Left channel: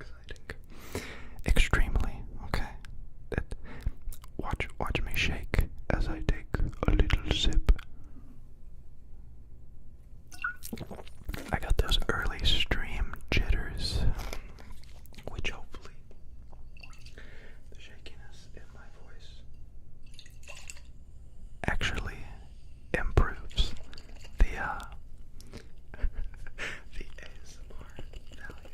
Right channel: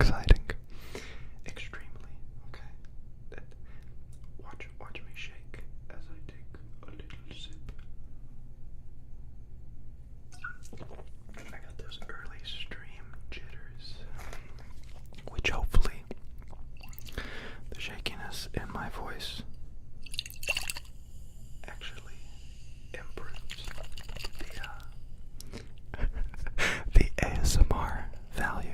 exciting. Extremely, okay? Watch me shake as I take a little sip. I got those early stream jitters, which hopefully the shakiness in my voice actually improves the the ASMR value.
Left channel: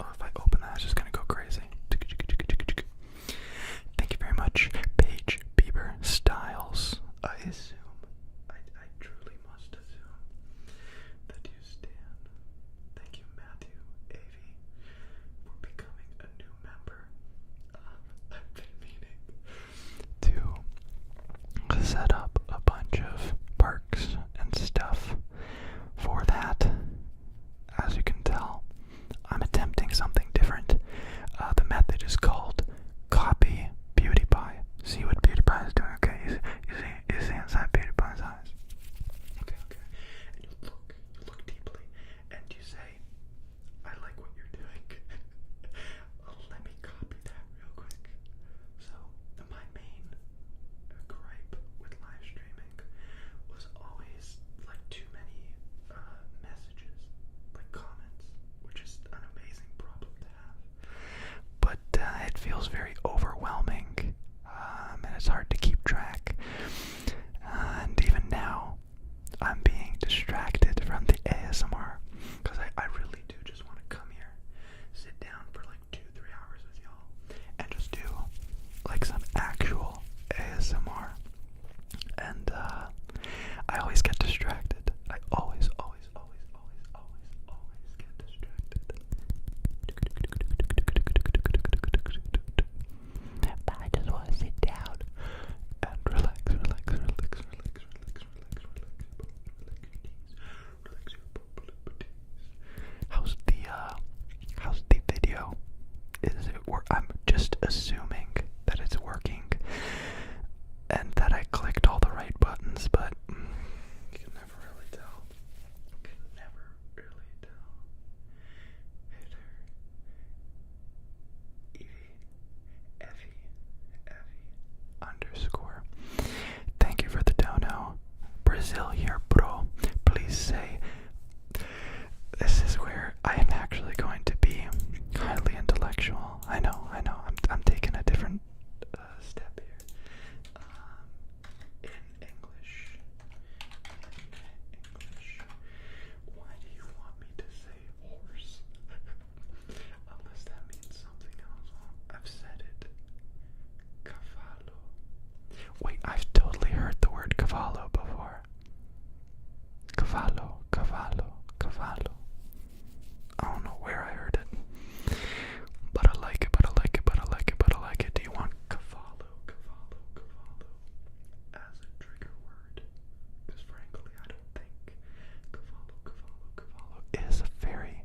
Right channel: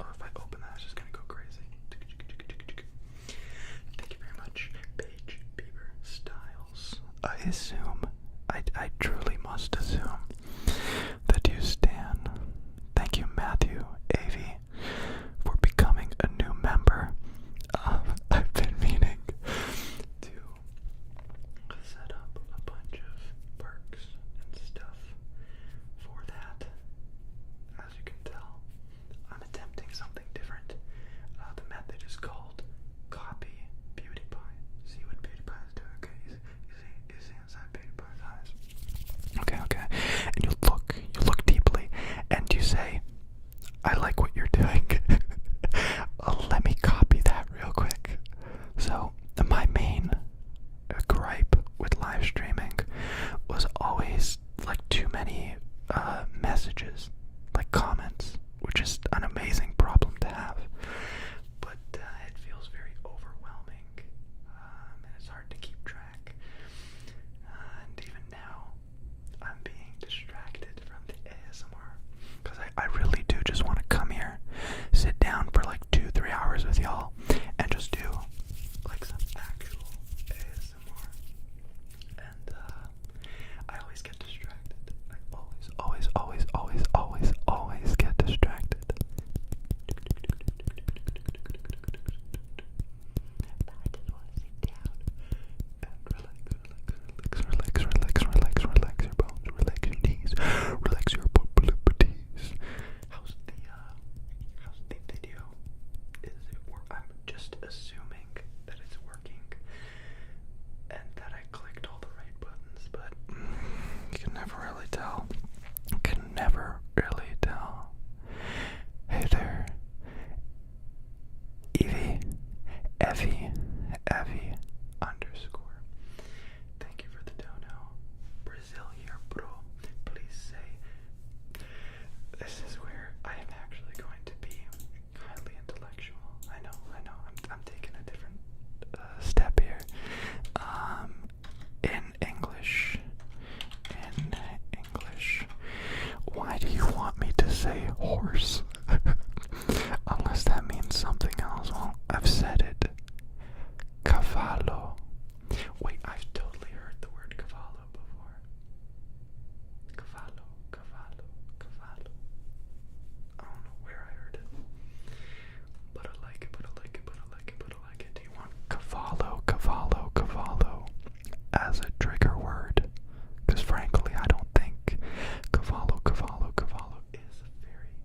Oh, if I open that, it's just gonna go crazy. Thank you very much, Paige Bieber Styles. I assume, I truly must assume that you stan. Thank you, Matthew Avey, for becoming a new member. I've been meaning to set up a bunch of perks and stuff for that. As you can tell, I'm attempting something different. The method is called Copy Beauty Pie. See what Beauty Pie is doing, okay? You see inside Beauty Pie's eyes. Okay. And you look deeply, and you say, I like what you're doing. Let me copy that real quick. So, my main gripe with live streaming was always like too many messages, like comments, which is an amazing problem to have. But it feels very overwhelming, and it's hard to keep track. And even now, I'm being distracted from the ASMR, because I really do just want to come here, sit down for like 2-3 hours with y'all, and just do like some actual ASMR. And I always get distracted. I always get distracted. But I just want to sit down and relax your bones, relax your knees, relax your poplitees. How's the video? Is it work? I'm just assuming that it's working and that I clicked all the right buttons, but you can never really tell. Hey there, Evie underscore. Thank you for the dono. Brazil here, bro. Please say. This is where I am actually going to be highly intellectual. I know. I'm taking a different step here. In English. Why do you want me to say horse? Unless that means something else. Well, I've said it. Cavallo. Wait, I've totally heard the word cavallo before. Cavallo. I don't know where I heard it. But I like it. Do you want cavallo as a trigger word? Because frankly, I don't think cavallo is a very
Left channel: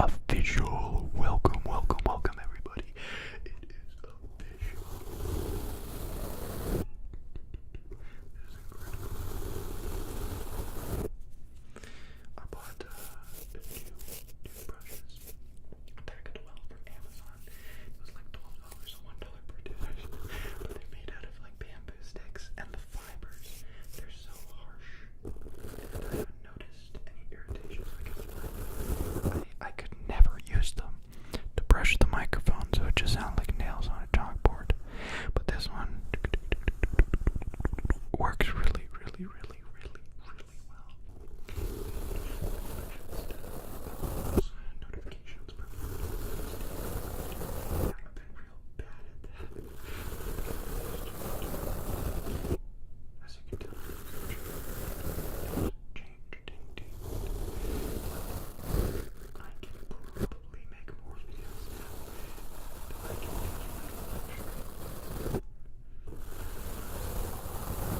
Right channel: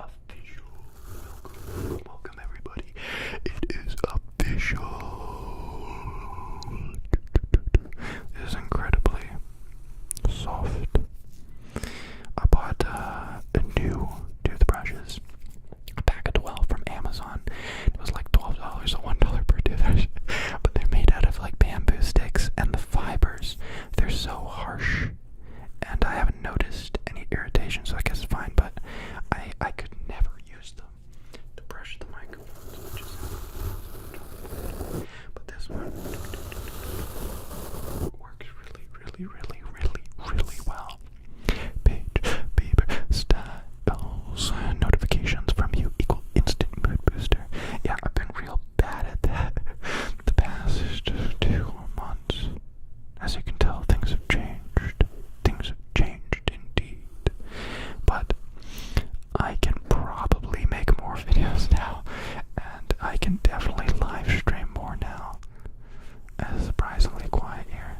official. Welcome, welcome, welcome, everybody. It is official. It is incredibly soft. I bought new toothbrushes, a pack of 12 from Amazon. It was like $12, so $1 per toothbrush. But they're made out of like bamboo sticks, and the fibers, they're so harsh. And I haven't noticed any irritation, so I guess it's fine. But I could never use them to brush the microphone, so it just sounds like nails on a chalkboard. But this one works really, really, really, really, really well. Page, paper, styles, notifications from you equal instant booster. Yeah, I've been real bad at that the past 2 months. As you can tell, things have changed. Things have changed indeed. But I can probably make more videos now, and I can definitely live stream more now. It's surprisingly quiet here.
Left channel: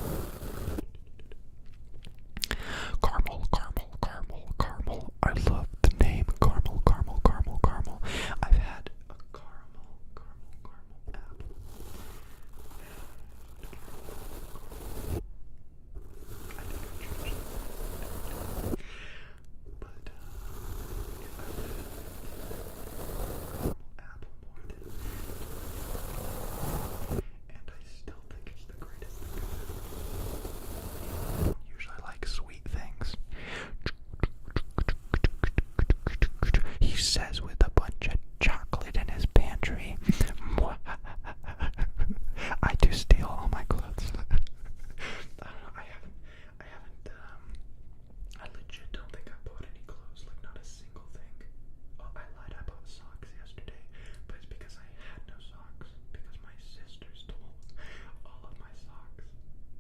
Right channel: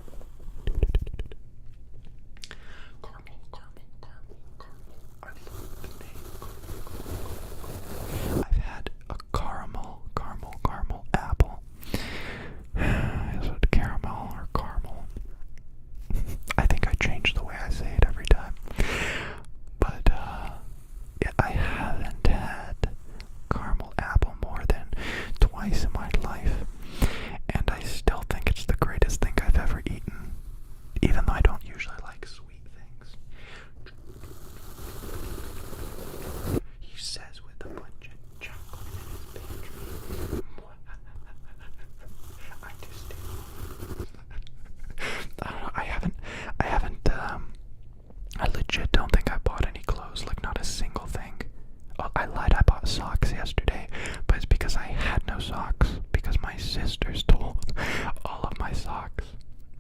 Caramel, caramel, caramel, caramel. I love the name caramel, caramel, caramel, caramel. I've had a caramel apple. Is it caramel or caramel? I think I change the way I say it every time. But yeah, I haven't had caramel apple more than twice in my life, and I still think it's the greatest thing I've ever eaten, even though I don't usually like sweet things. He says with a bunch of chocolate in his pantry. I do steal all my clothes. I don't know, I legit don't think I bought any clothes, like not a single thing. Oh, I lied, I bought socks yesterday, but it's because I had no socks, because my sister stole all of my socks,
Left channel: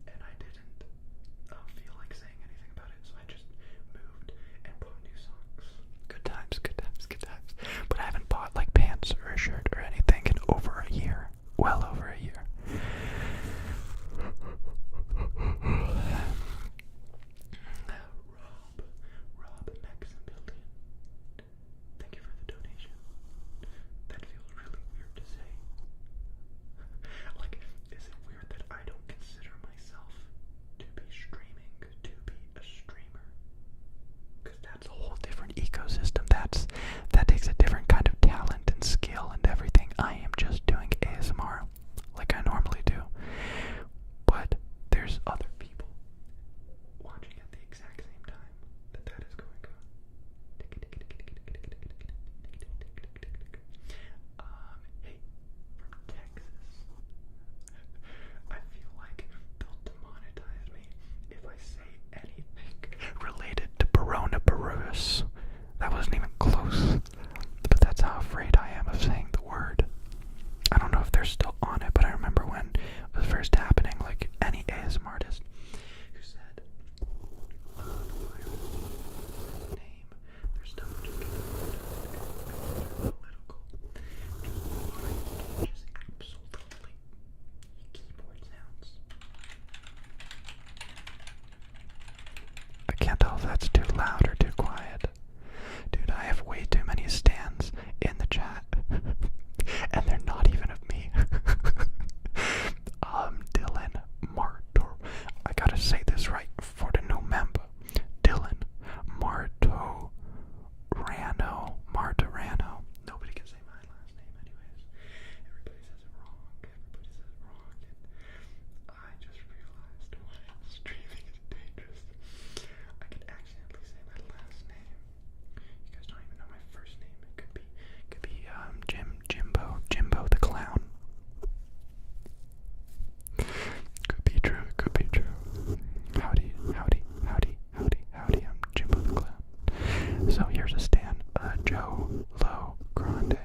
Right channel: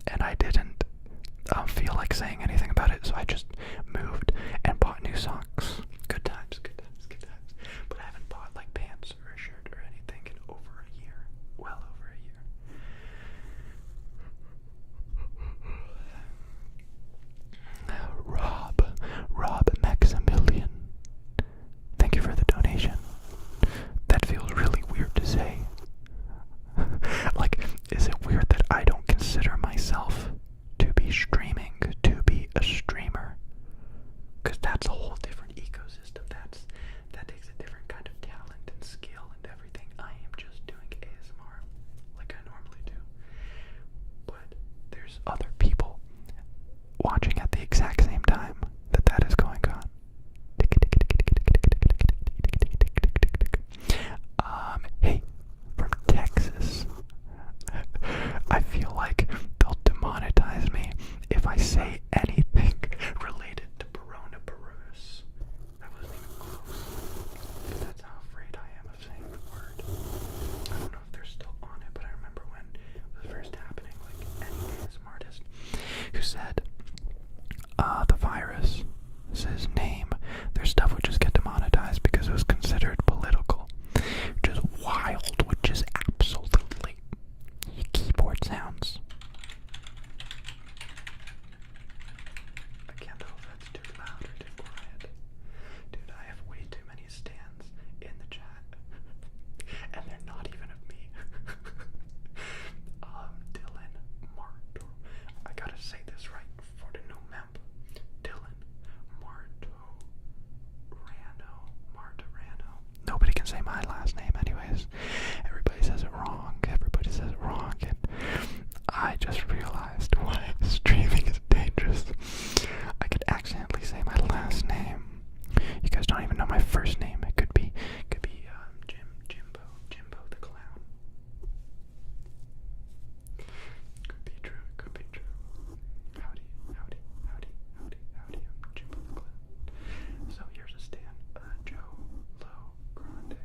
and I didn't feel like saying anything about it, so I just moved and bought new socks. Good times, good times, good times. But I haven't bought like pants or a shirt or anything in over a year. Well over a year. Rob Maximilian. Thank you for the donation. That feels really weird to say. Like, is it weird that I don't consider myself to be streaming, to be a streamer? Because that's a whole different ecosystem. That takes a different kind of talent and skill and everything. I am just doing ASMR like I normally do. But there's other people watching at the exact same time that is going on. Hey, from Texas. I feel like they'll demonetize me if I say anything related to coronavirus. That wasn't even close, but that's how afraid I am of saying the word. I don't know if they're still on it, but I remember when it was first happening, like any ASMR artist who said the virus is his name, their stuff would just get demonetized because it was considered political, which is wild, which is absolutely keyboard sounds. I can't tell if that's too loud or too quiet. Dude, I have way too many stands in the chat, and they're not even of me. Dylan Martor. I gotta say this right for the new member. Dylan Martorano. Nobody can say my last name anyways. Everybody says it wrong. And I just realized why streaming is dangerous. I could accidentally say my last name. You guys don't even know my first name. It could be Jimbo the Clown. Could be true. Howdy, I'm Jimbo the Clown. So here's a stand, Joe Lo Grande.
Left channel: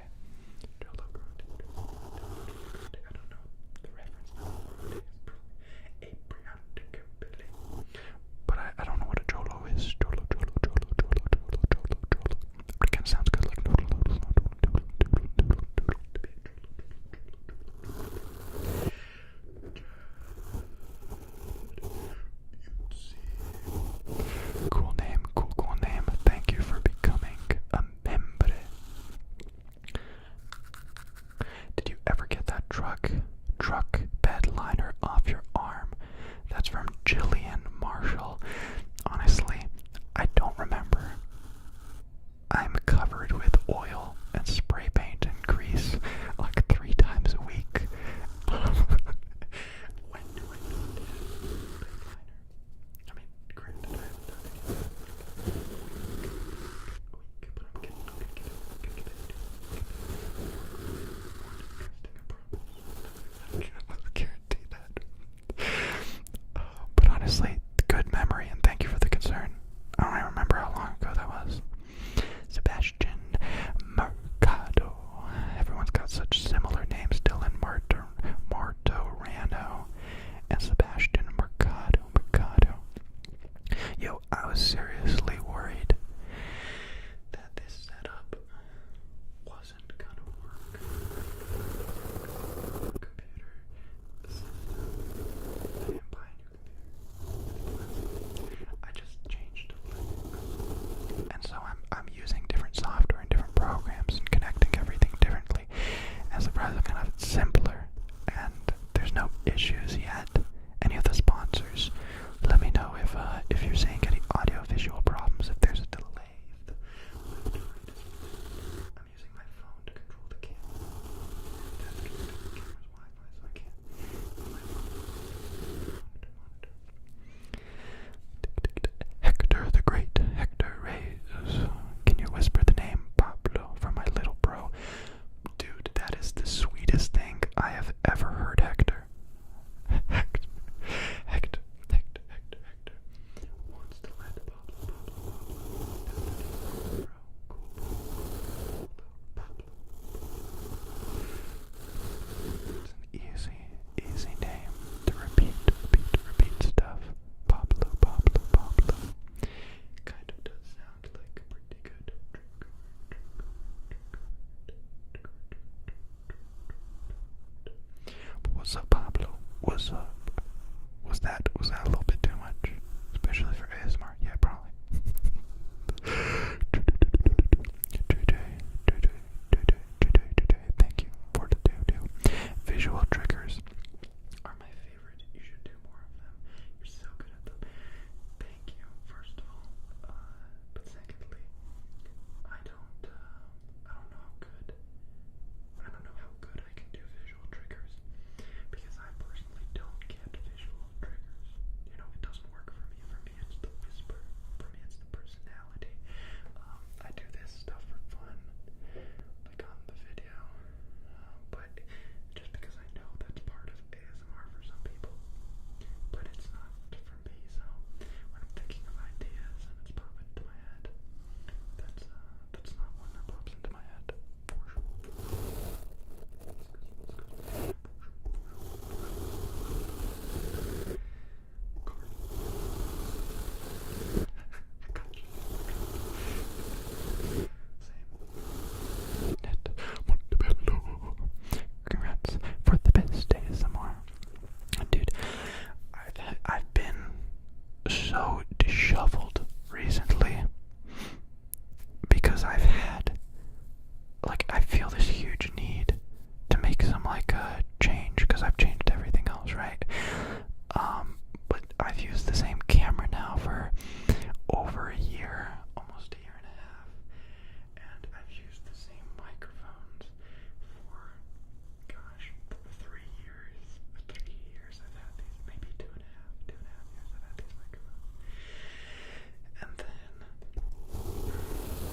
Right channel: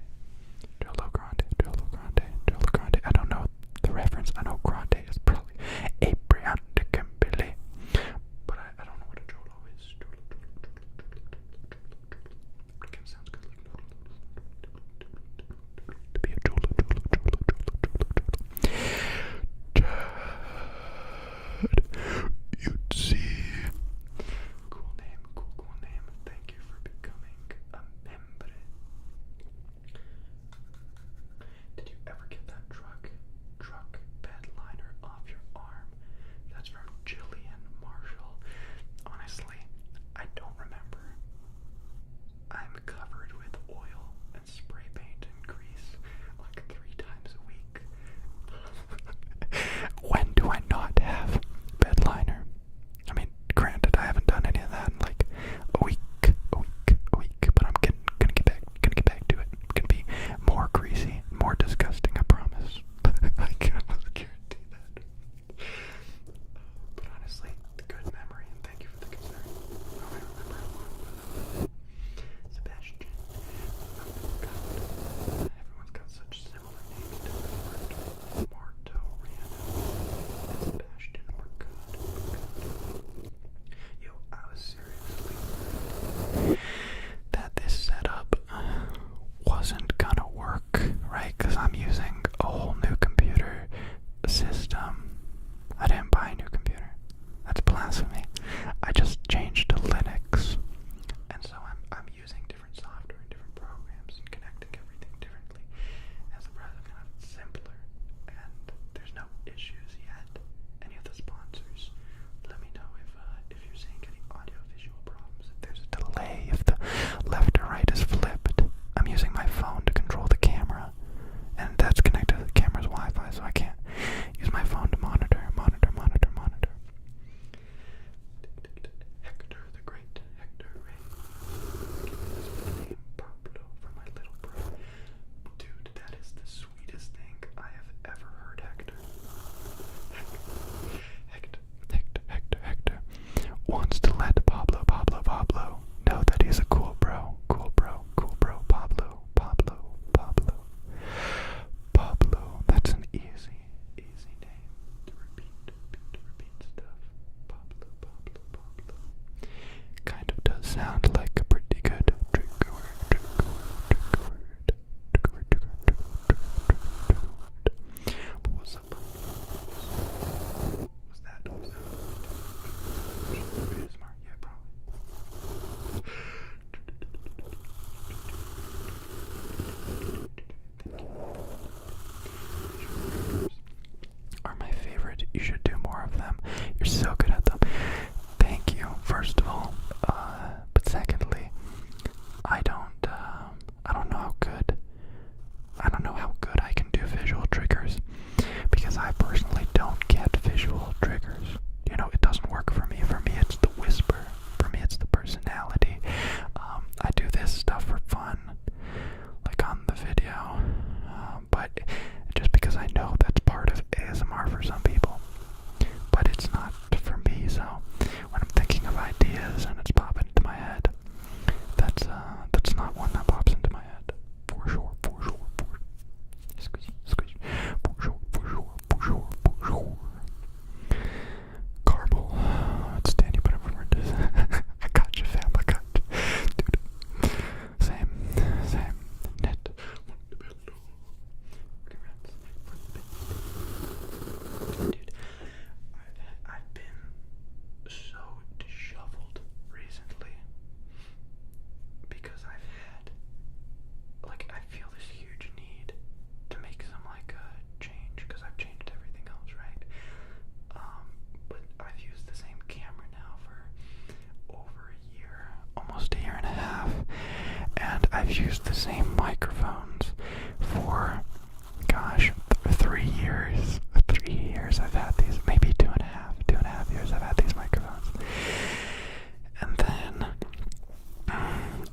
I don't know the reference. I know Grande is probably Abraham Billy, but I don't know what a Jolo is. Jolo. It kind of sounds good, like to be a Jolo. You'd see. Cool name. Thank you for becoming a member.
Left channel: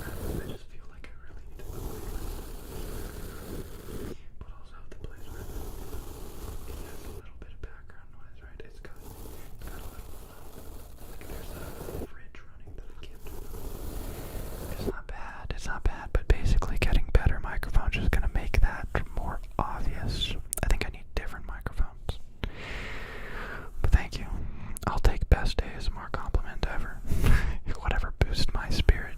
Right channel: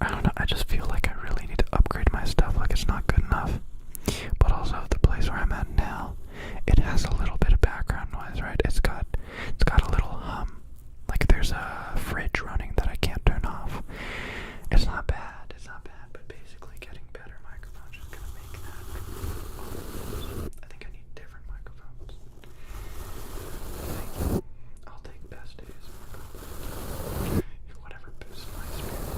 I don't know, I just feel like I really need to upgrade my stuff, like it's not good enough. But also the place where I'm at now, it has a little bit of background noise, right? It's got a little hum. Like there's a fridge running that I can't turn off. It's not bad, but basically getting better microphones is gonna make that more obvious. I think I need different microphones. Thank you. I'll take best ASMR compliment ever. Whatever boosts my spirit.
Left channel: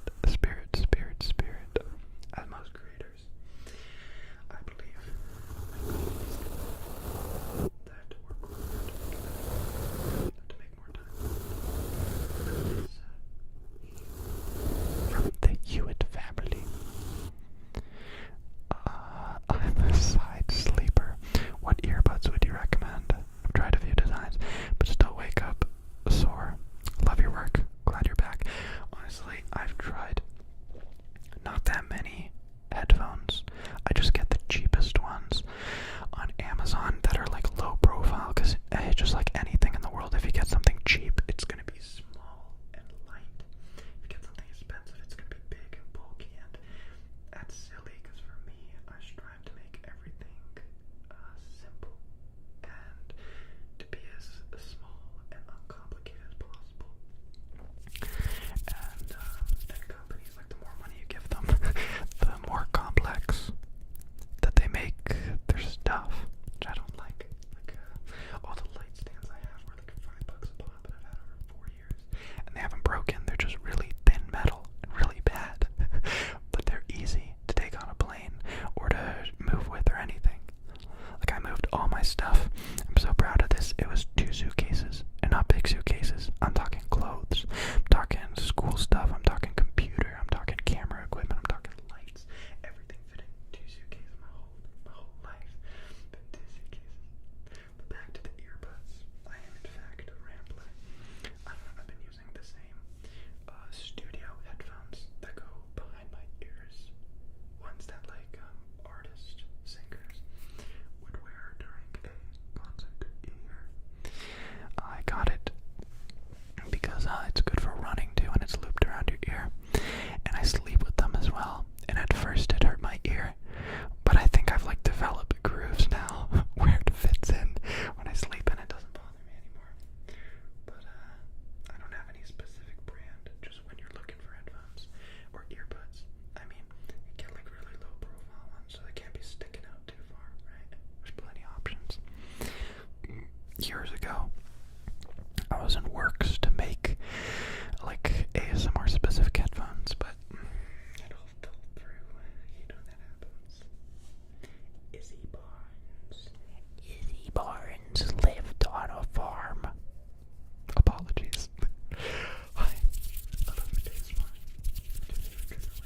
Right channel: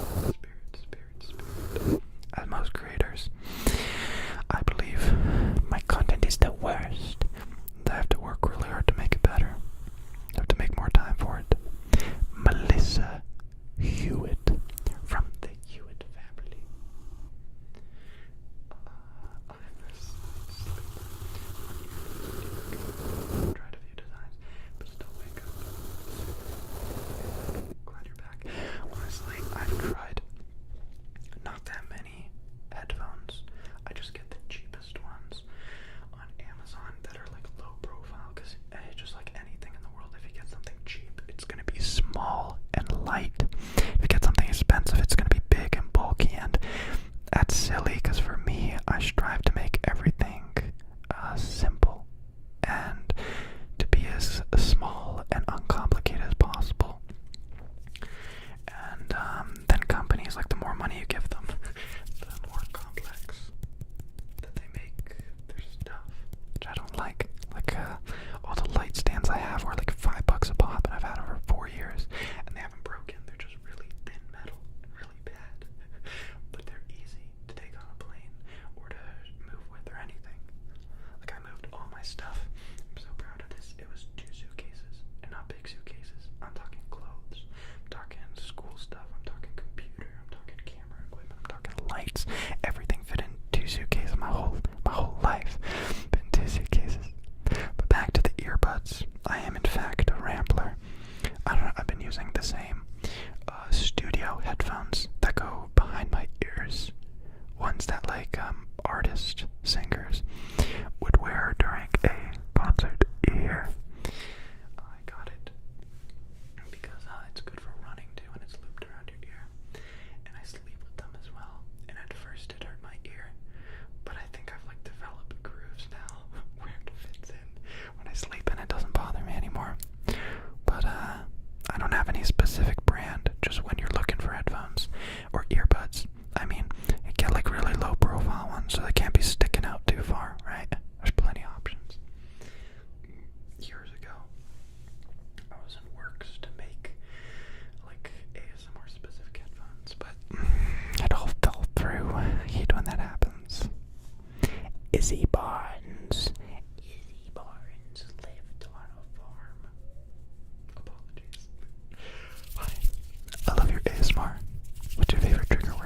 As most creators, I believe my content is the worst. I have to work really hard to make it better. I have to make more time for it. Melissa Hewitt from the Hewitt family. I'm a side sleeper. What earbuds would you recommend? Tried a few designs, but still wake up sore. Love your work. Glad you're back. Honestly, I've tried not that many headphones. I just get the cheapest ones on Amazon that are like low profile, because it's just like anything in the world. If you get something cheap, it's going to be small and light. If you get something expensive, it's going to be big and bulky, and that's silly, because for me, I strive to make everything simple and to be as small and uncomplicated as possible. And then companies, like the more money you give them, the more complex that they make their stuff, which I don't like. Like all the light stands I have are like $5 a pop, and I've had over 4 years, and they haven't broken. They're just really thin metal and really bad, but they're easy to take on a plane or to move with or anything. Like I moved all my stuff. I'm so proud of this. It was 2 suitcases, and not big suitcases. I'm talking clothes. I'm talking school stuff. I'm talking computer. I'm talking camera equipment. I'm talking lights. Everything fit in 2 suitcases. My whole life been 2 suitcases. But back to the earbuds. I am in fact a rambler. I don't know. I've been using the same studio headphones that go behind my ears. Ones that like artist singers would wear during a concert here. I got it because it's good for running too, and it's looped around your ear. And I sleep with them as well. And at first it hurt my ear, but I think I've like developed grooves now where it fits in when I sleep, and it doesn't bother me anymore. But I don't have any specific brand. Just when you're looking for headphones or earbuds, I mean, you get like really low profile ones, so they can't be sticking out too far, right? There's plenty of options. Years ago, I was in works to make like ASMR specific headphones, but it all fell through. I hate when that happens. Izzy Barnes lived on a farm. Apologies. Hi, I love your ASMR. What's your favorite trigger word?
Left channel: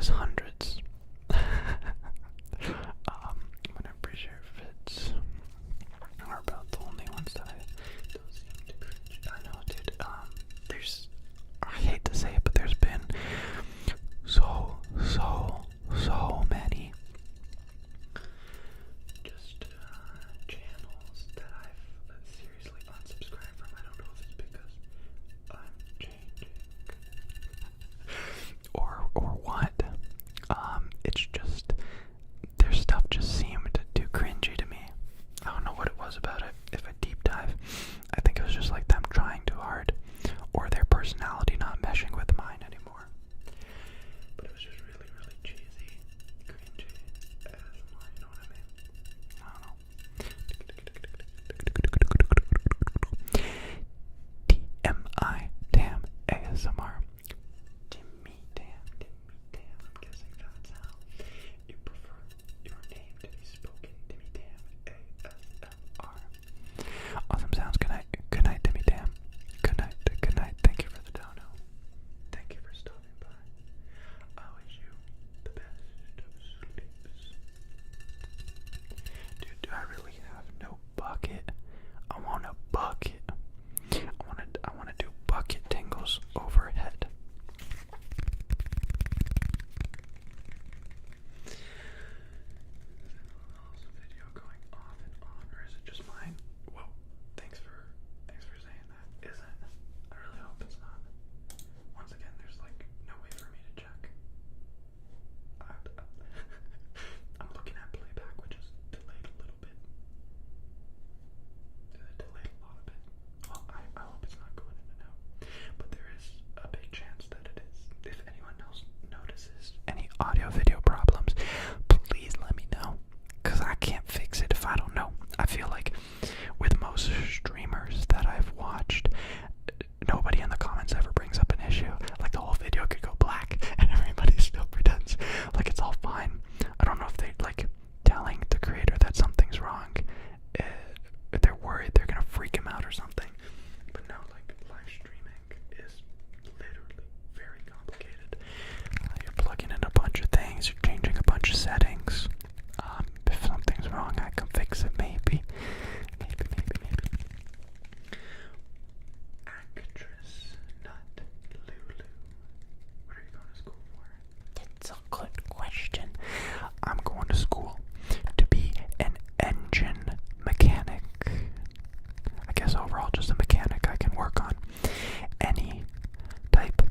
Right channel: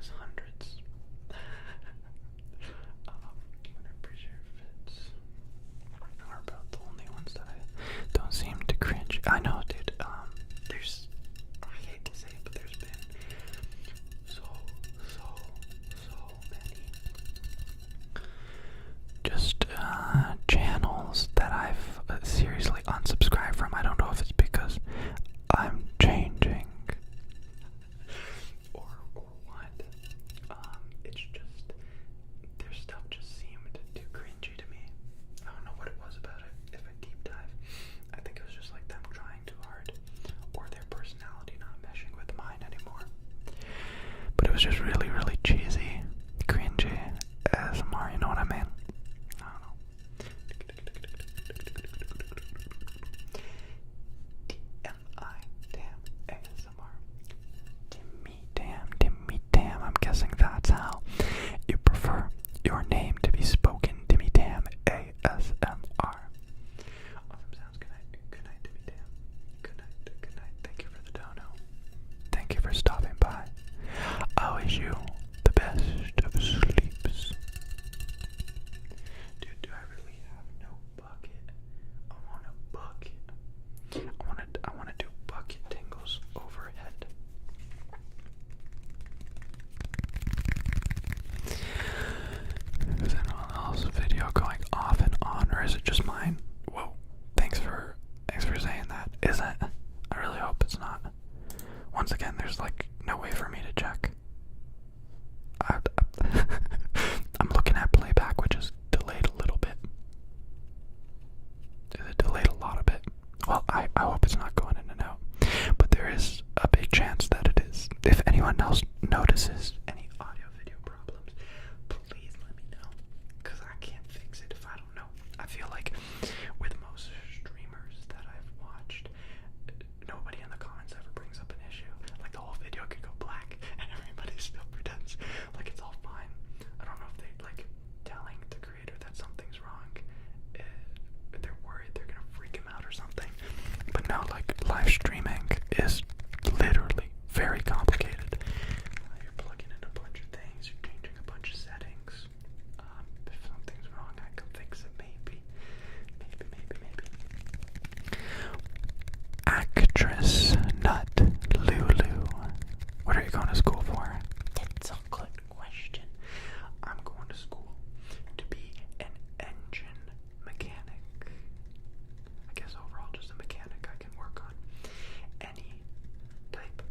is hundreds. I'm pretty sure fits are about the only ones that I don't seem to cringe. I know, dude. There's, I hate to say it, but there's been so many just channels that I've seriously unsubscribed from. I don't know if it's because I'm changing or what. It's just their stuff just seemed too cringy to me. I don't know what it was about it. If I deep dive, I think it was just like them trying too hard, or their personality not meshing with mine anymore. But it was just really cheesy, cringy ASMR, you know what I mean? I don't know. TMI, damn, ASMR. Timmy damn, I'm guessing that's how you prefer your name to be spoken. Timmy damn, ASMR. Awesome sounds. Good night, Timmy damn. Good night. Thank you for the dono. Thank you for stopping by. I wish you the best of sleeps. Dude, do I really have no bucket? I want a bucket. I wanna do bucket tingles overhead. Is anyone else's video going off and on, or is it just mine? Whoa, thanks for saying that. Is it? I really hope it's not. Once again, there's like no way for me to check. I'm looking at playback, which is delayed a little bit. Is it delayed a lot of it? Well, I hope it's not going in and out. But there is a big chance that it is. If anyone else notices any audio-video problems, please let me know. Because I can't fix it if I don't know. I feel like with most streamers that I've watched, nobody in the comments ever brings up an issue. Like the whole video could go black and everybody still pretends like it's all fine. I don't know if they like telling the creator that something's wrong. They're worried they're gonna freak him out or something. But no, like live streaming is literally very complicated. You're plugging in a bunch of things, you're changing a bunch of settings. If something's wrong, I can fix it maybe. Actress Nut Lulu. What are you going to school for? That's a good question. I'm going to school to be an engine mechanic. I guess overall just a mechanic. I can work on any type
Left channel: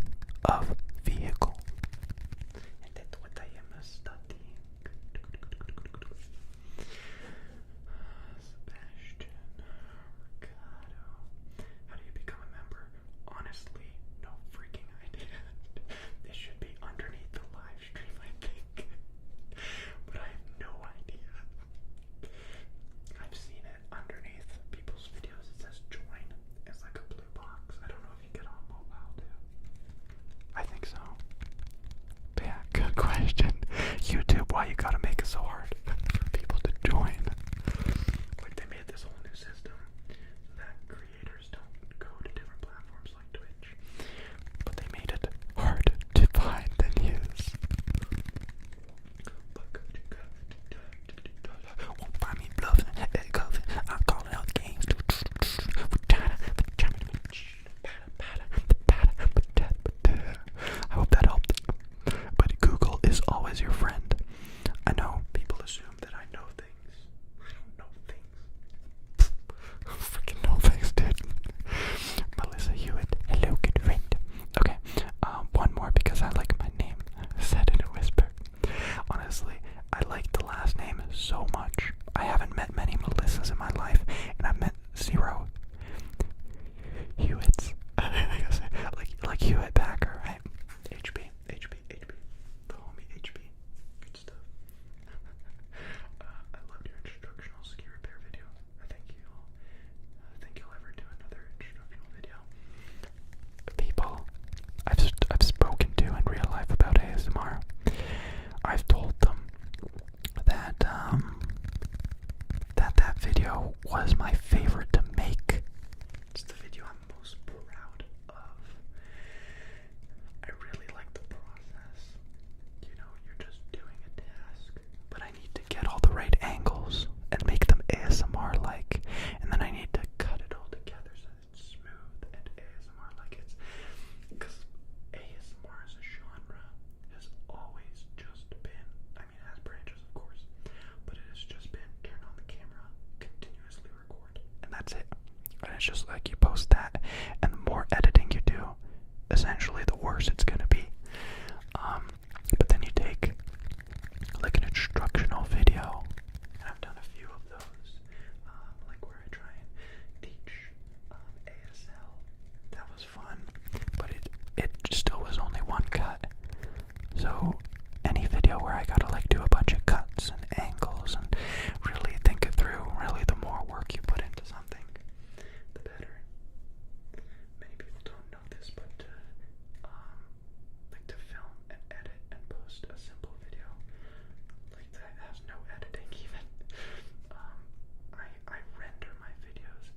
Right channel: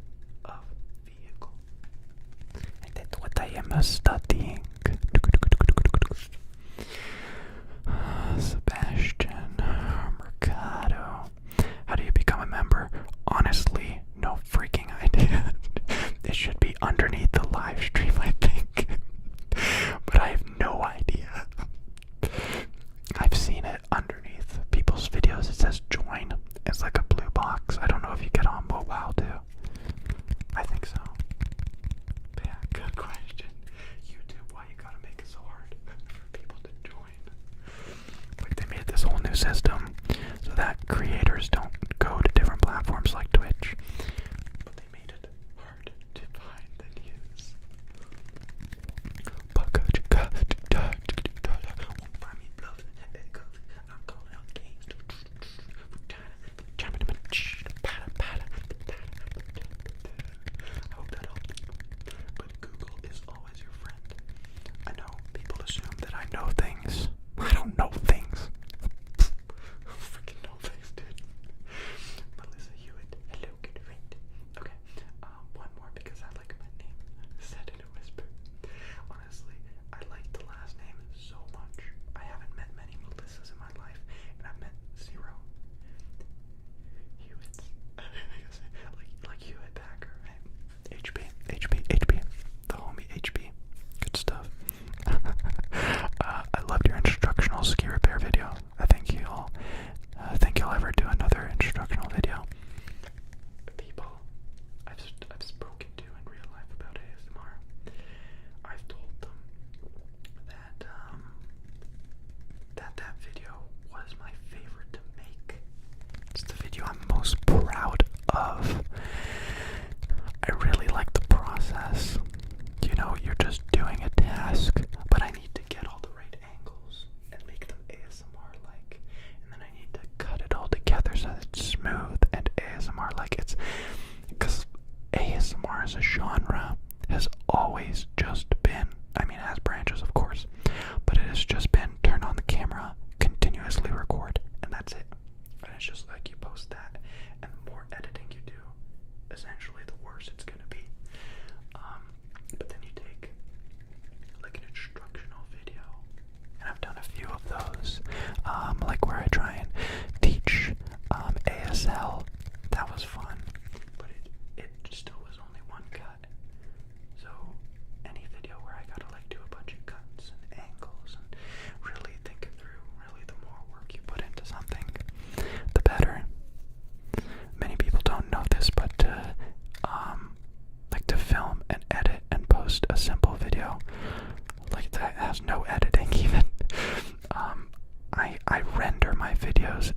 of vehicle. And that's what I am studying. Sebastian Mercado. How do you become a member? Honestly, no freaking idea. It should be underneath the live stream, I think. But I have no idea. I've seen it underneath people's videos. It says join. It's like a blue box. I don't know if you get on mobile too. I think so. But yeah, good question. YouTube, why you gotta make it so hard for people to join? Like they made this whole new system so that creators don't go to different platforms like Twitch, but they made it hard to find and use. Won't find me bluffing, I'm calling out games. I hope that helped. But Google is always your friend. I know people assume that I know things. I don't know things. I don't freaking know things, dude. Melissa Hewitt, hello, good friend. Okay, one more because I like my name said in a whisper. Honestly, I like the last name so much. I haven't met many Melissas in my life, and I've met 0 Hewitts. like Hewitt Packer, right? HB, the homie HB.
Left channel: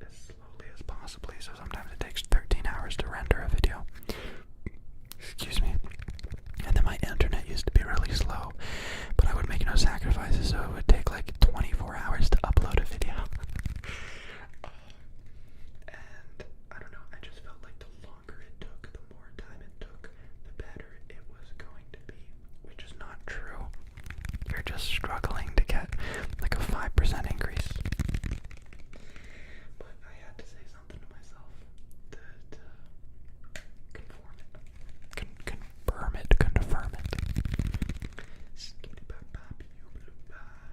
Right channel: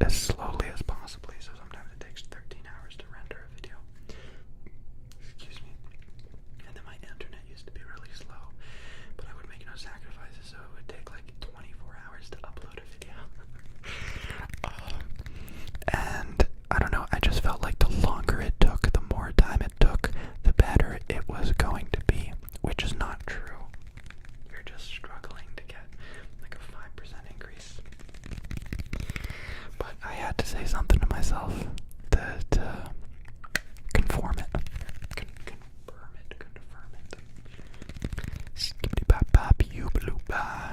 as slowly as possibly, so sometimes it takes 13 hours to render a video. Excuse me. And then my internet used to be really slow, but I would make no sacrifices, so it would take like 24 hours to upload a video. And I don't know, I just felt like the longer it took, the more time it took, the better it was going to be, which is not true. You're just struggling to get like a 5% increase. But I had to say something to myself to confirm it. Confirm it. Skippity bop bop, you blue bop.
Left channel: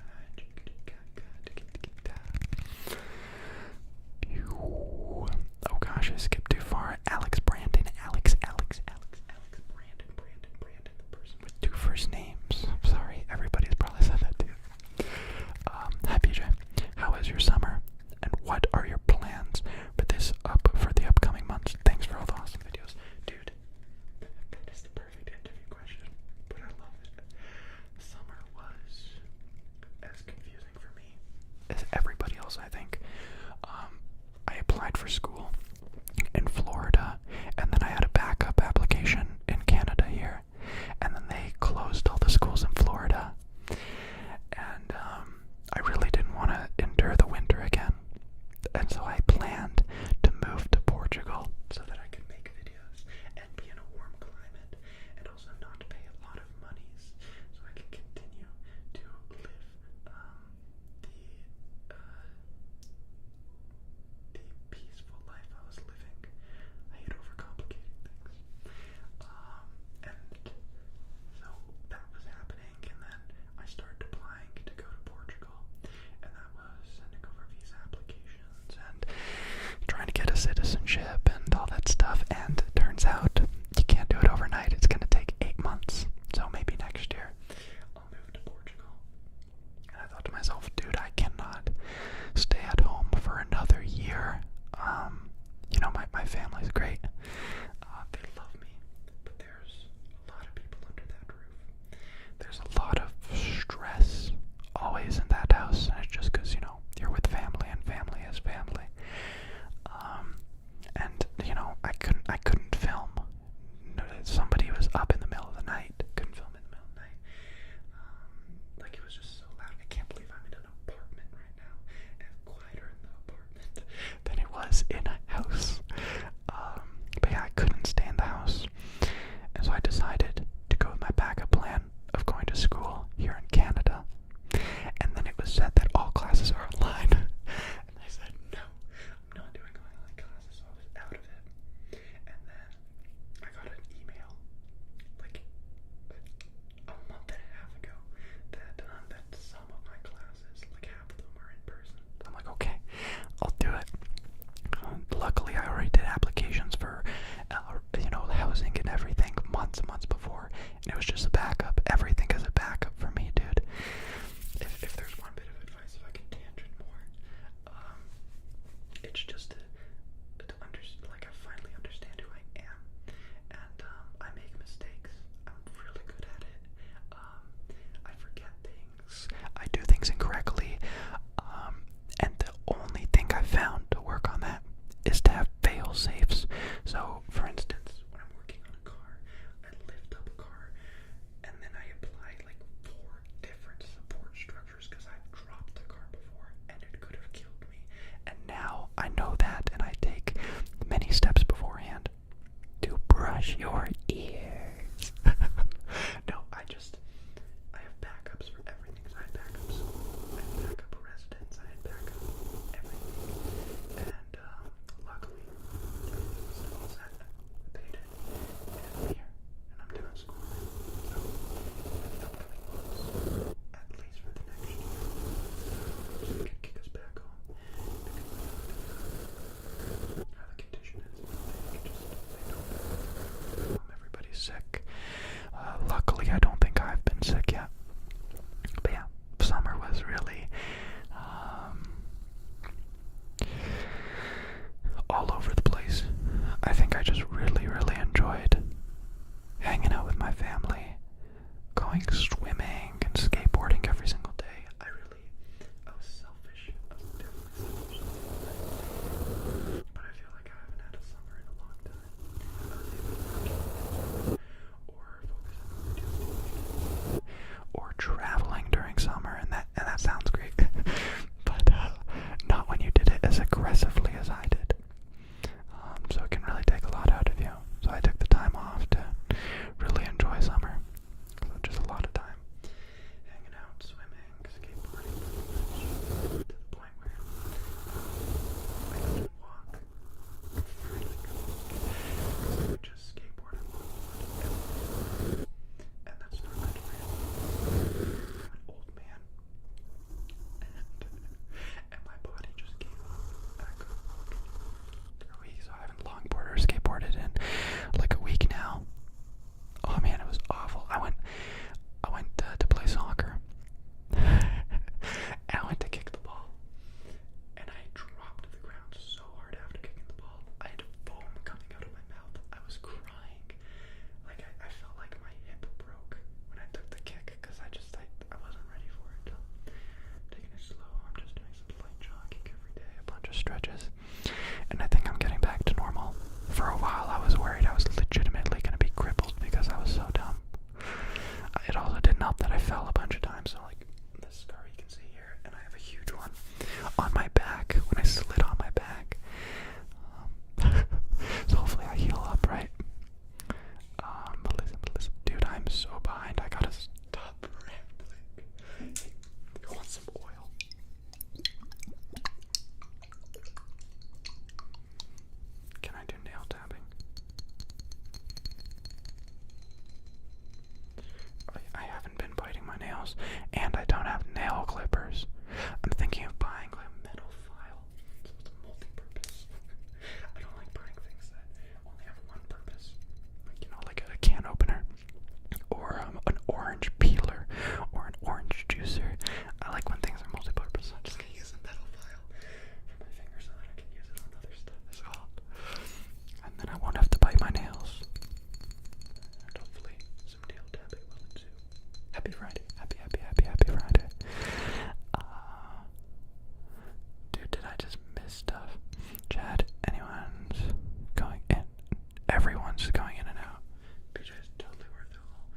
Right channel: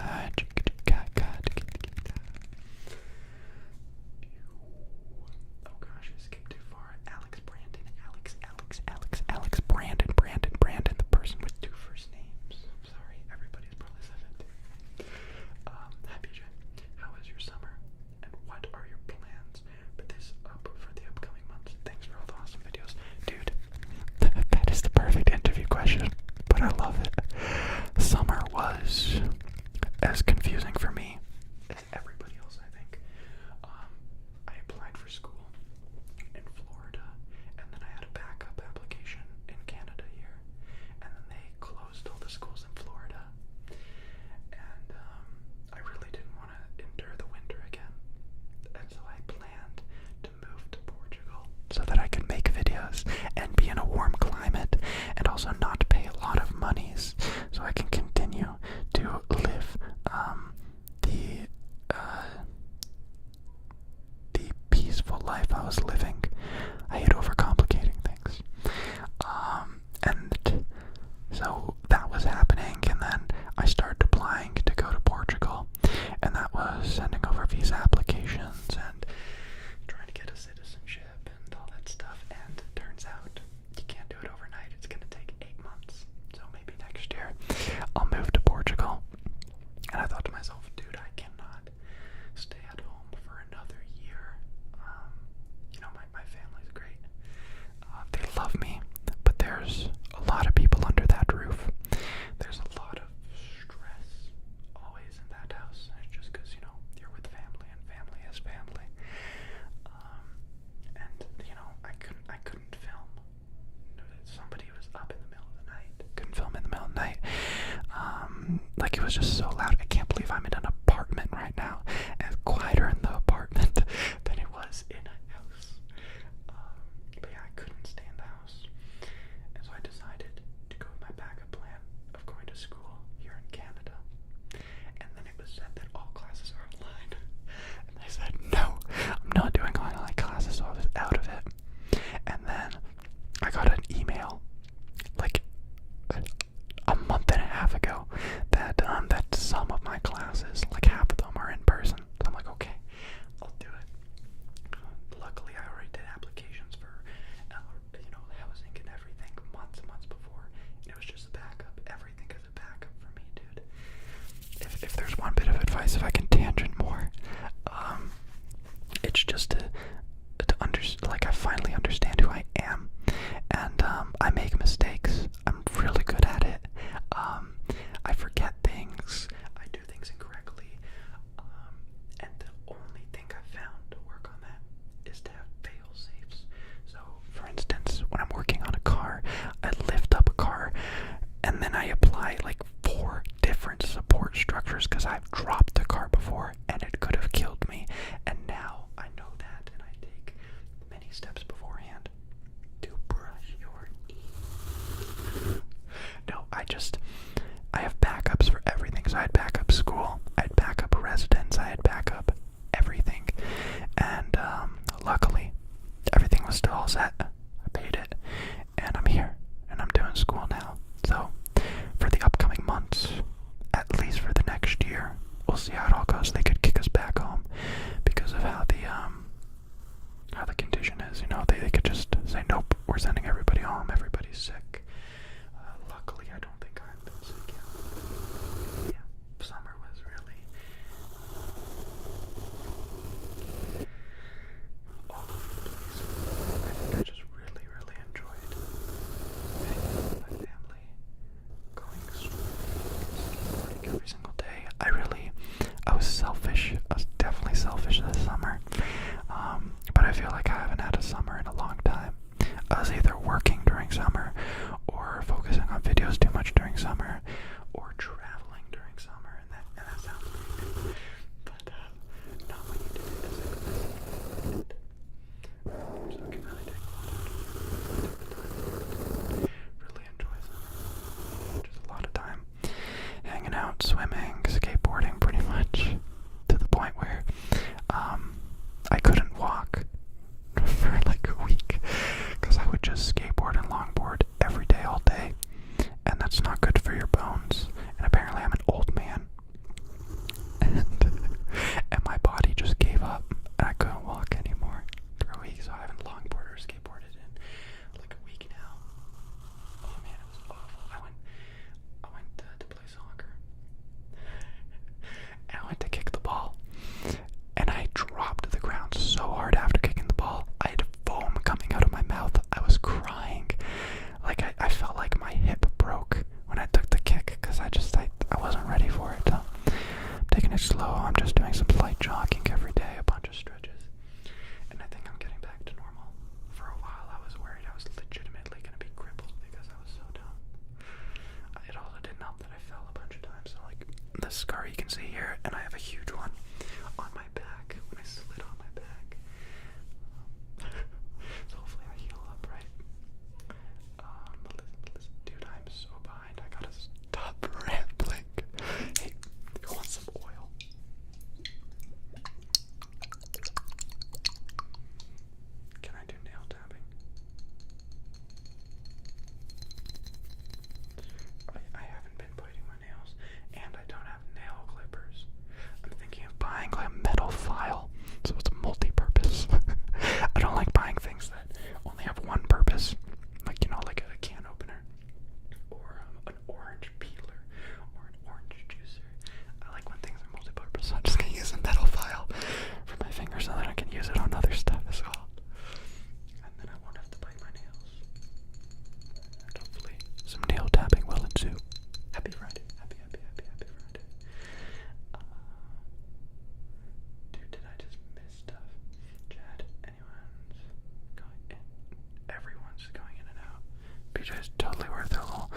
Oh gosh, I skipped too far. Alex Brandon, Alex Brandon, the person with 2 first names. I'm sorry, everybody's probably said that too. Hi PJ, how was your summer? And what are your plans for the upcoming months? Thanks for all the awesome videos. Dude, that is the perfect interview question, but I love it. Summer was as confusing for me as everybody else, I think. I applied for school in Florida, and then I had a backup application in Canada here, and then they closed all the schools in Florida, and I really didn't want to endure the winter again, and so I planned to move to Portugal so that I could make videos and be in a warm climate, and also not pay a lot of monies, so I can continue to live the peaceful life I was living. I hate overcomplicating things. And so that was happening, and then I started applying to go to Portugal, and that was sending over visa applications and trying to get a citizenship and all that stuff, and it turns out you can't do it overnight. It's going to take 8 months, so maybe next year I'll move to Portugal. And I thought to myself, dude, I cannot stay at home for another year. You know, my family's great. They love me, but there's a lot of people under that roof. There's a lot of stress always in that house, and it's just because, you know, you're with family, and family is family. And, you know, I couldn't film. Somebody was up in the middle of the night. Couldn't film in the middle of the night. Like, it was just so loud. I can't believe I'm in an apartment right now, and it's quieter in the apartment than it was in a house. But yeah, I couldn't stay in the house, and so I decided to go with my backup plan of going to school here in Canada. And then it was said that all classes are online, and I said, no, I'm not doing online classes, so I was out of it. And then I got an email like a month and a half ago that some of my classes, like half of them, are in person. So I'm like, okay, I'll do it. Luckily, I already did applications for, you know, housing and everything months and months before, and it was just a backup. Everything is a backup for me, dude. If there's one bit of advice, if I can tangent more, it's just to like, I finally understand who I am, and I make mistakes. I'm really good at it. I forget things. I do things incorrectly. And the only thing I found to work on that is to have fail safes. So, for instance, when I'm working on a car, I lift up a car, and then I apply like 4 different support structures because I've dropped the car before and it could have killed me. And now I know that, and I take many steps beforehand to brush your ears. No, I have backups for everything. So I had backup school, I had backup residence, I had backup everything. And luckily, everything was still all set. I paid it, and I'm here, and I'm doing school now. So for the upcoming months, at least for the next year, we'll see how it all goes. They could kick us back home because of how the condition is. You know, they could just say, nope, we're sending everybody home. Everybody's sick. Luckily, I don't think I've been sick yet. But yeah, summer was really all over the place. I think I just really, really enjoyed hanging out with my family, going swimming and skateboarding every single day. I was selfish. I was definitely selfish this summer. out swimming, skateboarding pretty much, to the point where I couldn't walk for like a week because I would just skateboard and longboard every day, all day, and that's not good for your bones. And apparently I'm an old man, and my body just gave up, and I couldn't walk anymore for a week, so I haven't longboarded or skateboarded in like a week now. Oh man, it was awful. I went to play soccer, and I went to kick the ball, and I dropped to the ground so hard after kicking the ball. I had foam coming out of my mouth. I was crying. Like, I felt like my hip broke when I took the kick, because I wasn't ready for it. So I'm taking it slow. I'm just doing some light jogging every day, a bunch of stretches, and I think I'm getting back to normal. For a while, I was worried I was legitimately going to be crippled because I was so dumb. It also didn't help that I fell a bunch of times, so like the scar you can see here, and I have a huge one on my back when I slid on my back. So hopefully I heal up, right? Melissa, dude, I'm so behind. I gotta stop rambling. Hey, you want some oil? Can I do nail tapping? I haven't been biting my nails, and I don't have nail clippers. I'm thinking of buying like a metal file, so it's multi-purpose. I don't like buying things that only have one purpose, like, you know, like a can opener, or an orange peeler, or an orange juicer. I like when things are multi-purpose, so I'm just gonna use a metal file for my fingers so that I can use it on other stuff as well. And then I won't have to bite my nails. And hopefully some nail tapping will ensue. Happy Friday. Happy Friday. Dude, did I just miss stuff? Chad, everyone's going in and out. BJ's totally worth it all.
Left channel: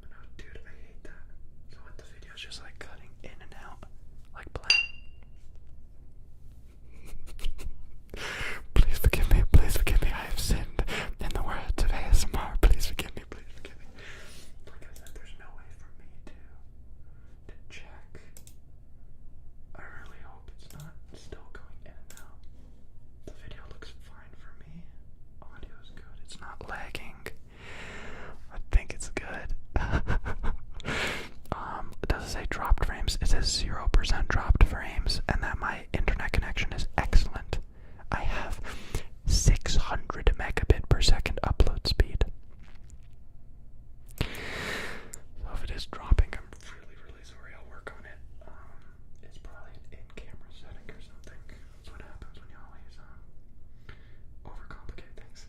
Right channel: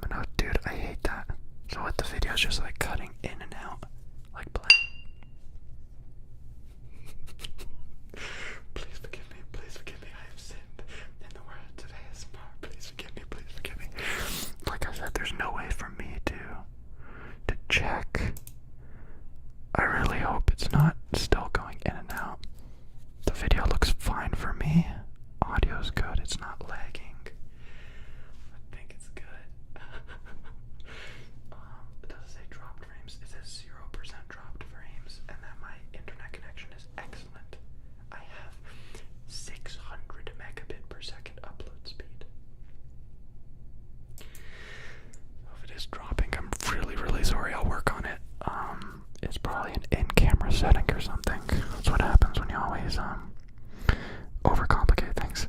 But no, dude, I hate that. So what, the video's just like cutting in and out, like blank. Please forgive me, I have sinned in the words of ASMR. Please forgive me. Like I said, there's no way for me to check. I really hope it's not still going in and out. The video looks fine for me. Audio's good, it's not lagging. I think it's good. It doesn't say dropped frames, it says 0% dropped frames, and that my internet connection is excellent. I have 600 megabit per second upload speed. So if it is dropping, I'm really sorry. I'll work on it. It's probably an in-camera setting or something. That's what happens when you always overcomplicate things.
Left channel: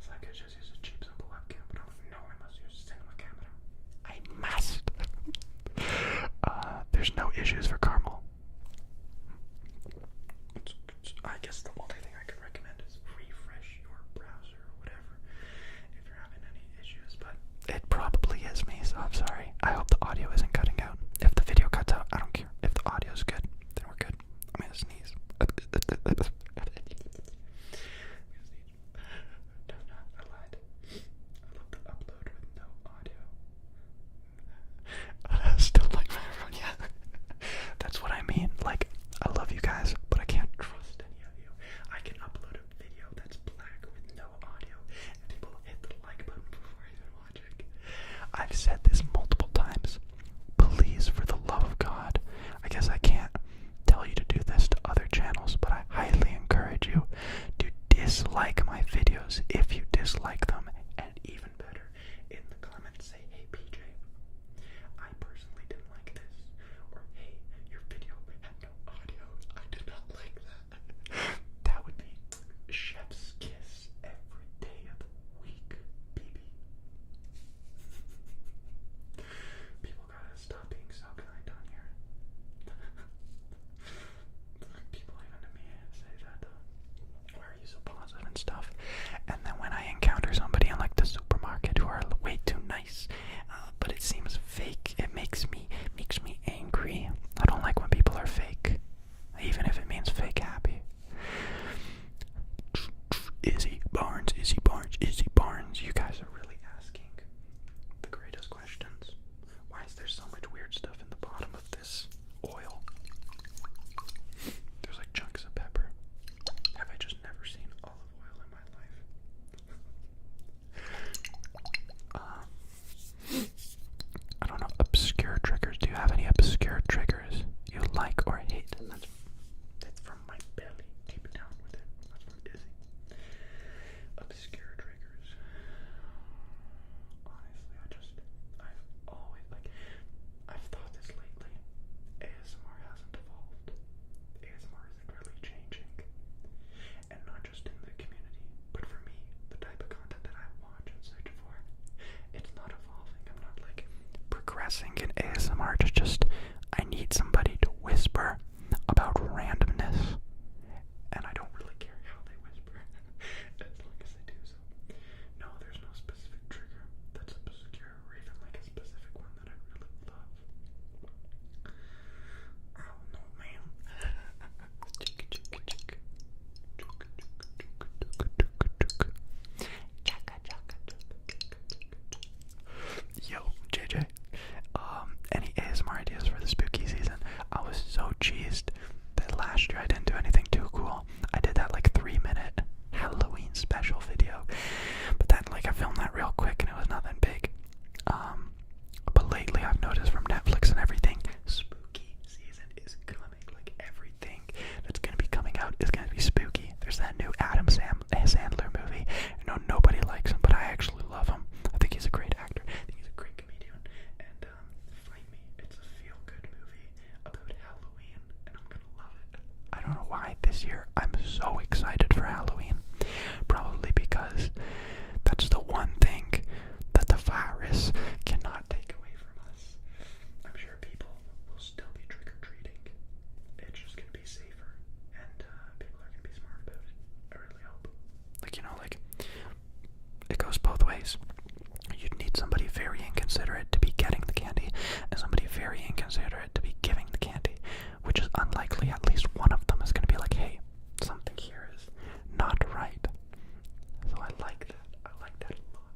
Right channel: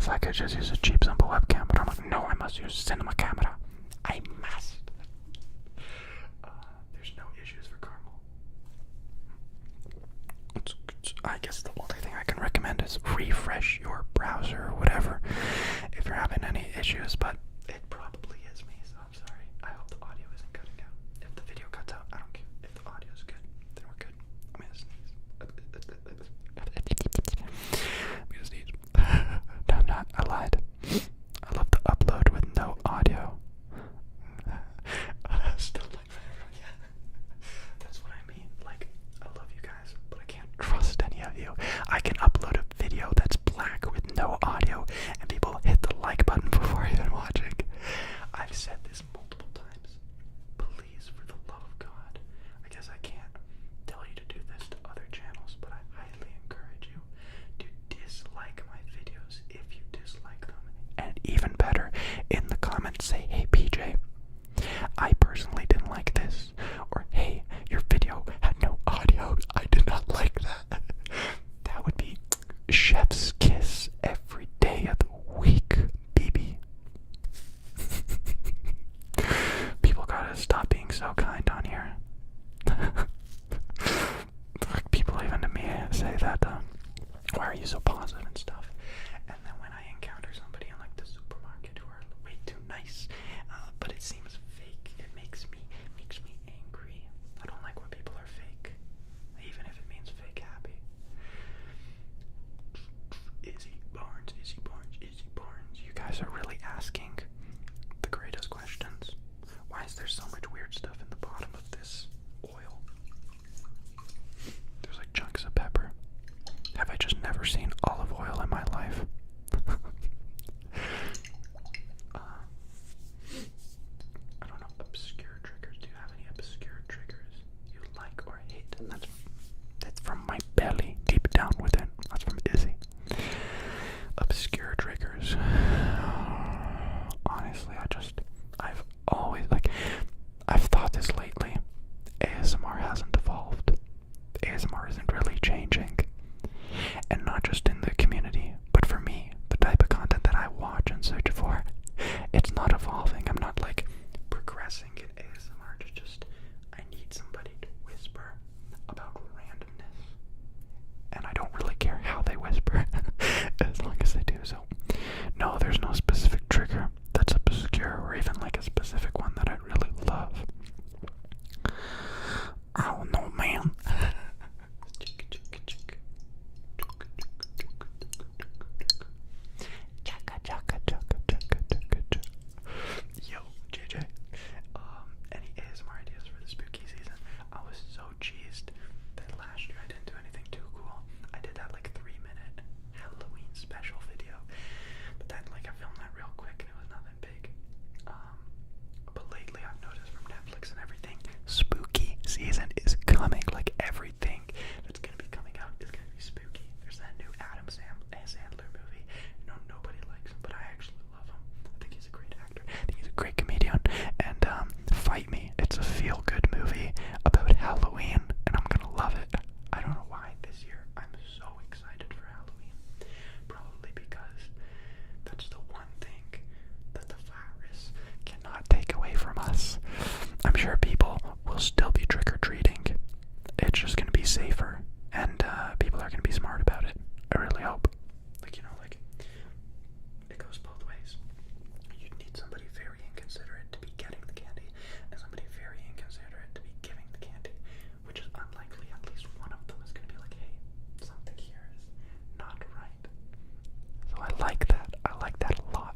So I could just use a cheap, simple webcam, but I'm like, no, I must use cinema camera. I must. There's no issues for Carmel. I guess the only thing I can recommend is refresh your browser or whatever if you're having any issues, but it probably is me, so I'm sorry. I hope the audio isn't cutting out. If the video cuts out, I don't care. If the audio's good, then we're good. I'm gonna sneeze. I'm gonna sneeze. No, I'm not. I lied. and that's from my belly, deep down within. That's from Izzy. Obscure triggers. Honestly, I've always, I've thought this lately. ASMR hasn't evolved. ASMR isn't really changing. And not just in the community, but for me, the type of content that I watch and search for, it's not evolving. I'm not progressing in ASMR. It's just, I need somebody to whisper about randomness. And I don't really care how they whisper, as long as they do. So, no, there's no specific trigger that's obscure, or even a specific one that I really love. I don't know, man. Yo, JJ. Any ASMR ideas for the spooky season? I was so cheesed that last year I didn't do anything too cool. I did that 3-minute Halloween special video, but that I filmed that real quick and it was nothing big. But lately I've noticed from Netflix and everything, spooky season is coming. Everything that's gonna be coming out is gonna be spooky. There's that new Adam Sandler movie. I know nobody likes him, but I actually love him. I think he's a great actor. I think he's a great comedian. And Fight Me. It's a feel-good movie about Halloween, and I'm gonna love it. I don't know why this year I'm so excited for Halloween. Probably because that's the one thing that the virus cannot take away from us. I'm sure people will still be trick-or-treating. It's just gonna be safer, and people are gonna be smart about it. I really hope. It goes both ways. You'd need somebody very inconsiderate to be getting the candy, and somebody very inconsiderate to be giving the candy, which is unlikely. At least one of them is gonna be hey, something here is not right. So I like that. I like that a lot.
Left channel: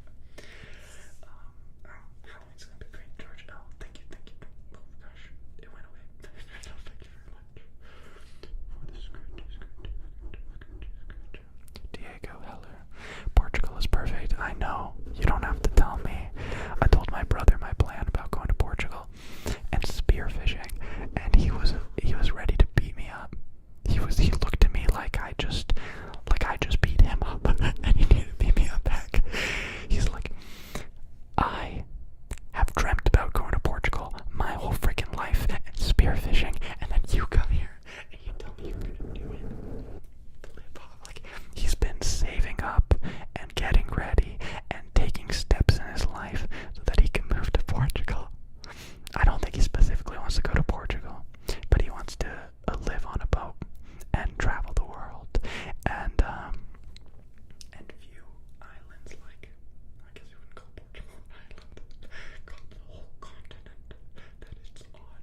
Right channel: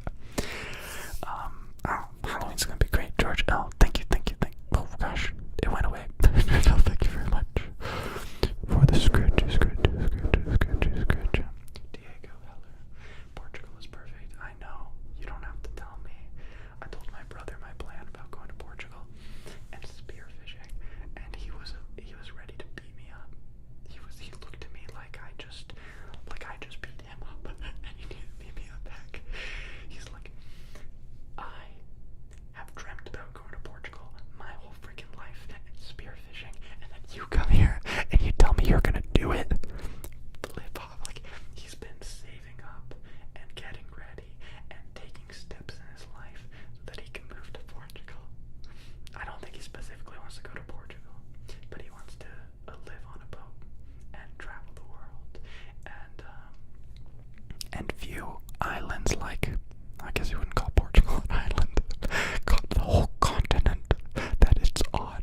Halloween's gonna be great, George. Oh, thank you. Oh gosh, it went away. No, thank you very much for the scritch. Diego Heller. Portugal is perfect. I know. You don't have to tell me. I told my brother my plan about going to Portugal and spearfishing, and he was ready to beat me up. He looked at me like I just beat him up, and he needed to beat me up back. He's like, I have dreamt about going to Portugal my whole freaking life and spearfishing, and then you come here and you tell me you're gonna do it. He's been saving up and getting ready and taking steps in his life so that he can move to Portugal. I don't think he specifically wants to go to Portugal, but he wants to live on a boat and travel the world and view islands I guess you wouldn't call Portugal an island, call the whole continent that it's on.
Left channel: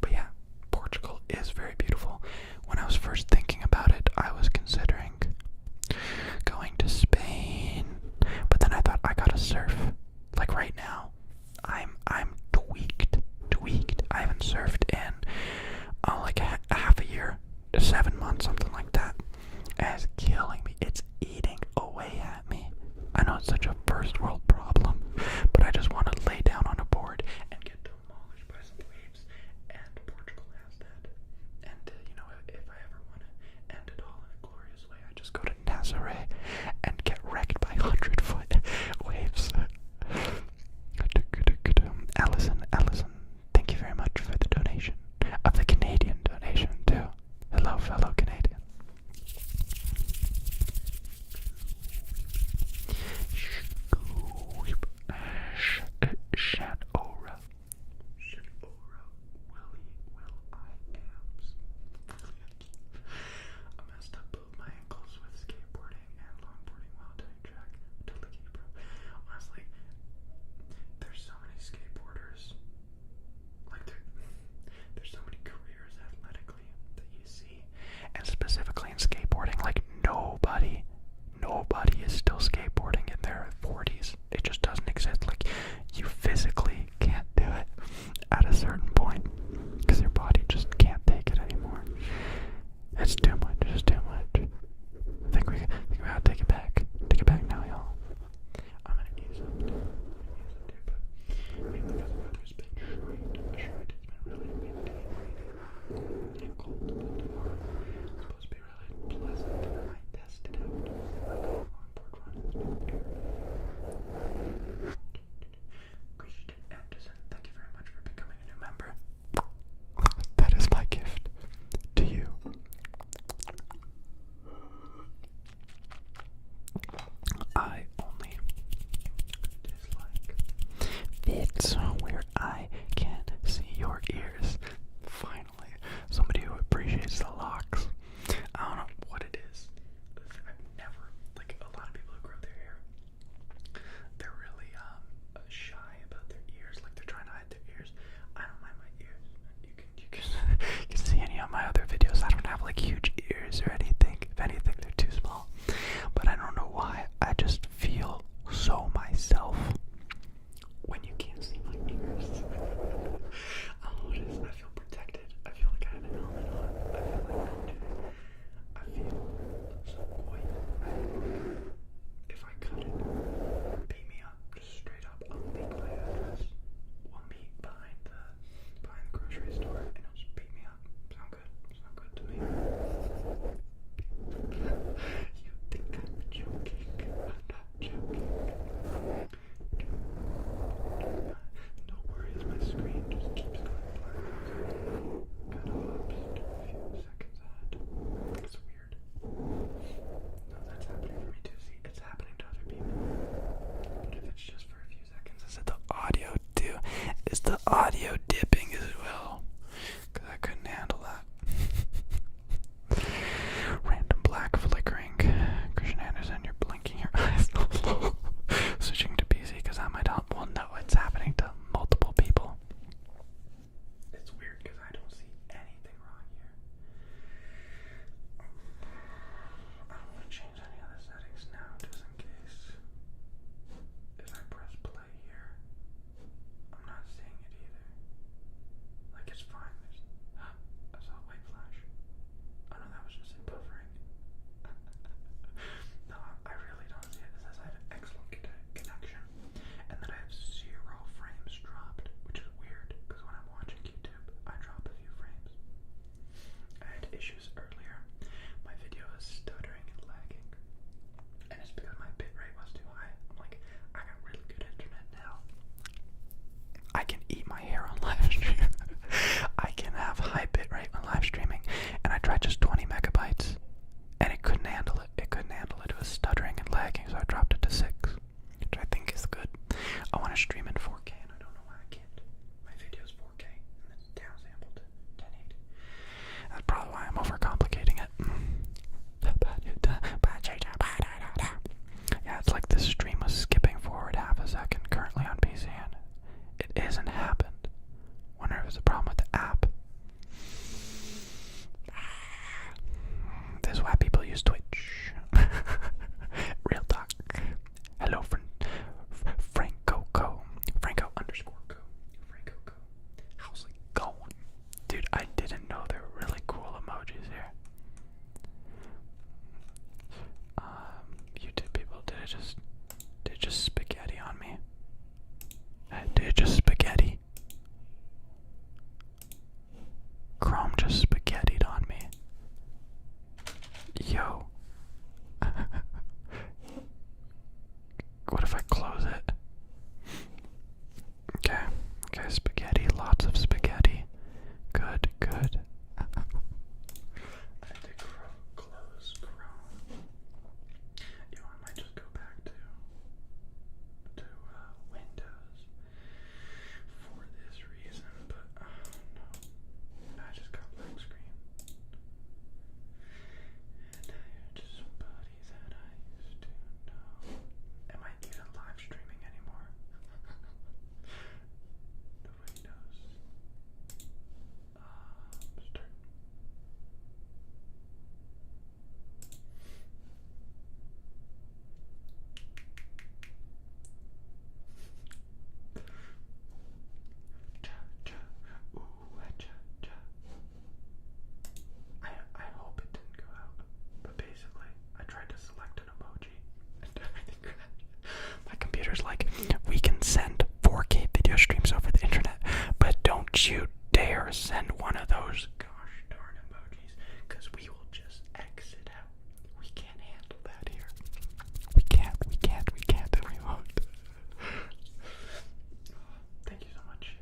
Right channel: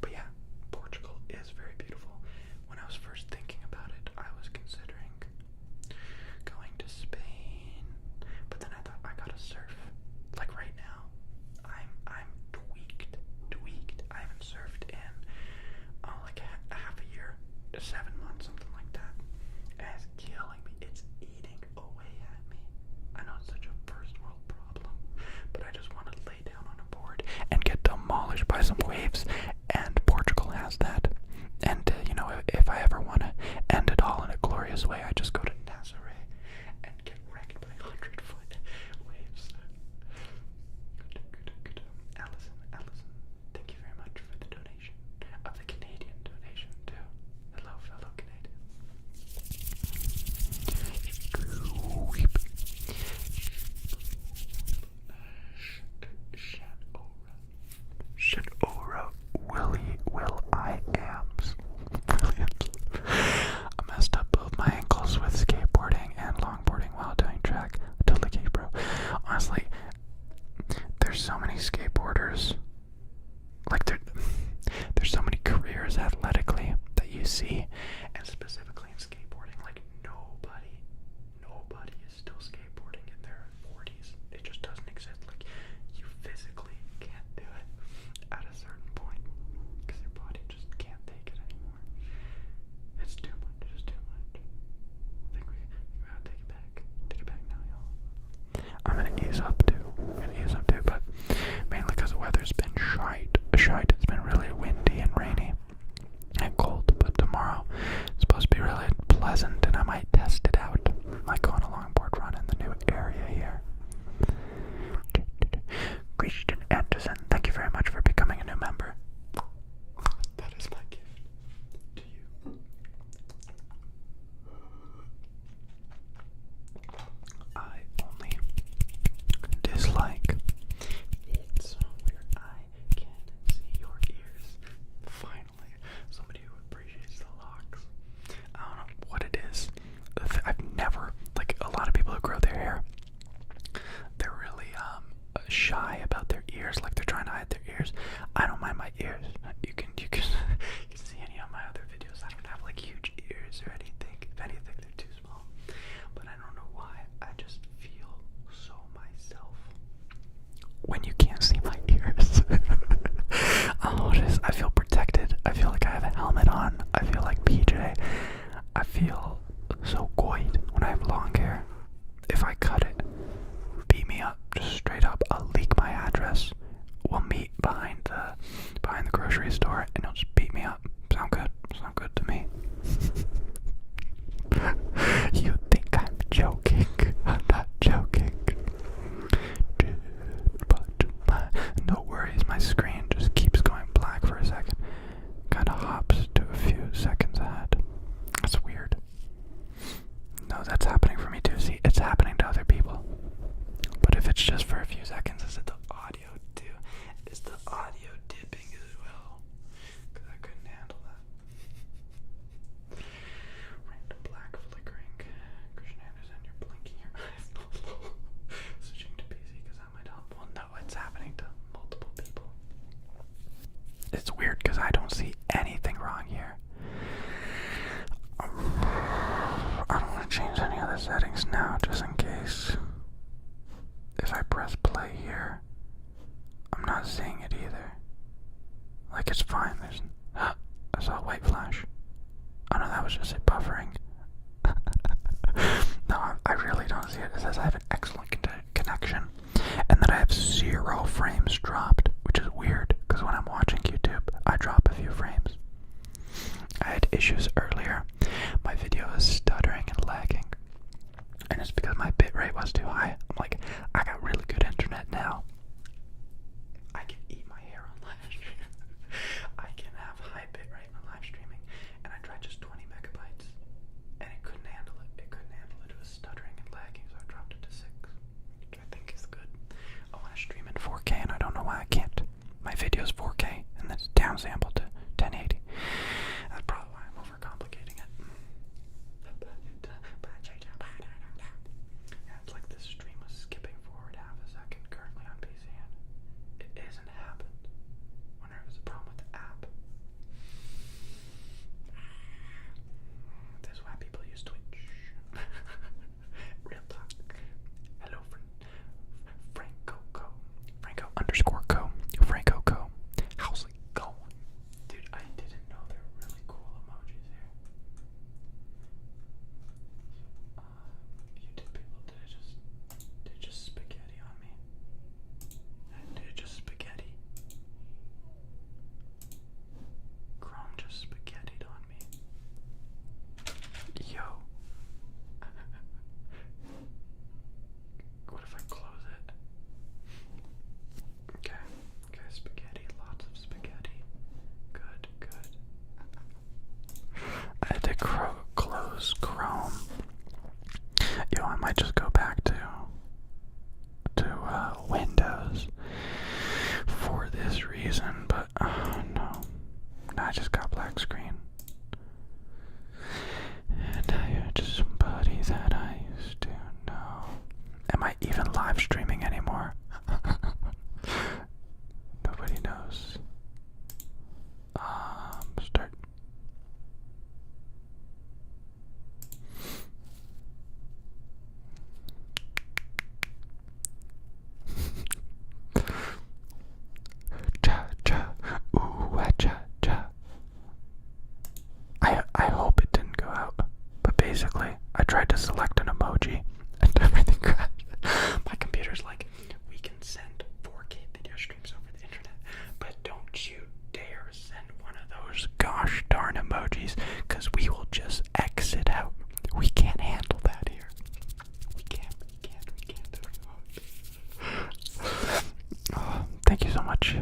But yeah, Portugal is very beautiful. When I was first thinking about it, I was considering going to Spain, but then I thought I gotta surf. Right now, I'm tweaked. I haven't surfed in a half a year, 7 months, something like that. And it's killing me. It's eating away at me. I know it's such a first world problem, but I just want to lay down on a board and get demolished by some waves, and Portugal has that. And if I ever want to end it all in a glorious way, I just go to Nazaré and get wrecked by 100-foot waves. Allison, thank you very much for the donation. Of the Canadian donation, too. Hello, fellow Canadian. Shanora, Will I Ams. Brilliant. I messed up both my ankles with skateboarding and longboarding while doing track. Totally gay, bro. Honestly, there's so many skateboarders. There's so many careers athletically that you see, and specifically in skateboarding, nobody is still skateboarding in their 40s. It just doesn't exist. You physically can't do it at a certain point because your body just can't take it anymore. It's too much. It's too much. I think we gotta take it back. Take it back now, y'all. I'm gonna ease up too. But mainly because the weather's been shite. It's been really windy and rainy and cold. ears. I don't mind my ears. You can you can see any of my other videos. I don't have like huge ears or anything. If anything, they're too small. But I don't know why. I just feel so myself when you can't see my ears. I feel protected. I feel like I have a helmet on. I feel like PJ. I feel so good when I have long hair. If I cut it, beat me up, just straight up. I'll leak my address. We'll meet behind the grocery store, and he'll just beat me up. Sound good? Sound good to me? You think I'm joking? I'm not joking. But no worries, my screen just keeps going black for a second. Kind of hops to a few seconds ahead. That's weird. No, that's happening for me too. See, it's happening to other people. But if it's just for a few seconds, is it the audio too? Is the audio dipping as well? Because I couldn't handle that. Random black flickering. Christian Anderson, you're blinking your eyes. Switching to PC because that might help. Well, no, it's happening to multiple people. It's weird because I don't see anything wrong here. I don't want to change any other settings now, just in case. If I press play here, I'm not seeing it either. Like, it's fine. I saw a white flash. Oh no, that was just it buffering. No, I really don't see it. It says I have an excellent connection, and that I have 0 frames dropped, which is weird, because when I'm watching YouTube, I drop a few frames. I had issues earlier. My video is stuttering and lagging, and it's because my bitrate was too high. I'm like, I got really good internet now. I can eat my hair on live stream. I can have high bitrate on live streaming, and I tried just 20 megabytes, and it couldn't handle it. It couldn't handle it. It was stuttering and lagging, so I dropped it to 6, which I think is good. I want to stream in 4K, and I don't know why I can't. My video's 4K, and it's downsampled to 1080. That's probably why I'm overcomplicating it. Yeah, it's like this stream was skipping forward half a second currently on PC, and it isn't happened. Wonder if there's a problem with the app. This is why people use Twitch. Real talk. Hello, Franco Co. Franco _ Co. Franco Co. How's it going? Dude, I didn't know there were really cool emojis here. YouTube people, did it just spaghetti on me? Did it just spaghetti? Chrome just spaghettied on me. Yo. What if I close it? Okay, spaghetti, lots of spaghetti. Good. I had to close Chrome. Yo, I might just go back to Windows for this reason, but no. I just got black screen. And I had somebody that I used to know. Am I even live streaming anymore? Nobody knows. Start. I hope it didn't go out, but basically, I tried to select an emoji, and everything crashed. My computer's like, we can send 4K video streams over the internet, but don't you dare send one of those gosh darn emojis, because we will just exit out. We can't handle that here. We can't, oh, thank you so much,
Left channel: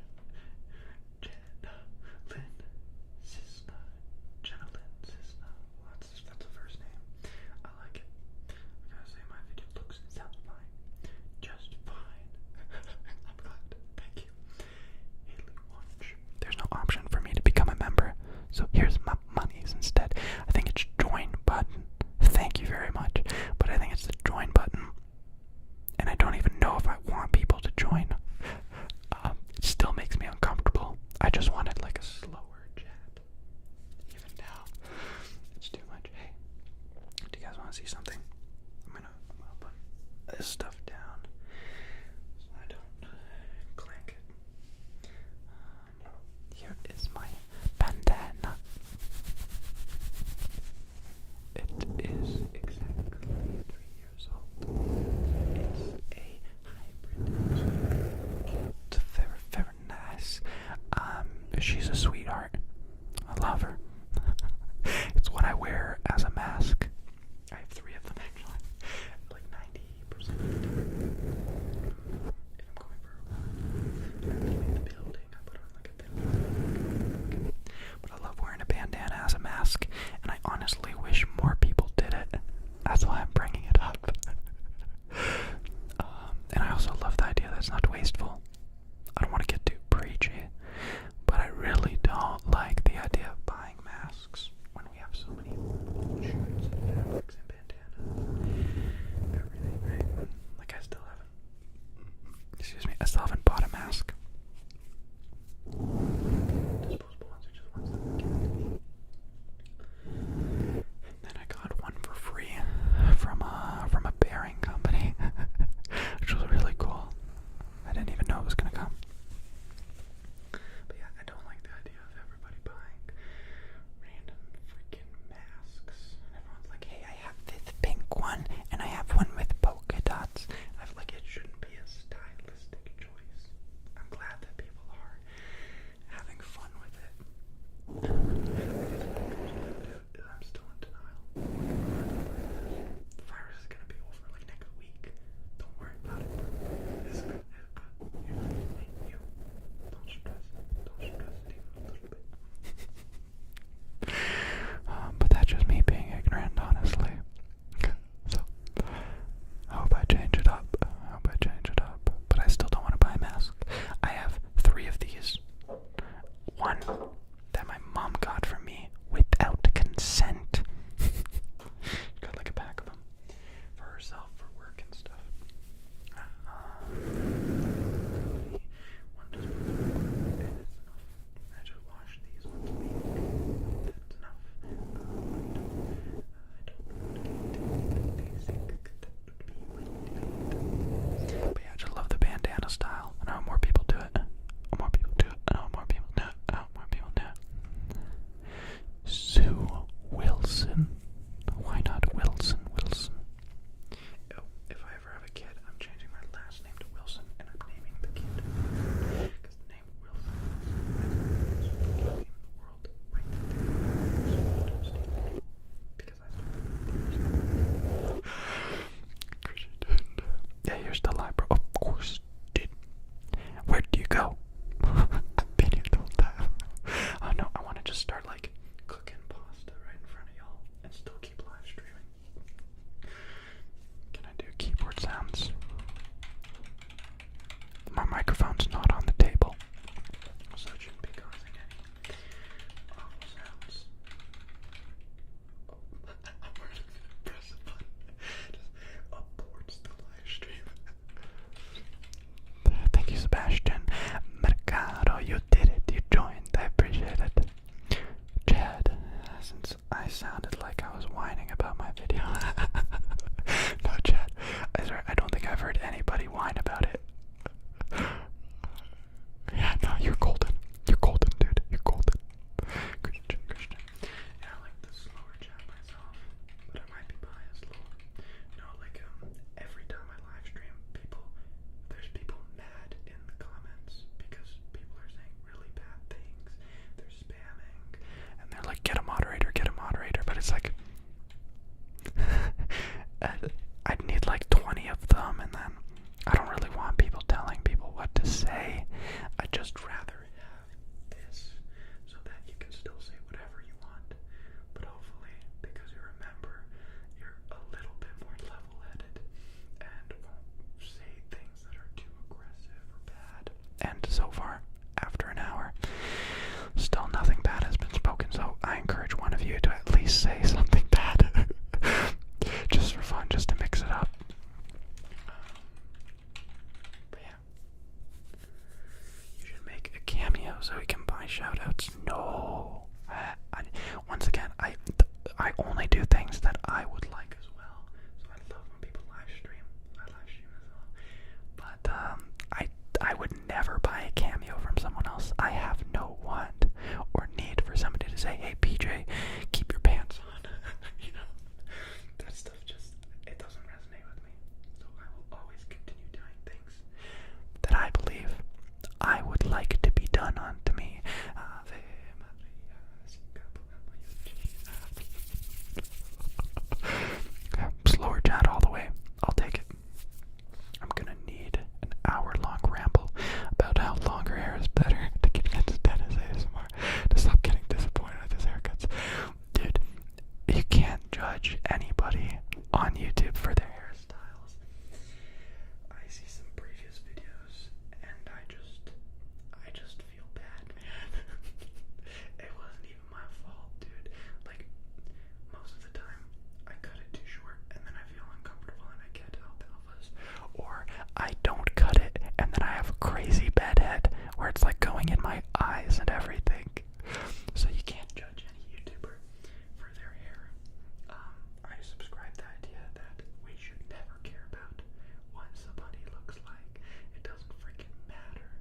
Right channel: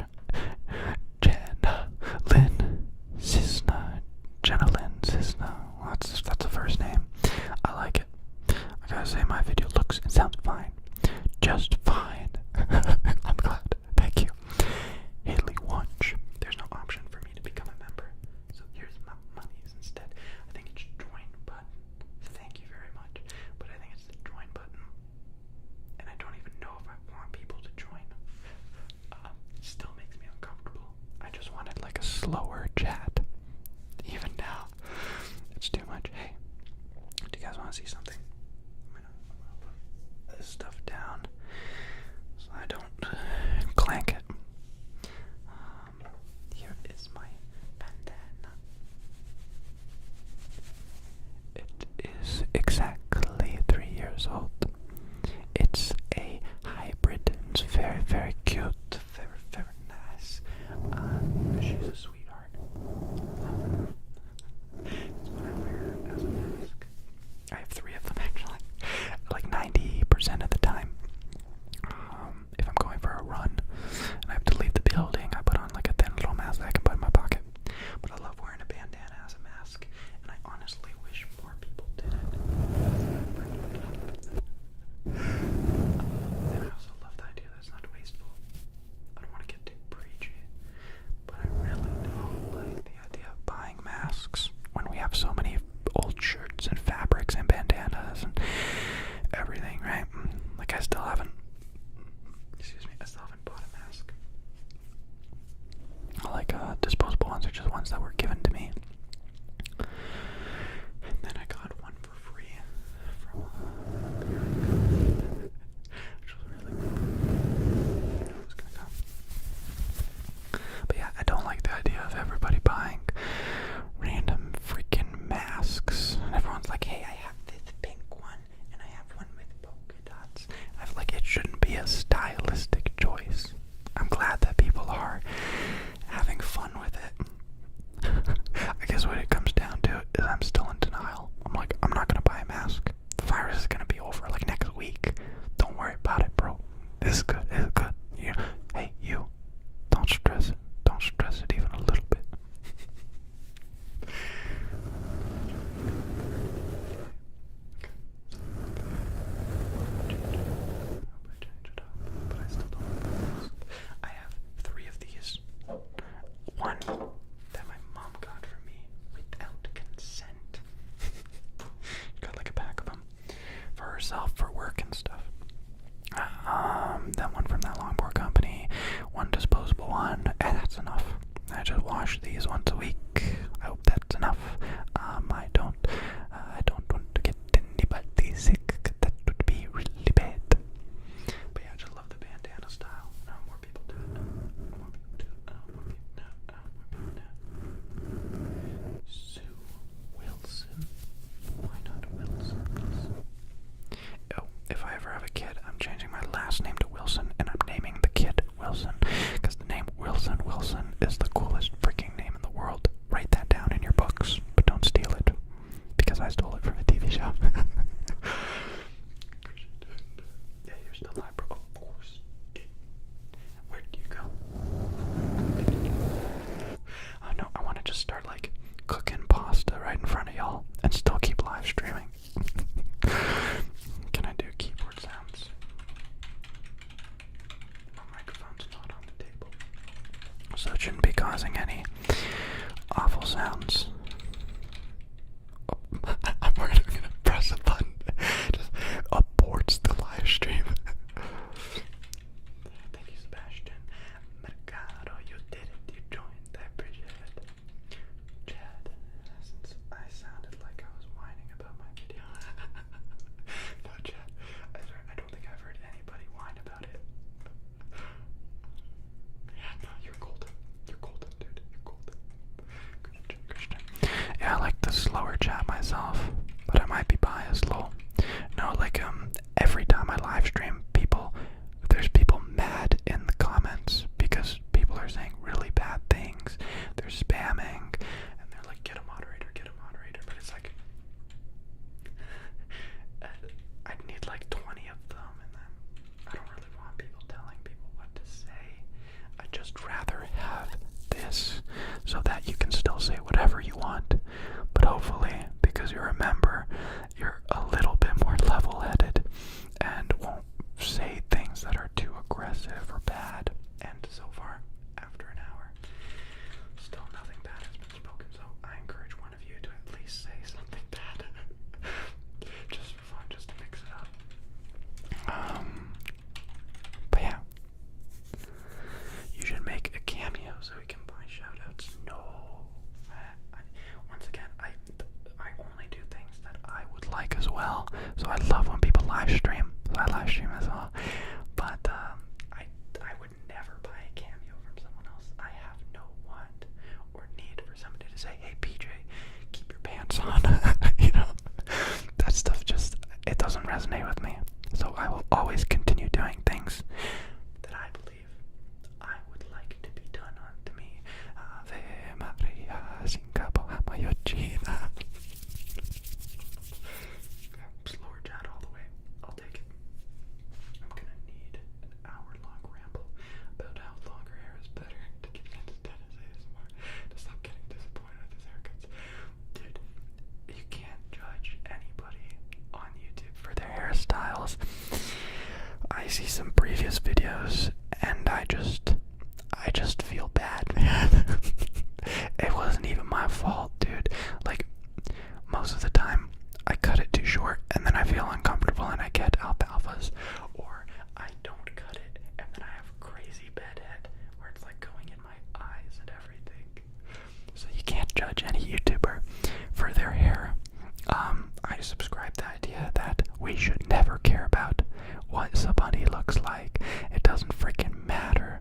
Jenna Lynn Cisna. That's a first name. I like it. I gotta say, my video looks and sounds fine. Just fine. I'm glad. Thank you. Haley Wunsch. There's no option for me to become a member, so here's my monies instead. just start like cooking pasta right in front of y'all and still keep live streaming. Can I do keyboard sounds? My microphone's not on the table, so it shouldn't be causing any awful sounds. Oh, I'm gonna press a button. Just aborts the live stream. Thank you, Sebastian. Mercado, you did it. You joined. I appreciate it. Chad, since I sounded like I was whining about my video. No, Chad. I don't think I've heard anybody whine about it. Yeah, no, you're golden. You're golden, dude. You're golden. Christian. Yeah, I like the slower chat myself, but I might be biased, lol. No, like, every time I live stream, there's people mad in the comments because people are saying really bad things. They're spamming, and they're like, get a moderator, but it's like, I'd need like 20 of them, and then I don't really want people telling people what to say. I'd just rather have this so that you can still say whatever you want, but hopefully, because you're a member, you're a little bit more level-headed and won't say things that are too aggressive or bad. And so far, after an hour, still nothing bad has been spoken, so I encourage one of you to at least say something bad. Just for fun, just to mix it up. But yeah. You should make a cameo so we can buy shoutouts. No. Once again, I only do things that I would like as well. So I love when people live stream. So I live stream as well. But I would never buy a cameo from someone else. I have no want or need for somebody to say, hey PJ, keep your pants on. You know, that stuff just, it doesn't resonate with me. So I will always continue doing things that I believe I would like to be done unto me. Ave Maria, slower chat all the way. I'll take it. I'm gonna need an hour-long ramble about how longer hair is better to get into Dennis ASMR, to stop getting disappointed with his haircuts. Dude, you can't judge anybody on YouTube for their hairstyles. I see some previous videos and I just feel bad, man. It wasn't even my fault, dude. Like, most of the time I cut it too short and then I feel uncomfortable and I get alfalfas, or I don't cut it and then I have a crazy bedhead where it's like going in my eyes and everything. So you can't judge any YouTuber for their hair. I subscribe to the idea that we should never care about what somebody looks like. It doesn't freaking matter.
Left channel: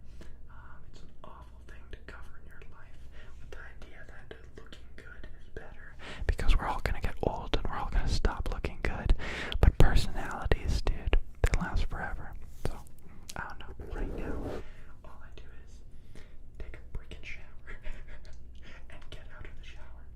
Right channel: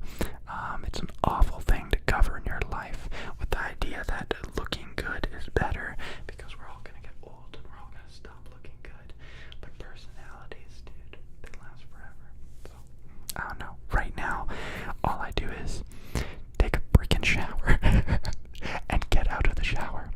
It's an awful thing to govern your life with the idea that looking good is better because we're all gonna get old and we're all gonna stop looking good. But personalities, dude, they last forever. So, I don't know. Right now, all I do is take a freaking shower and get out of the shower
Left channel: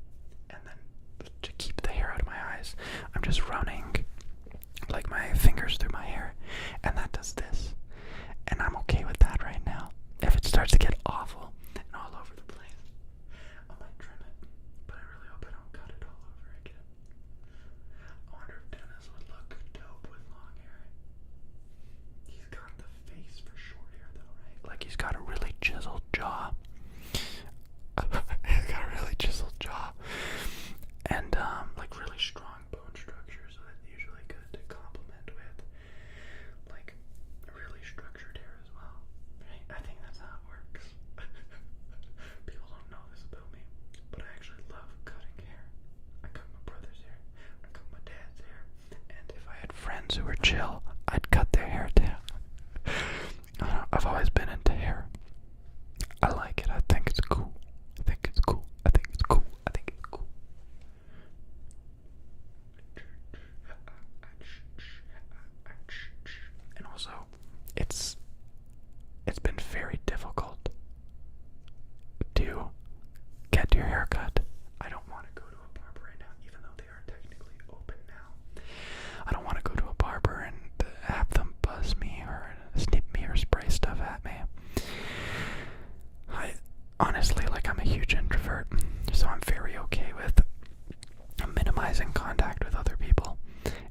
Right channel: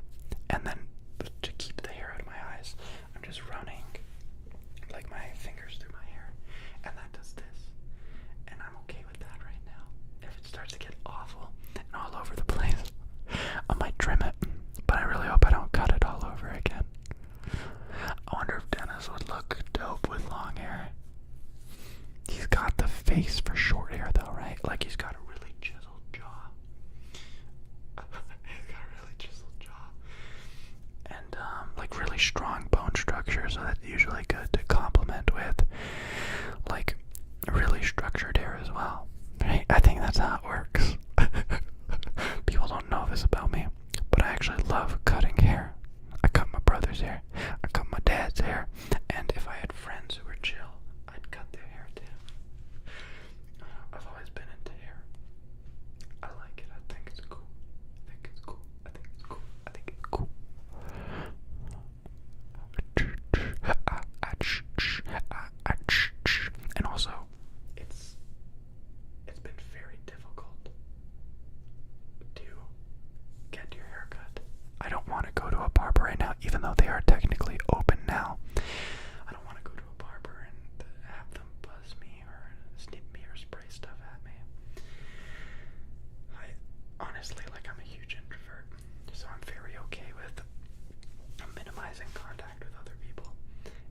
honestly, like, I'm a huge introvert, so I'm very okay with minimizing contact with other people.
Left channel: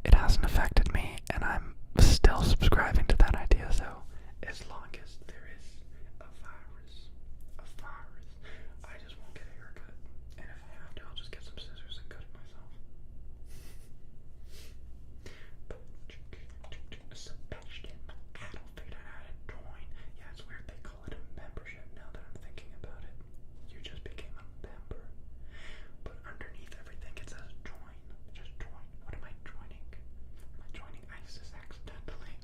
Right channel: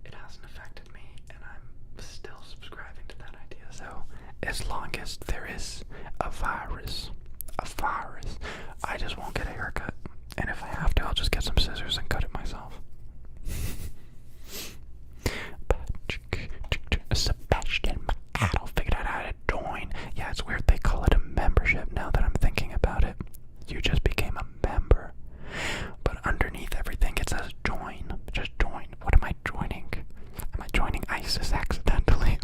It hasn't affected me, and I'm still subscribing to that idea, though. As long as there is a virus, I just won't get a haircut. And if I have to, I'll just get some scissors and cut it myself. Sebastian Macado figured out how to join. Yeah, it's weird they call it a membership now that I'm thinking about it. You just became a member. But underneath everything it says join. Just join. What am I joining? Am I joining ISIS accidentally?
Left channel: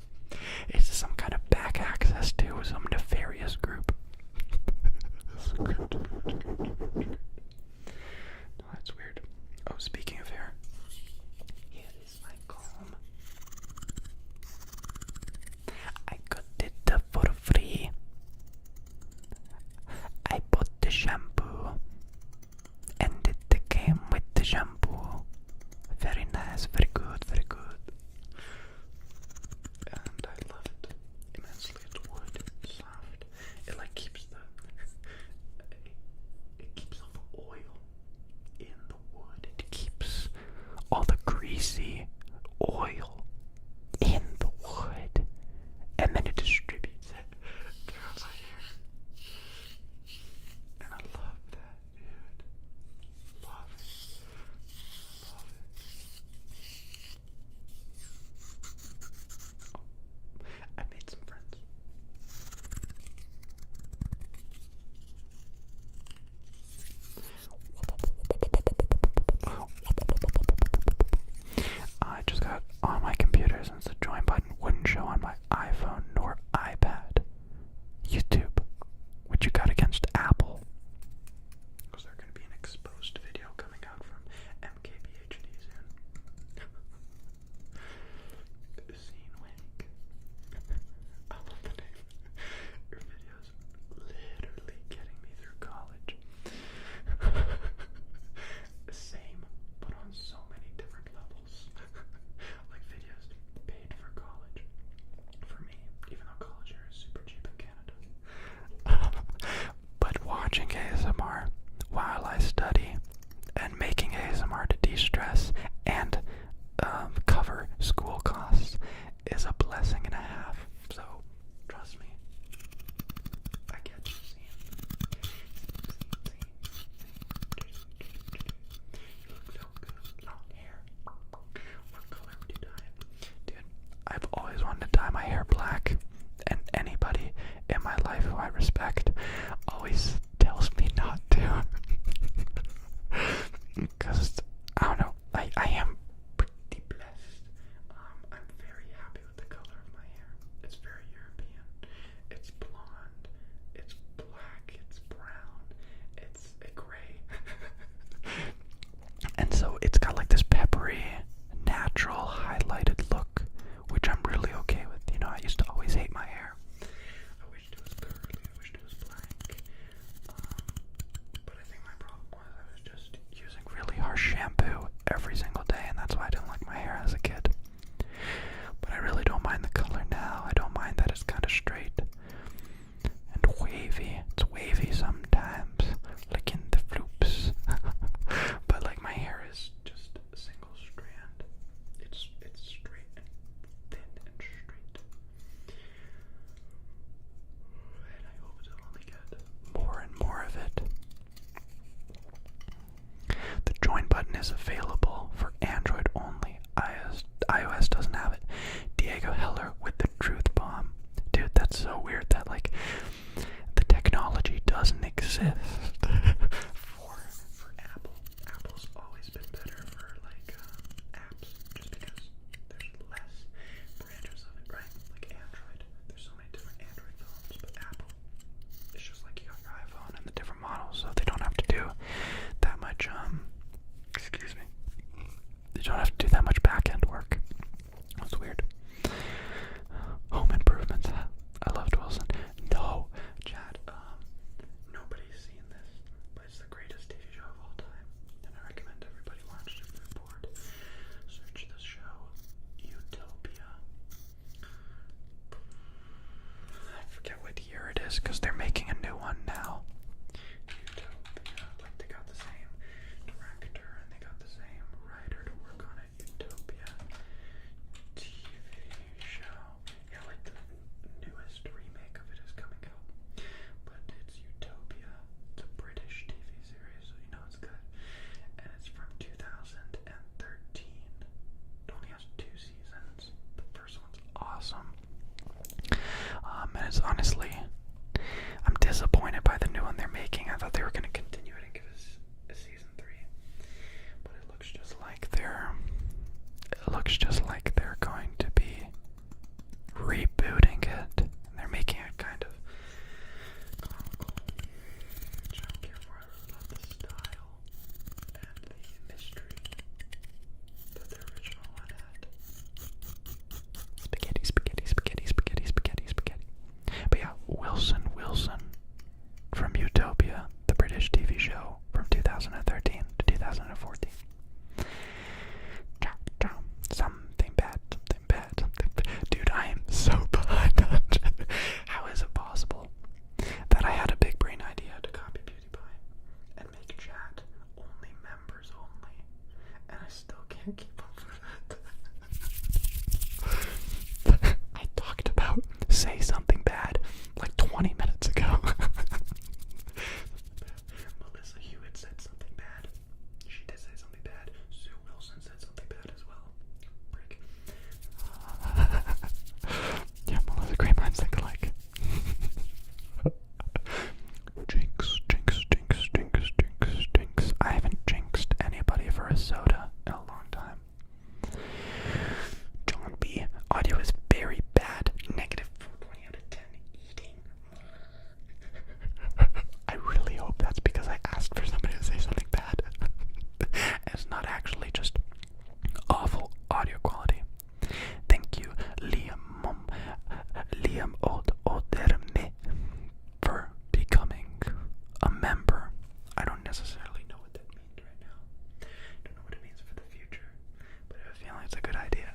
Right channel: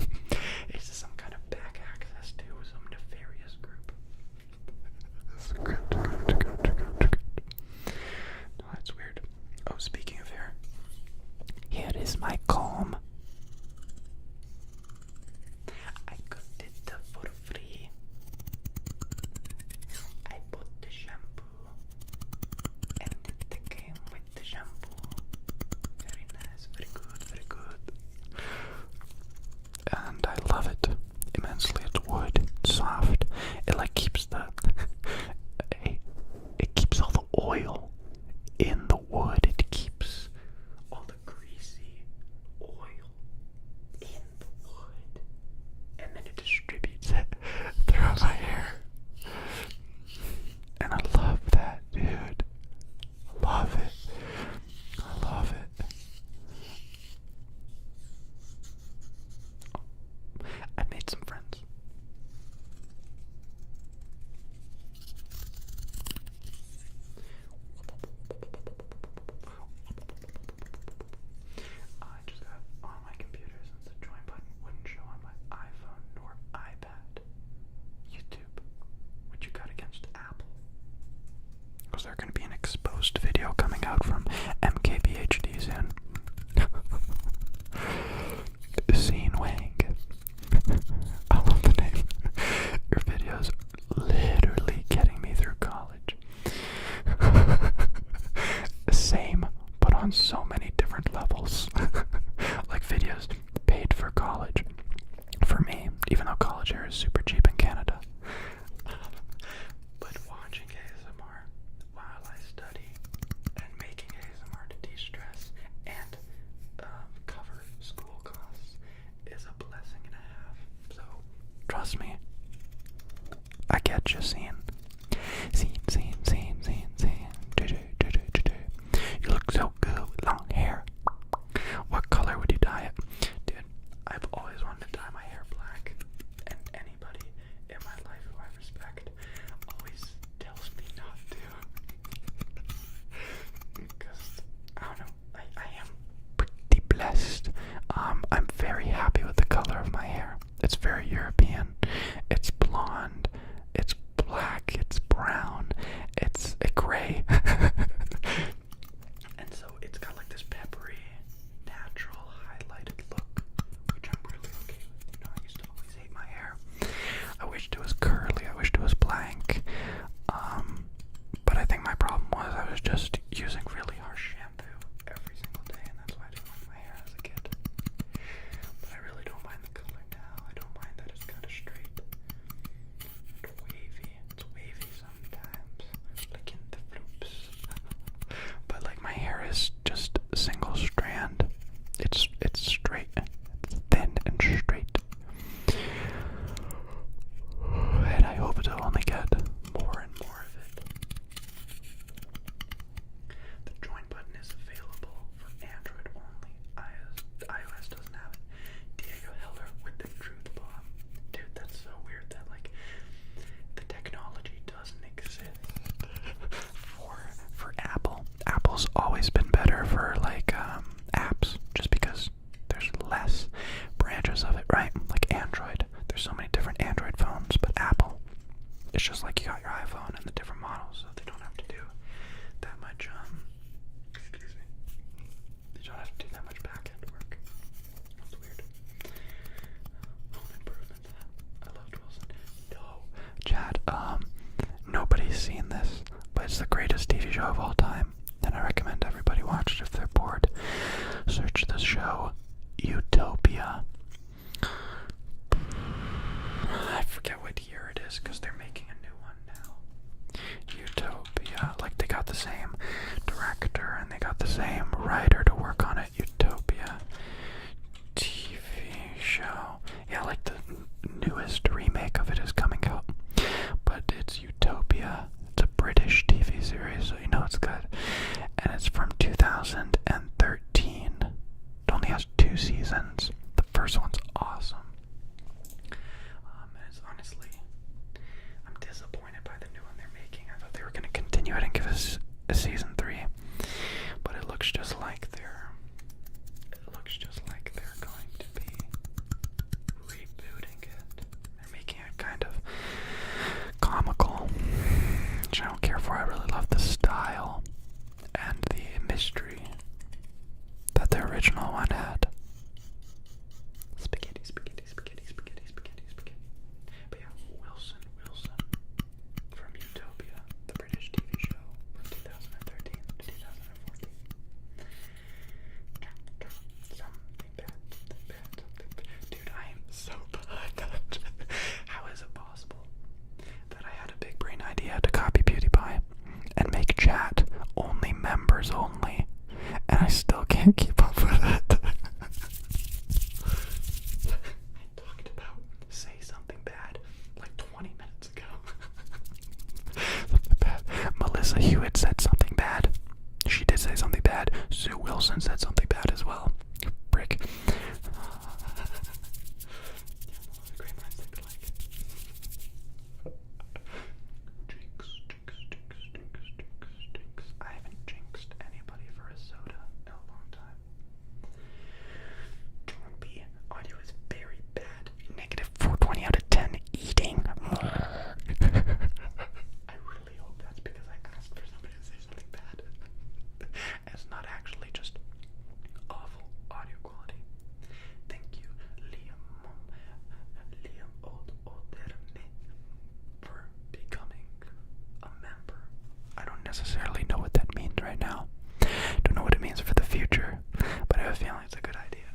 Is this some kind of back access to some nefarious group? No, that's weird. Oh, speaking of hair, here is my comb. I got it for free. I bought the shampoo, and it came with the shampoo. Very nice, very good, very good. And I love it immensely. It's wood, it's soft. It like keeps the it keeps all the oil in the wood. It keeps all the greasy oil in the wood, and then it distributes it throughout my hair. And I love that, dude. I love it. I love it. Oh, I made some friends. I just got on my computer since the join button wouldn't show on my iPhone nor iPad. YouTube, what you got against Apple? Was there going to be an exposed video coming out from MKBHD soon? Scene Wang. I love the name. Your video's literally getting me through college. Same, but on so many different levels. Like videos paid for college. For me, even though college here is super cheap in Canada. But watching ASMR while I study and making ASMR to de-stress and cover school costs is a blessing and a half. So, trust me. I get you, scene. You look so good with long hair. What color would you dye it? Dude, I've always wanted to dye my hair black, and anybody in my life who I respect always tells me not to. Because, I don't know, I am pretty blessed. I'm very happy with the color of my hair. It's very European. It's blonde. It's black. It's brown. It's a gray. And so it's got like this peppery, natural, highlighted look, which I'm really okay with. You know, I used to always hate my hair. I wished it was curly. I wished it was blank. But I think my problem was I was just using really harsh shampoo every single day, and that's why I didn't like my hair as a kid. But I really don't mind the color now. I don't mind that it's kind of straight and wavy. It's wavy sometimes, like in the floops. But like my hair is just a single strand. It's straight. It's thin and straight. And I hope to only get more and more of it. The join button is available for Android only. iOS doesn't have it. Diego Heller with the truth bomb. Dude, that's so weird that like the technology doesn't exist for Apple. Apple's always been better for like apps, just because there's less branches of it, right? Like Android, there's so many different Android phones, but Apple, it's just like you got your iPhone and the different models, so they don't have to do that much excuse me, they don't have to do that much back-end work. That's weird. Home Improvements. I loved Wilson. No, Chad, nobody's seen this, but it's the greatest TV show of all time, and I recommend everybody watch it if they're bored. Search the show Utopia. I forget what year it is, because they're making a new one now. ahead and give us a season 3. But it looks just like they're going to be rebooting it. They're making it kind of comical, which I don't care for. I really love the style and the mystery that the original one had. Spaghetti, spaghetti, spaghetti, spaghetti, spaghetti, spaghetti. But yeah, Wilson from Utopia, the British TV show from 2013 to 2014. Something bad, something bad, something bad. Dude, I am so behind. How is it possible that I had a big brain idea to copy PewDiePie and make chat only members only, and I still can't keep up with it? I talked about say something bad like 20 minutes ago. Something bad. Melissa Hewitt said something bad. She did say something bad. Sue Wilson said something bad as well. Brick. Yeah, Melissa, great minds think alike. Jinx, jinx, jinx, jinx, jinx, jinx. I haven't jinxed anybody for a soda in a long time. John B. Audio is very bad. Negative 420 out of 10. Eating. I really hope that's because I asked for somebody to say something bad. It's not actually just awful audio quality. Thank you, Liam Oderme, for becoming a member. I don't necessarily know what that means right now. Don't know what it means for the future, but I have a feeling it's a good idea.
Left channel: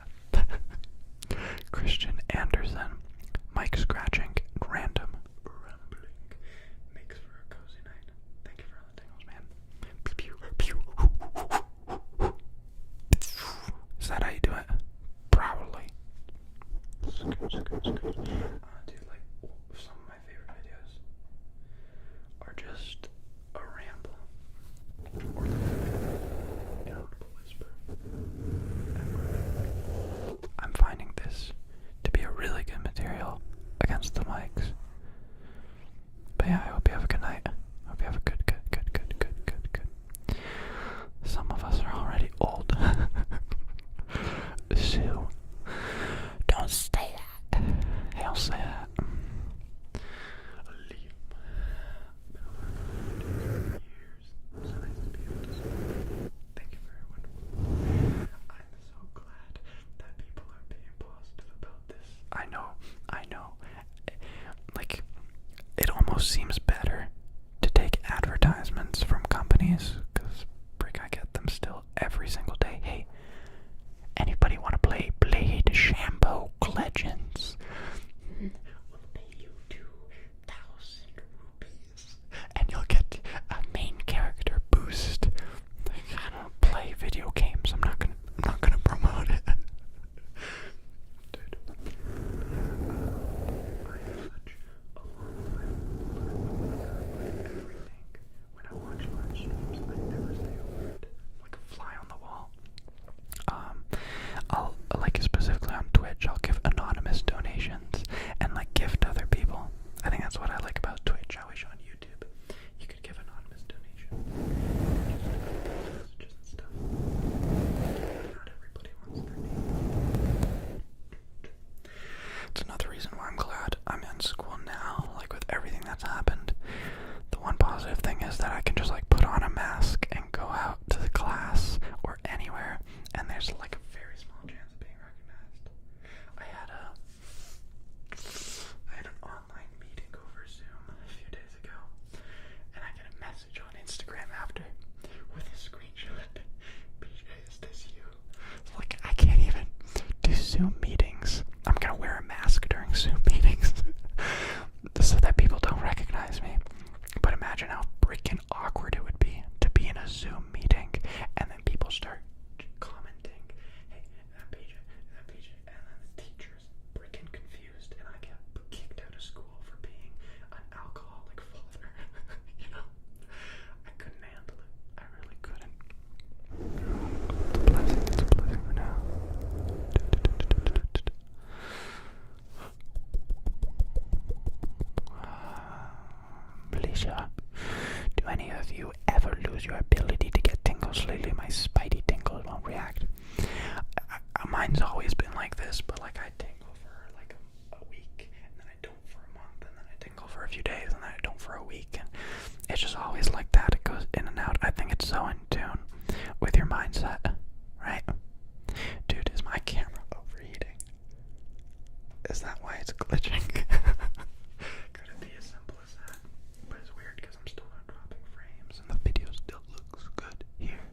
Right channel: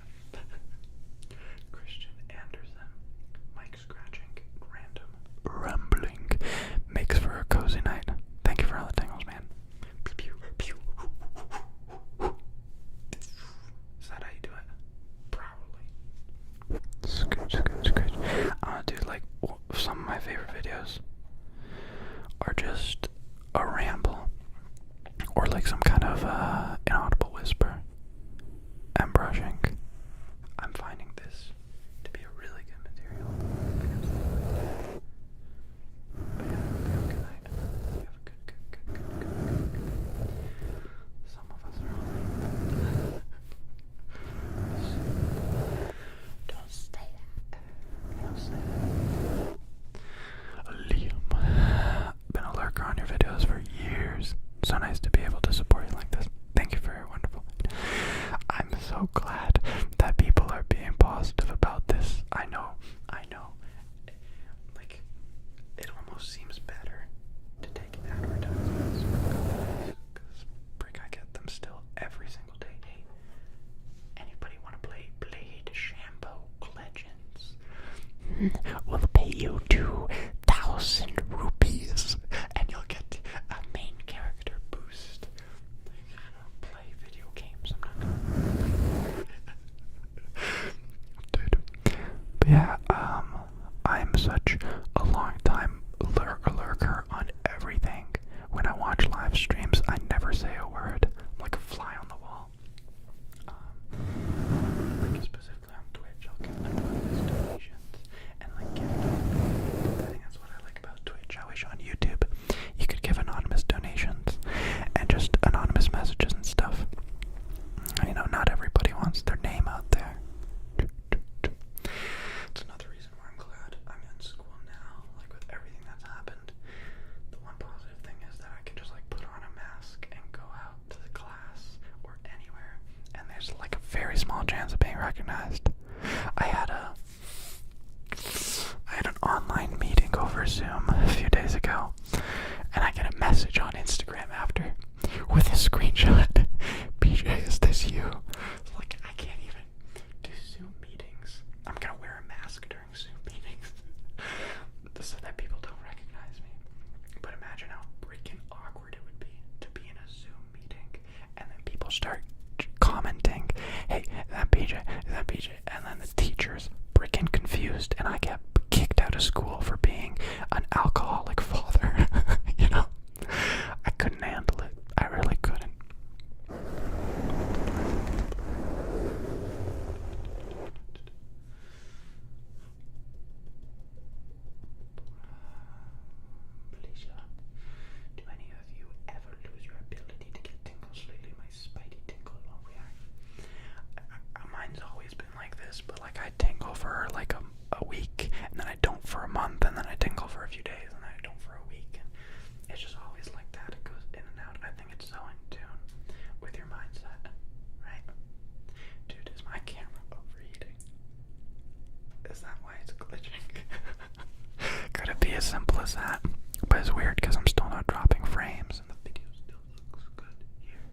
Christian Anderson, mic scratching, random rumbling, makes for a cozy night. Thank you for all the tingles, man. Pew, pew, pew. Is that how you do it? Probably. Scooch, scooch, scooch. Dude, like, some of my favorite videos are just a ramble, or like some kind of inaudible whisper. I'm brushing. I'm finding this to be a really good material against the mics. But yeah, I hope you have a good night. I hope you have a good. Some of us are already old. So, don't say that. Don't say that. Liam, been a lurker on your videos for years. So nice to be able to support you like this. Thank you for your wonderful. I'm so glad that people are being positive about this. I know. Like, it almost seems better to take advertisements from companies, because I get them still every single day. Hey, anybody want to play Blade Shampoo Legends? We'll pay you 2,000 rupees and you'll get a main character boost. I don't play video games. I'm not gonna promote it. Dude. But yeah, I'm such a long time lurker on everything. When I watch live streams, I never say a word. I'm like a fly on the wall. I'll, like, specifically on Twitch, I'll give anonymous donations and like gift other people. I think that's what I like about Twitch. I wish on YouTube you could give anonymous donations and just anonymous messages and stuff. You know, not everybody wants their name out there. It's another reason why I'm glad I'm in school now, like with everything that's happened. The one positive thing is that I can just like put on a mask and go out to the class or anywhere, and there's like a very small chance of being recognized. I had an online meeting over Zoom a few days ago, and I get a message on Instagram after with a screenshot. PJ, is this you? So like, I can't even do Zoom meetings. I'm gonna wear a mask during Zoom meetings so that people don't recognize me. But imagine how freaking awkward it would be to be in a Zoom meeting and then people start commenting, hey, is that PJ? Is that PJ? And then the teacher's freaking confused and I get kicked out of school for being an alcoholic father. You know? I couldn't handle it. I really couldn't. It's a blessing. It's a blessing. Felicia, do any of you ever your ability to get tingles lately. My spidey tingles won't react. Mine's always been like this, but like I tingle for like a week, and then I don't for a month, and then I tingle for a few days, and then I don't for a week, and it's just always like that. It goes in and out. I think it's so in tune with your mindset, right? Dude, is my camera overheating? Is that why it's glitching? Could it be as simple as that? But it's weird because I'm still not dropping frames, and the video still looks good here.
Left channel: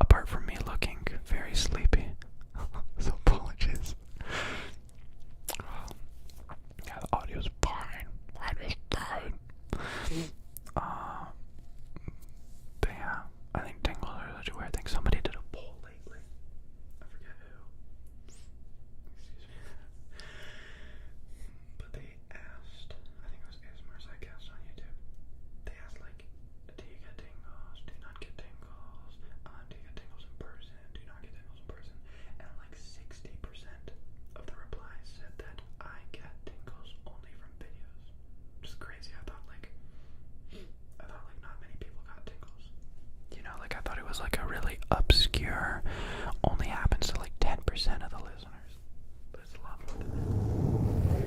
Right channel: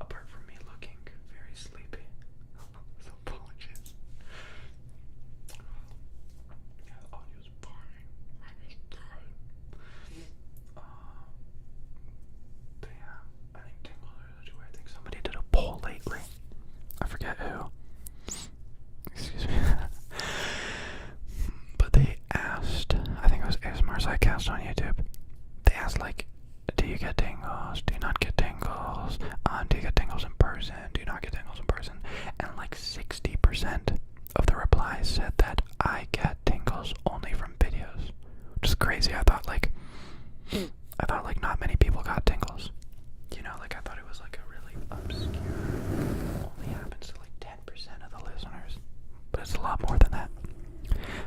Apart from me looking very sleepy. So apologies. Yeah, the audio's fine. Audio's fine. But yeah, I think tingles are such a weird thing. Somebody did a poll lately. I forget who. Excuse me. But they asked, I think it was ASMR Psycast on YouTube. They asked, like, do you get tingles? Do you not get tingles? Do you get tingles in person? Do you not get tingles in person? And like 60% of the replies said that I get tingles only from videos. Which is crazy. I thought like not many people got tingles. You know, like I thought it was like a really obscure, only happens to like 10% of the listeners. But it's a lot more than that.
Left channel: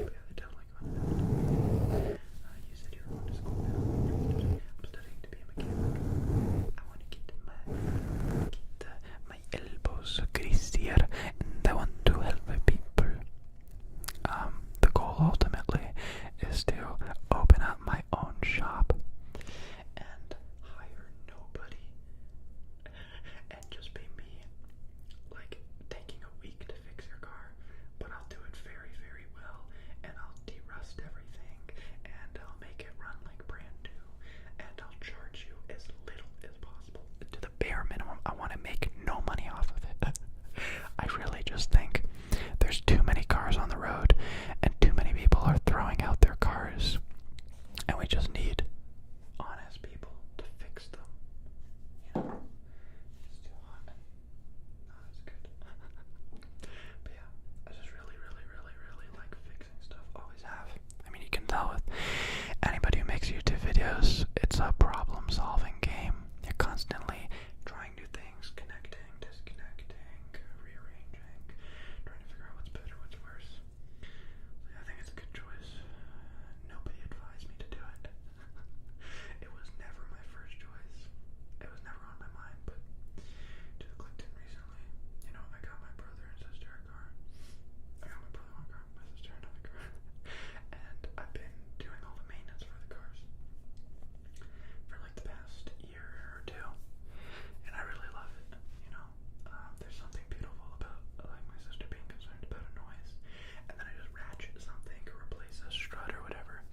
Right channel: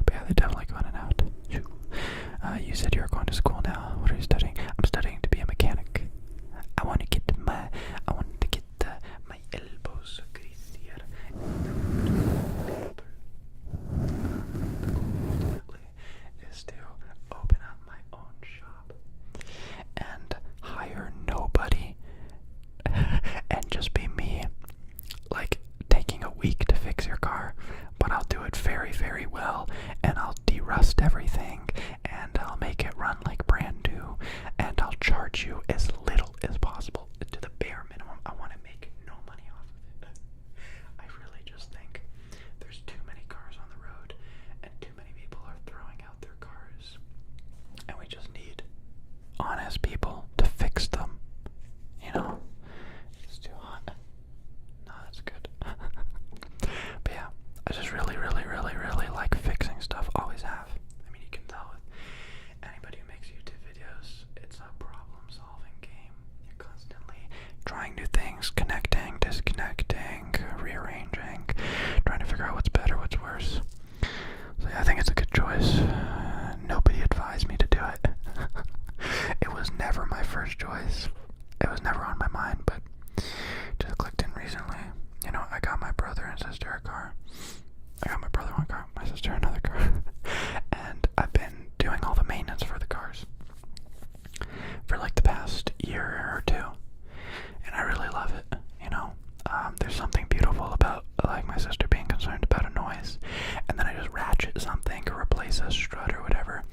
But yeah, they definitely going in out. You said you were going to school now. What are you studying? I'm studying to be a mechanic. I want to get my elbows greasier, and I want to help people. The goal ultimately is to open up my own shop and hire nobody and just be me, like taking a week to fix your car, but I'll do it very, very well, and I'll de-rust everything, and I'll make it run like brand new, and I'll charge you as little as possible, to the bare minimum. I want to make no money off of it. I really just think there's too many cars on the road, and too many people are throwing out their cars, and we just need honest people to fix them, you know? It's too hot. No, that's good. But yeah, I just really, really, really, really like fixing stuff. Always have. I mean, you can tell with anybody who makes YouTube videos, it's a problem-solving game. You're constantly trying new things, connecting, disconnecting, rearranging, trying to figure out what's better, what's worse. So yeah, I think it's a good choice. Nobody advised me to do it. It was never my first choice. It was never on my mind, but just clicked in recently. You know, I got my brother and sister a car. I got my brother one car, my sister another car. And I've been doing all the maintenance for the cars for like the past year or two. And I really love it, you know. There's something beautiful about like my sister being concerned about a noise, and then I just ratchet something or replace a strut or whatever,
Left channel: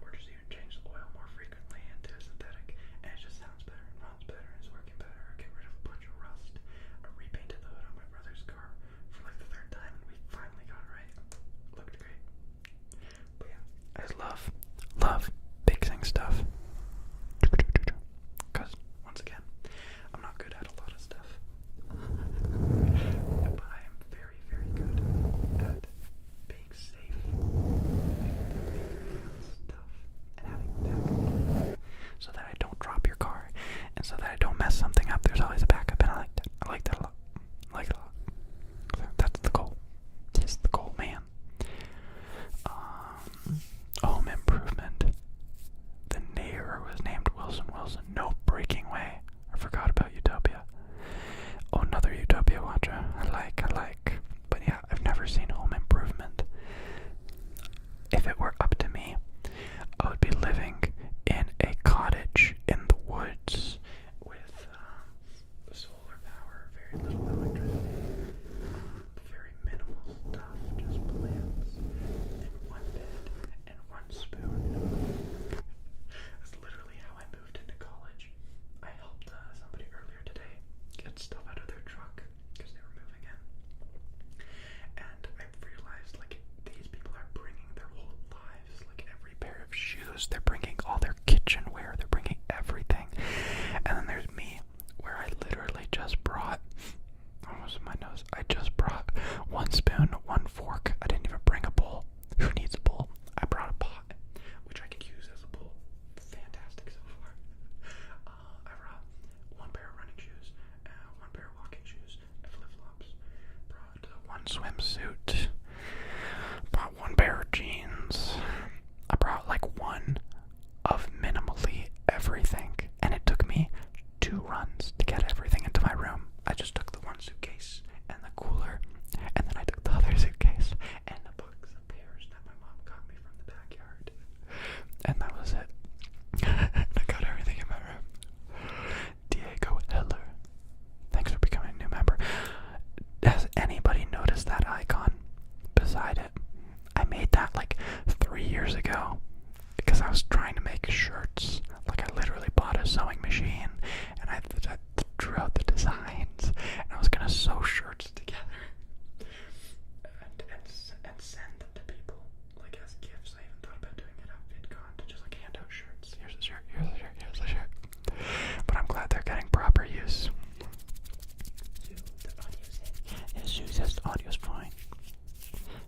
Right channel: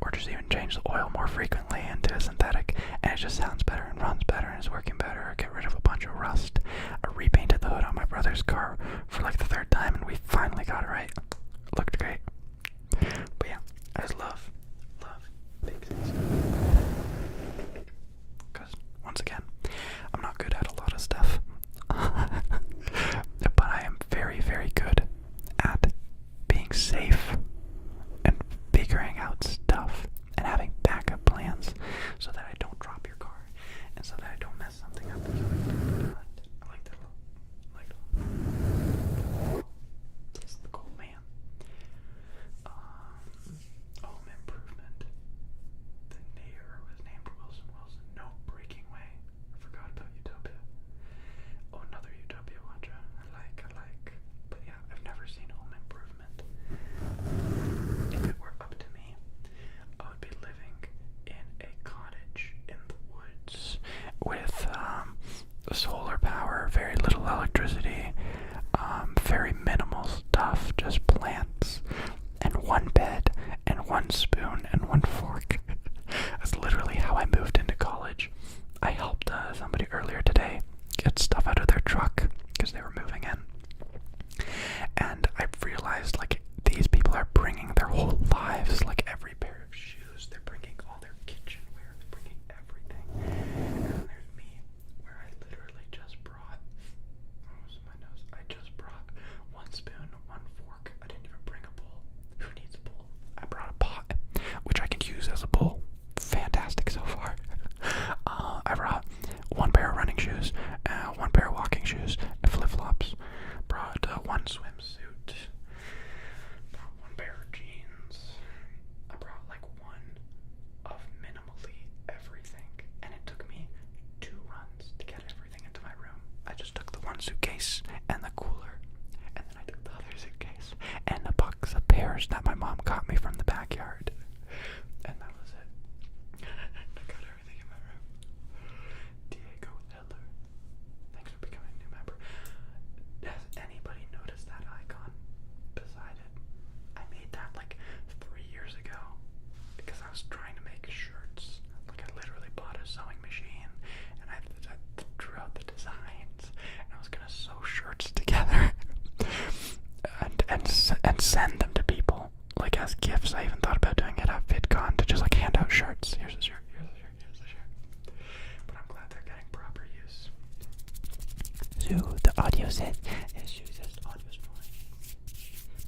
or just even change the oil more frequently into a synthetic, and it just sounds better and runs better and is working better, or get rid of a bunch of rust. I repainted the hood on my brother's car for like the third time, and we finally got it right. Looked great. But yeah, I just love fixing stuff. Because, once again, I'm not good at a lot of stuff. But I am very, very good at being safe and figuring out stuff and having backup plans so that I don't drop your car and so that I don't mess something up. There's always a backup, and I like that. I like that a lot. I like it a lot. That's the goal. It's the goal, man. Home improvement. The Nair Zoo. The audio's hit. Zoo says the audio's fine.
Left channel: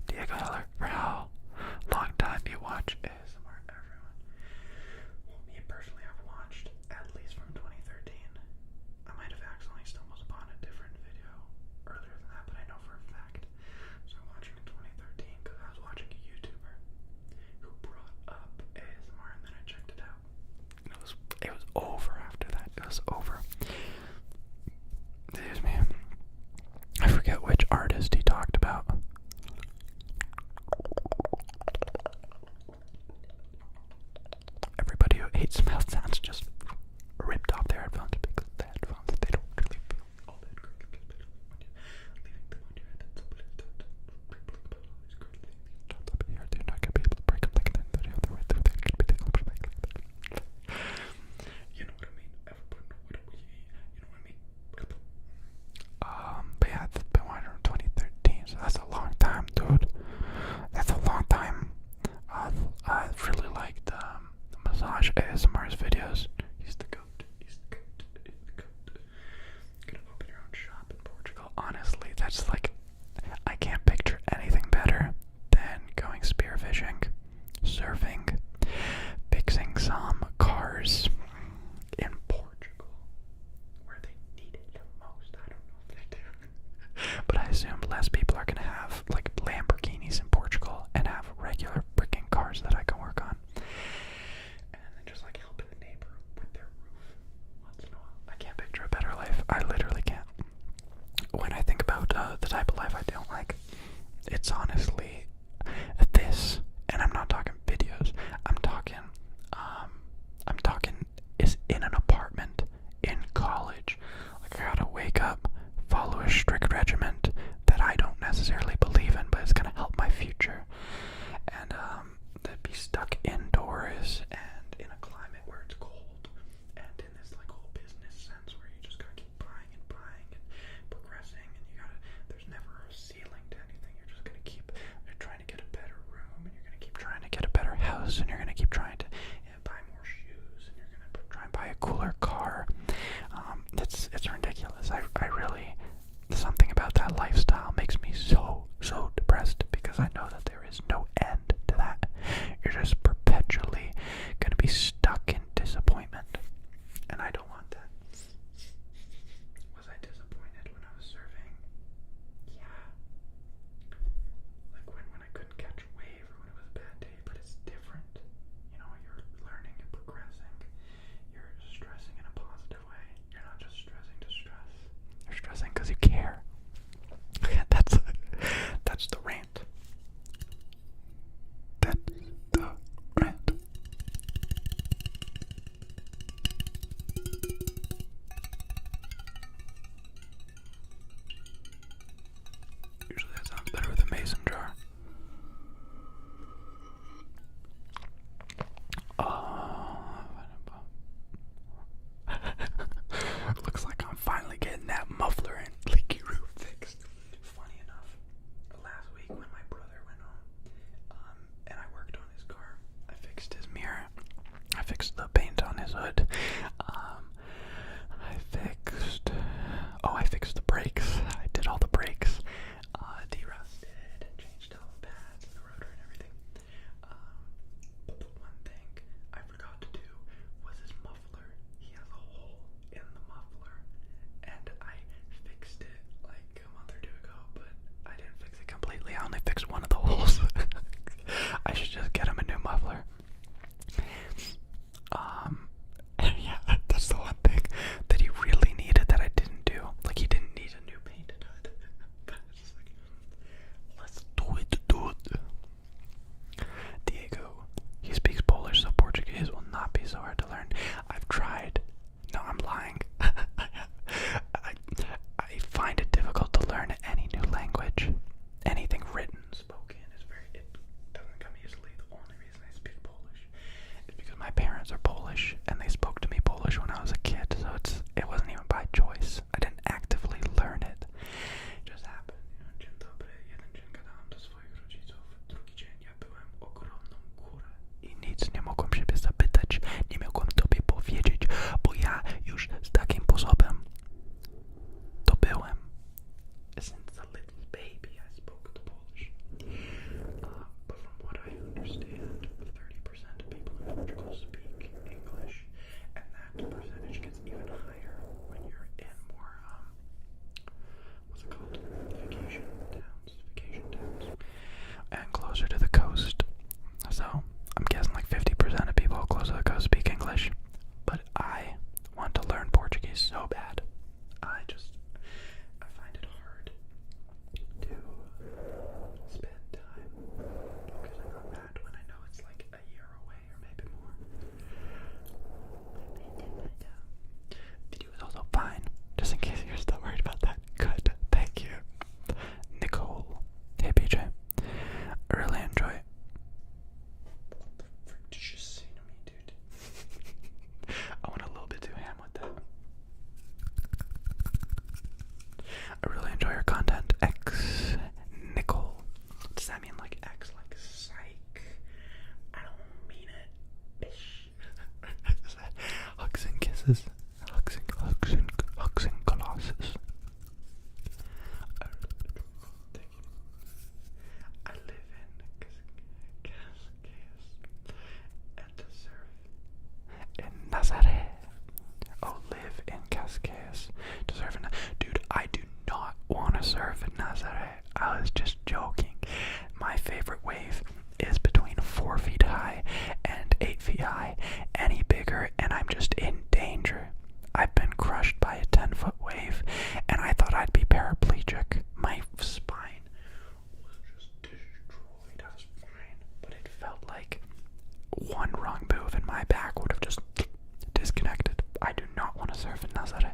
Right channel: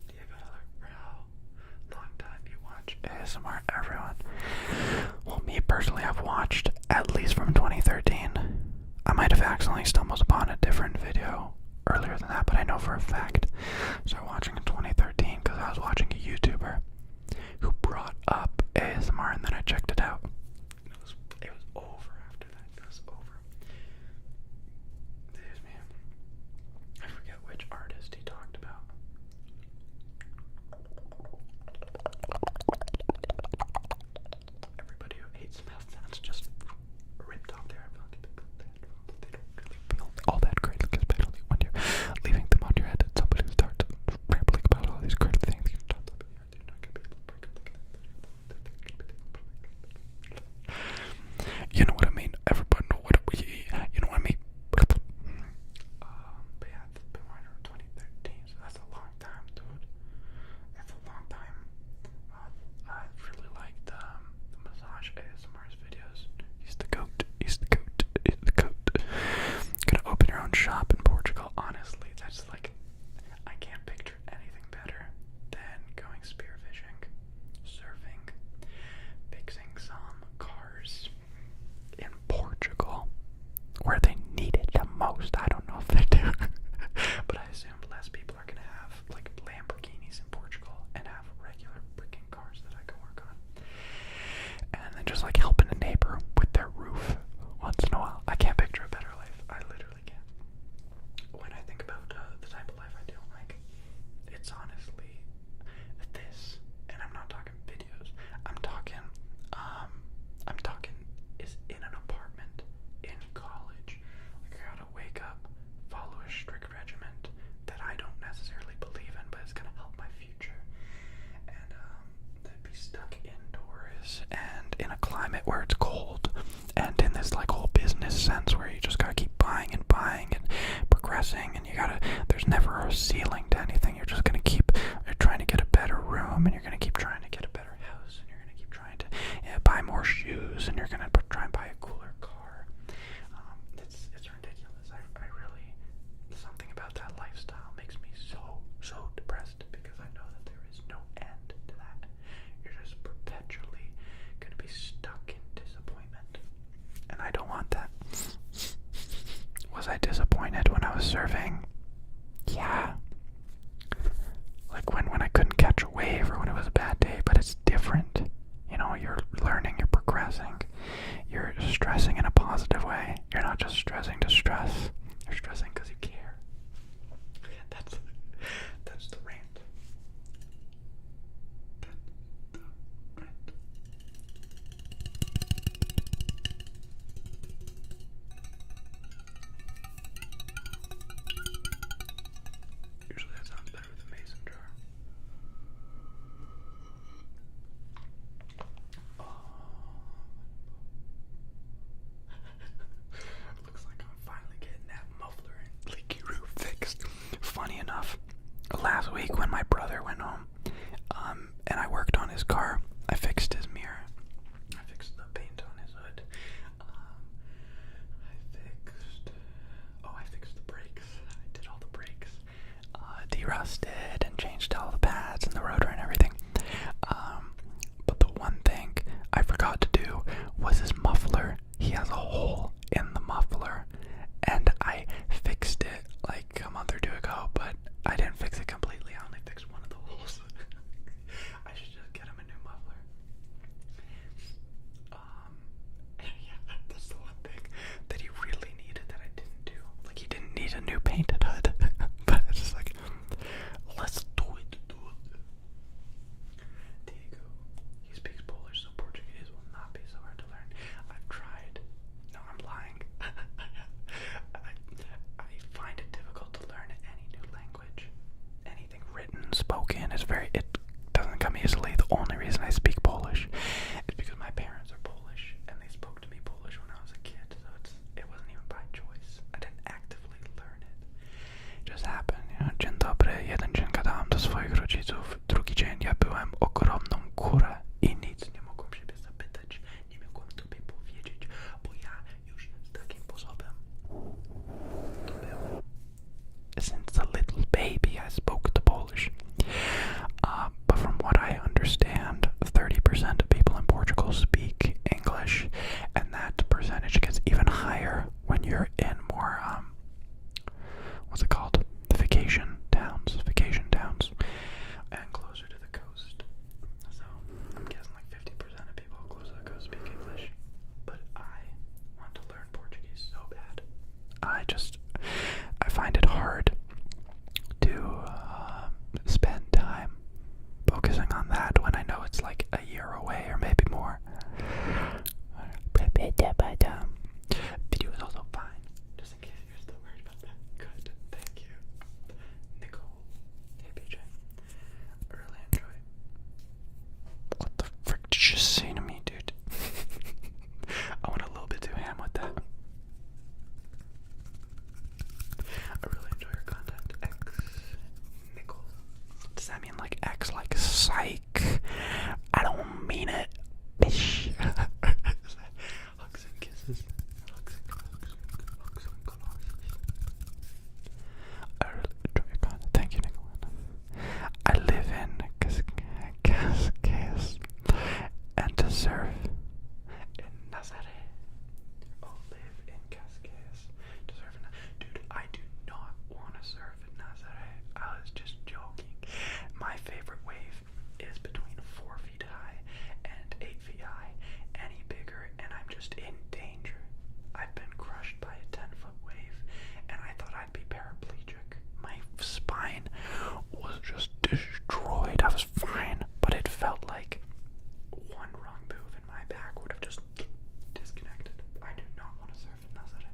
Diego Heller, for how long time do you watch ASMR, everyone? Well, me personally, I've watched at least from 2013. I might have accidentally stumbled upon a different video earlier than that, but I know for a fact. So I was watching in 2013 because I was watching a YouTuber who brought up ASMR, and then I checked it out. It was over after that. It was over. Excuse me. I forget which artist he talked about. Everybody who hates mouth sounds just ripped off their headphones because the headphones, they don't really feel all that great, especially when you're leaving them on your head and somebody starts rambling about all these great things. You're not going to be able to break them like that. You know what I mean? Everybody know what I mean. You know what I mean? But yeah, it's been watching in 2013, so that's a long time, dude. That's a long time. I really liked the massage ASMR's videos. He's the goat. He's the goat. He's the goat. Gonna open your own shop in Portugal. Honestly, that's like, I can't picture anything better than going spearfishing, surfing, fixing some cars in Portugal, where they need it the most. I don't know if they do, but I assume less people are gonna have like Lamborghinis in Portugal and have regular freaking cars that I can work on, and then just like helping a neighbor with their roof once in a while. I can't picture a better life. I literally can't. When I think about the type of life I don't like, it's honestly this, and I'm not talking videos. I'm talking is in an apartment in college. Like, I gotta wake up, follow a strict regiment that I don't necessarily believe in, but it's gonna help my future. And to be stuck indoors and in a climate where it's cold, and in this like whole business sense where you just gotta keep buying and progressing, and there's never a ceiling to anything. You're just gonna you're trying to get a better room, and you're gonna keep trying to get a better house, and you're gonna keep trying to buy more shoes, and you're gonna try and buy a cooler car. It's ridiculous. I really, something about that lifestyle makes me so depressed, because I know that there is no end to that. You're just perpetually gonna be stuck in disappointment, and I don't want that. Was I disappointed when I was surfing? Yeah. Like when I couldn't catch a wave, or when it was a bad day, but it's different. You know, you're learning, you're progressing. you're in more, what's it called? Vacation towns, and closer to the coast. So, I'm guessing like 50% of people close to the coast speak English. But I want to learn Portuguese so bad. I find it hard to spend time focusing on that when I know it's like a year away or maybe more. Video is also fine, just in case you're still worried about that. Good, thank you. Nicole. Hey BJ. I really enjoy it. What the frick did you say to me, dude? I went a little bit too ham with that. I really enjoy your content. X Nicole. Does that mean like X like psych? I don't mean it. Bish. Hugs and kisses. Hugs and colossus. I really enjoy your content. Thank you, Nicole. I live in Cascais and to serve in Nazaré. Oh, live in Cascais to serve in. Dude, I do not want to surf in Nazaré. I was just joking. My favorite wave is between 4 feet high and 8 feet high. Any bigger and I'm just in danger. I've been crushed by a 10-foot wave and I thought I'd be paraplegic. My spine was just destroyed. I was fine, but it felt like one wrong move and my back would have just disconnected. I do not want to surf in Nazaré.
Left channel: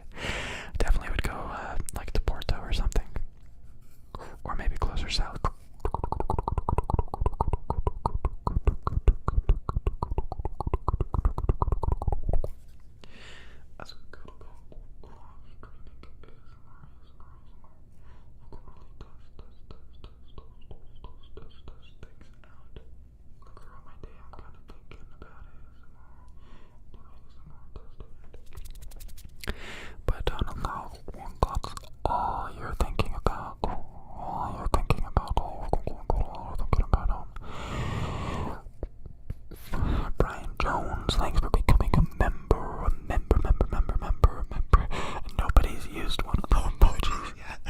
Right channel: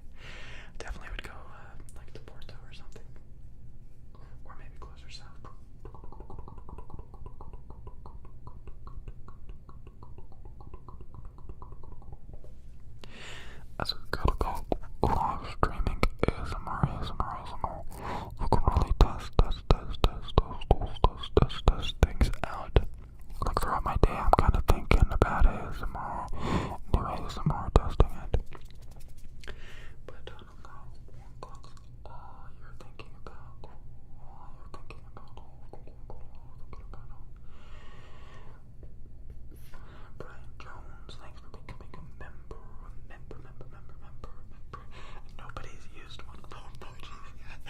Definitely would go like to Porto or something. Or maybe closer south. As we gotta go live streaming ASMR. You can really test things out. Like throughout my day, I'm kind of thinking about ASMR, new ASMR testing it. But I don't know, that's all you're thinking about. Brian Jones, thanks for becoming a member. Nobody's used one of the emojis yet.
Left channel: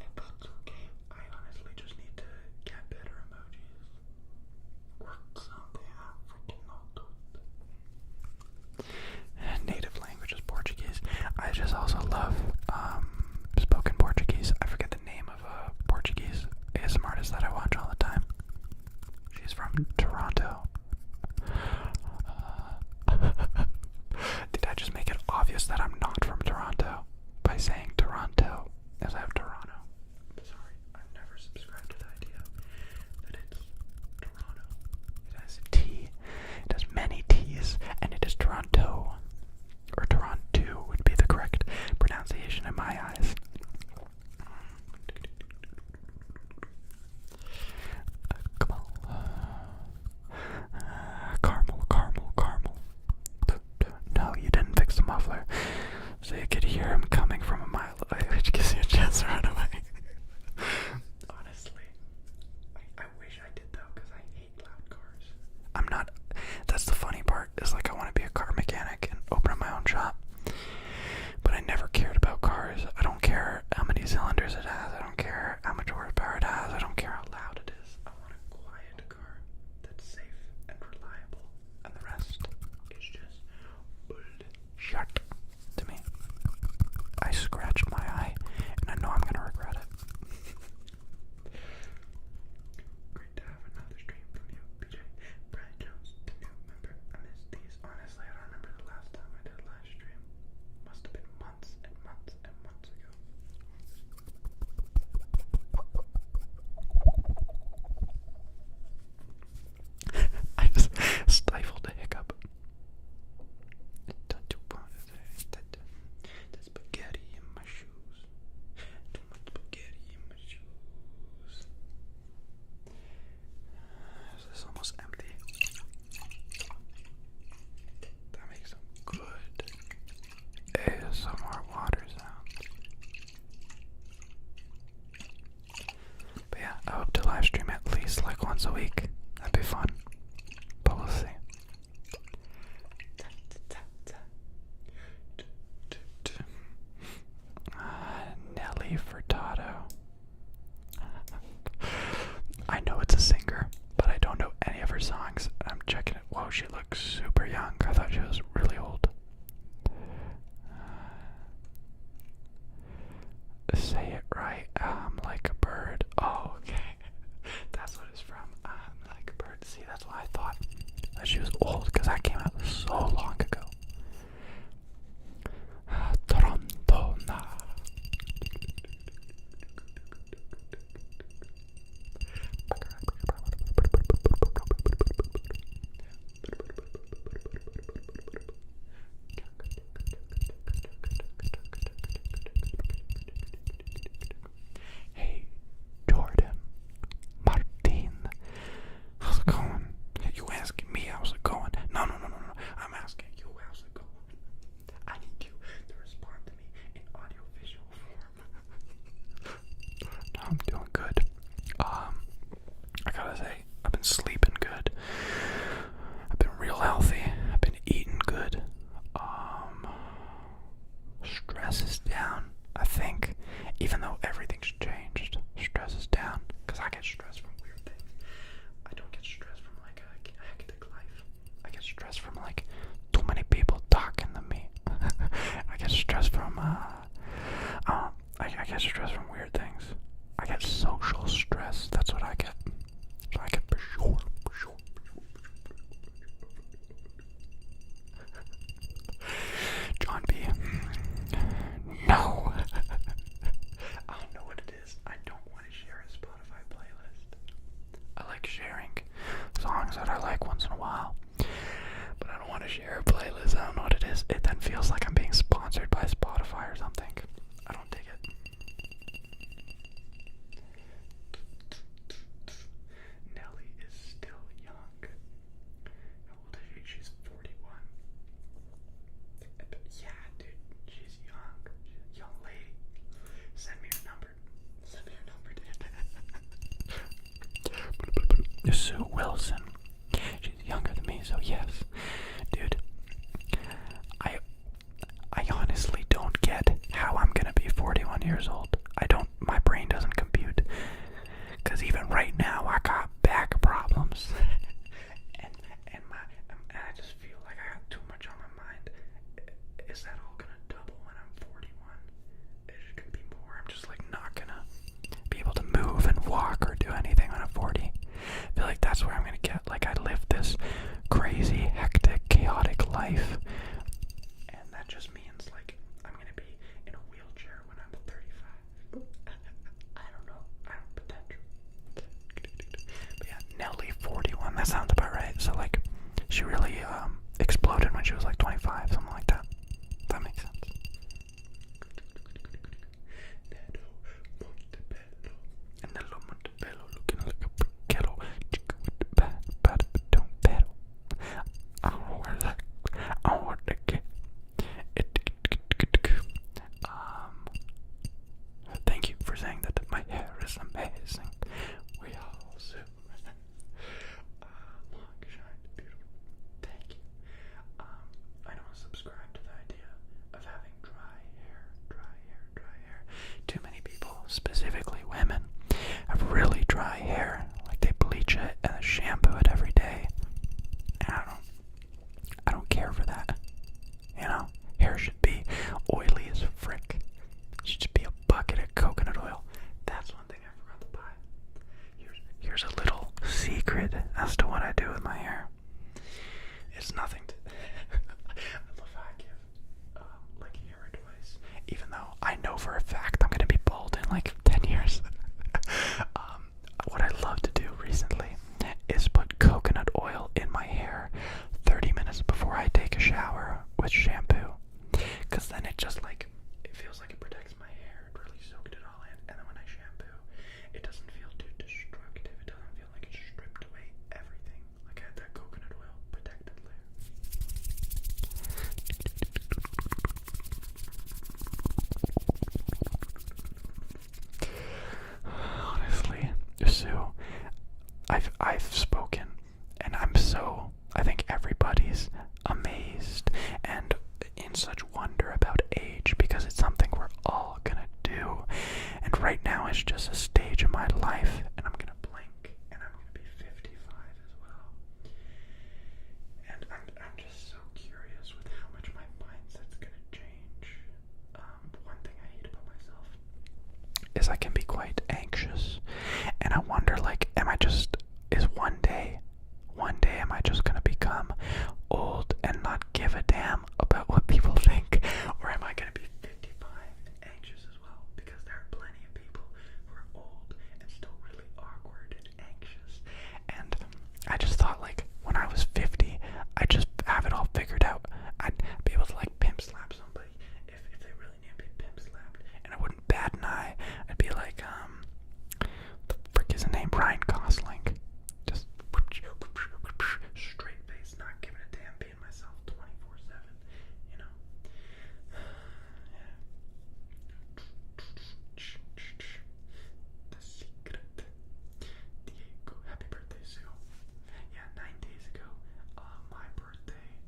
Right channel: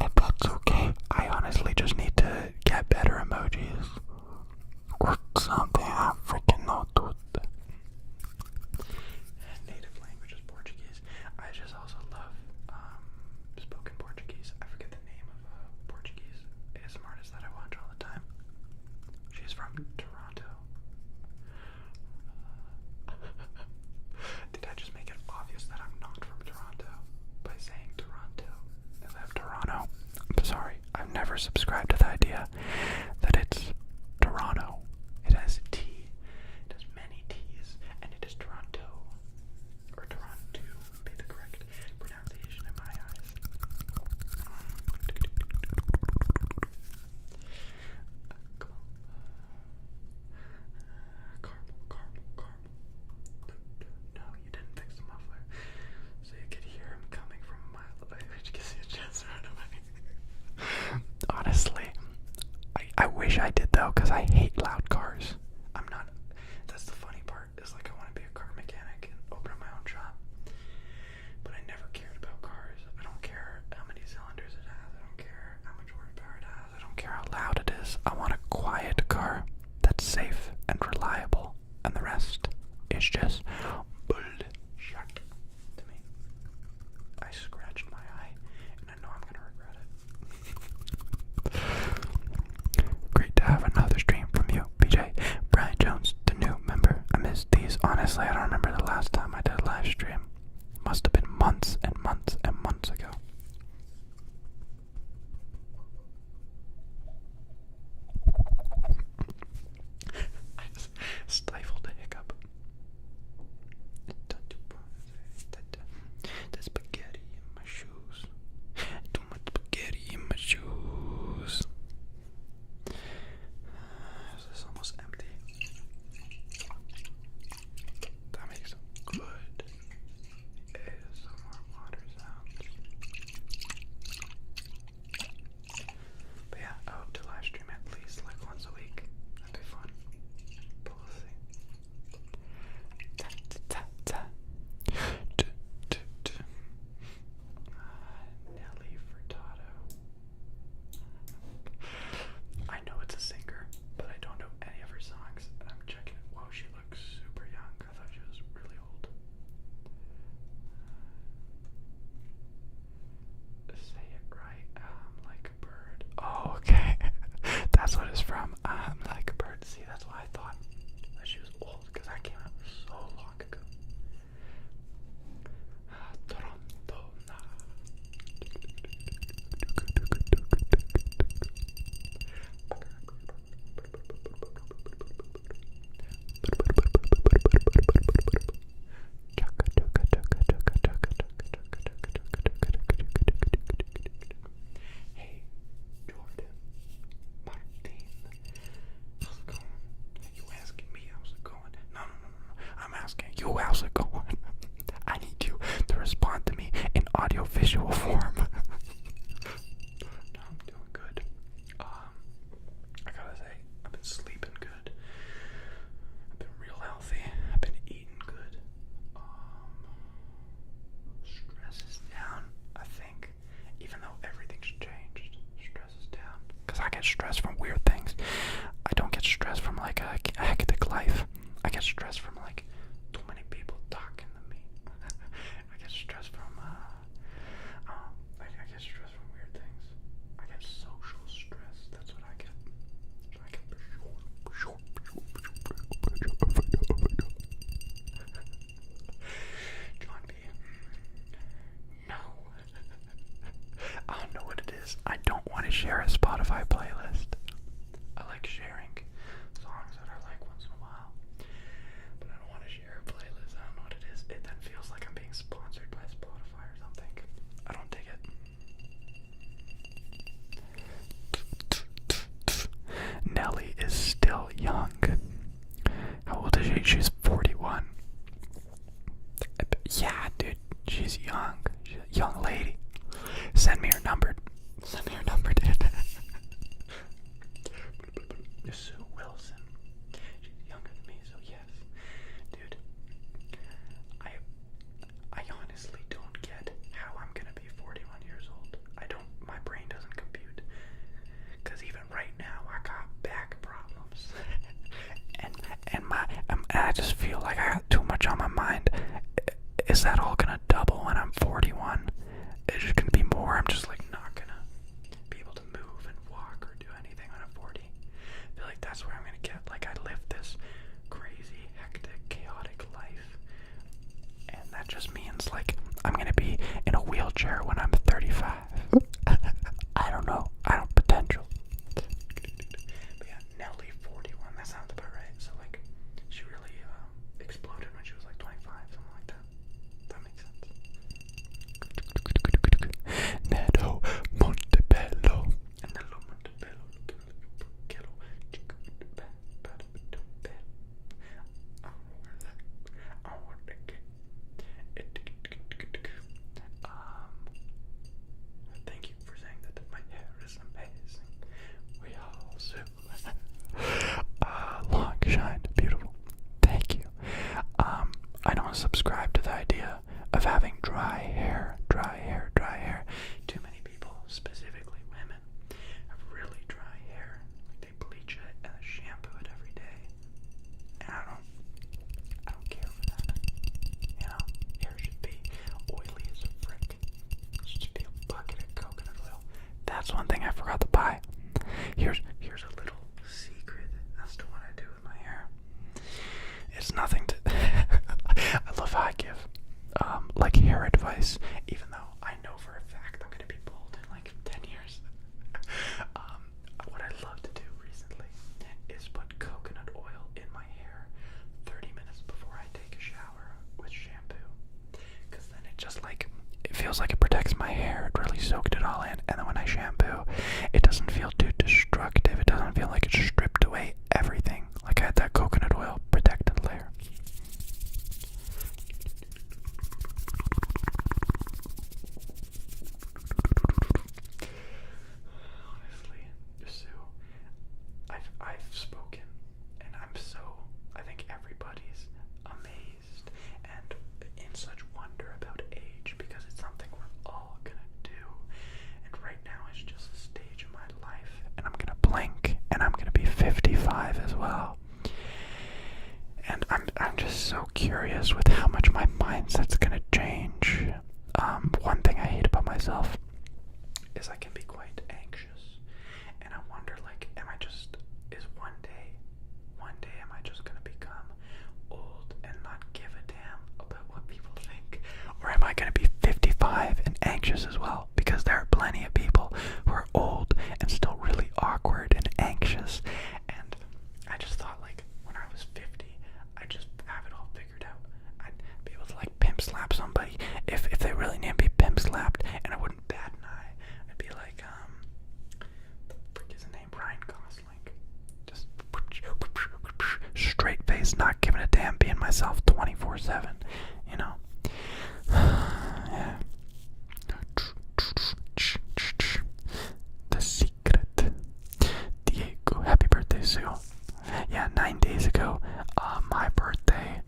and that's okay. I honestly just need to get better emojis. Or something, I freaking know, dude. Native language is Portuguese. I just also love spoken Portuguese. I forget the name of a Portuguese ASMR artist that I watch all the time. She's from Toronto. Did I just make it obvious that I'm not from Toronto by saying Toronto instead of Toronto? I'm sorry. I've never subscribed to the idea that it's Toronto. It has a T. It has many T's, and it is Toronto. Or Toronto would be the correct pronunciation in my eyes. Come on. Caramel. No, you didn't fix the muffler. So you could hear him coming from a mile away, which gives you a chance to run away. Honestly, I wish I did though, because I hate loud cars. I'm not, that's the funny part, is like I want to be a car mechanic and open up my own shop. But I never cared about cars. I don't care how many cylinders it has. I don't care how much horsepower it has. I don't care how loud it is. I want a quiet car that's safe and reliable. And the rest is just bullshit to me. I scratched my eye and I know I'm gonna regret it. Great to have another stream from you, BJ. Brian Jones, the new member. I missed these. Honestly, I don't remember the last time I did a live stream. Must have been months and months and months ago. I just stifled a hiccup. The spaghetti in my shoes. Too much spaghetti in my shoes. This is almost empty. That makes some good ASMR. Say it right. I'm like a bird. Oh, okay. That's what it's from. I'm like a bird. See, that's why I thought that she was old, because that came out so long ago. Toronto na. Hey, Jordan, Martin, how's it going? You asking me how's it going? No. I'm asking you how's it going. I need you to respond to me in audio-visual form. No, I'm doing good. I gotta say, I've been sleeping good. I've been real healthy. I've been eating good. Stress is down, I think. Even though everything's changed, stress is down. Because I get stressed from weird things. I don't get stressed from like a hectic life. I get stressed from like too many people talking to me. I get stressed from I get stressed from weird things. I get social stress. That's what I get. So I get for sure. John B. No. I don't know what it is. I don't want to share a Spotify playlist. I like sharing songs that I like once in a while, but I don't want to share a playlist. I don't know what it is. It then feels like I'm being sponsored by Spotify or something. I don't dig it. Nelly is still young. How old is she? She's 41. Yeah, dude, she's young. She's a young lady. Send me her number. Send me her number, dude. Sue Wilson. She's younger than me, so yes. Dude, I honestly don't get how I'm gonna be 41 years old. My brain doesn't compute. Cause even right now, I got back problems. and I just feel like I got too much on my mind. Is that all gonna double when I'm 41? It's just gonna be more. I'm just like not gonna be able to move and walk or do anything when I'm 40. I feel like that's where I'm gonna get. Like, I live this crazy, hectic, chaotic life, and that just means like I'm gonna be in a wheelchair when I'm 35. I don't know. I don't potential. But yeah, Nelly 41. That sounds about right. So like, she really exploded when she was like 25, something like that. That makes sense. Neto Montebello. Nello Montebello looking like a briquetto. Chicken with the bad, but don't pedal. I don't know where that. I don't know what to get. Thank you for saying that my hair is amazing. We all do. Long, shine, beautiful. Thank you. I don't subscribe to the idea of having dry hair. Too many people, specifically women, have really dry hair. Like, they bleach it and shampoo it every day. And I don't care for that. You know, hair should be oily as a frick. It should just be a bucket of coconut oil. That's one thing I forgot to buy. Here's a little secret as to what I do with my hair. It's nothing to I love how I give like hair advice, even though I know for a fact I'm gonna be bald in like 10 years. What I love to do recently is put coconut oil in my hair 30 minutes before I take a shower with shampoo, because then it just like, it feels like it protects my hair. It really soaked it all in, and then when I shampoo, it doesn't feel too destructive. It doesn't feel like it's stripped away everything. Like, I had that coconut oil protected layer. Honestly, Sue, I've spoken, and I think everybody's amazed and in such wonder about age, because it's something we're all gonna do. And right now it's just a stage of my life, and I'm gonna blink and I'm gonna be 55 as well. And I'm just so curious with how much my mindset's gonna change. One thing I hate about myself days I can be quite anxious, and I wonder, like, one day am I just gonna become old and not give a damn about what people think, or am I gonna be 55 and anxious as well? Because there are plenty of people who are old and still really awkward and anxious, and I just thought, like, when I was 50, I'd just have it all figured out. I'd be able to, like, pimp slap somebody if they really need to be pimp slapped, and I wouldn't bat an eye. I'd be like, the frick is his name? Ryan Gosling. Just straight face, not giving a damn, being myself 24/7, you know? Yeah. The Secret. Diego, happy birthday, Sue. Yeah, 9 days ago, my birthday.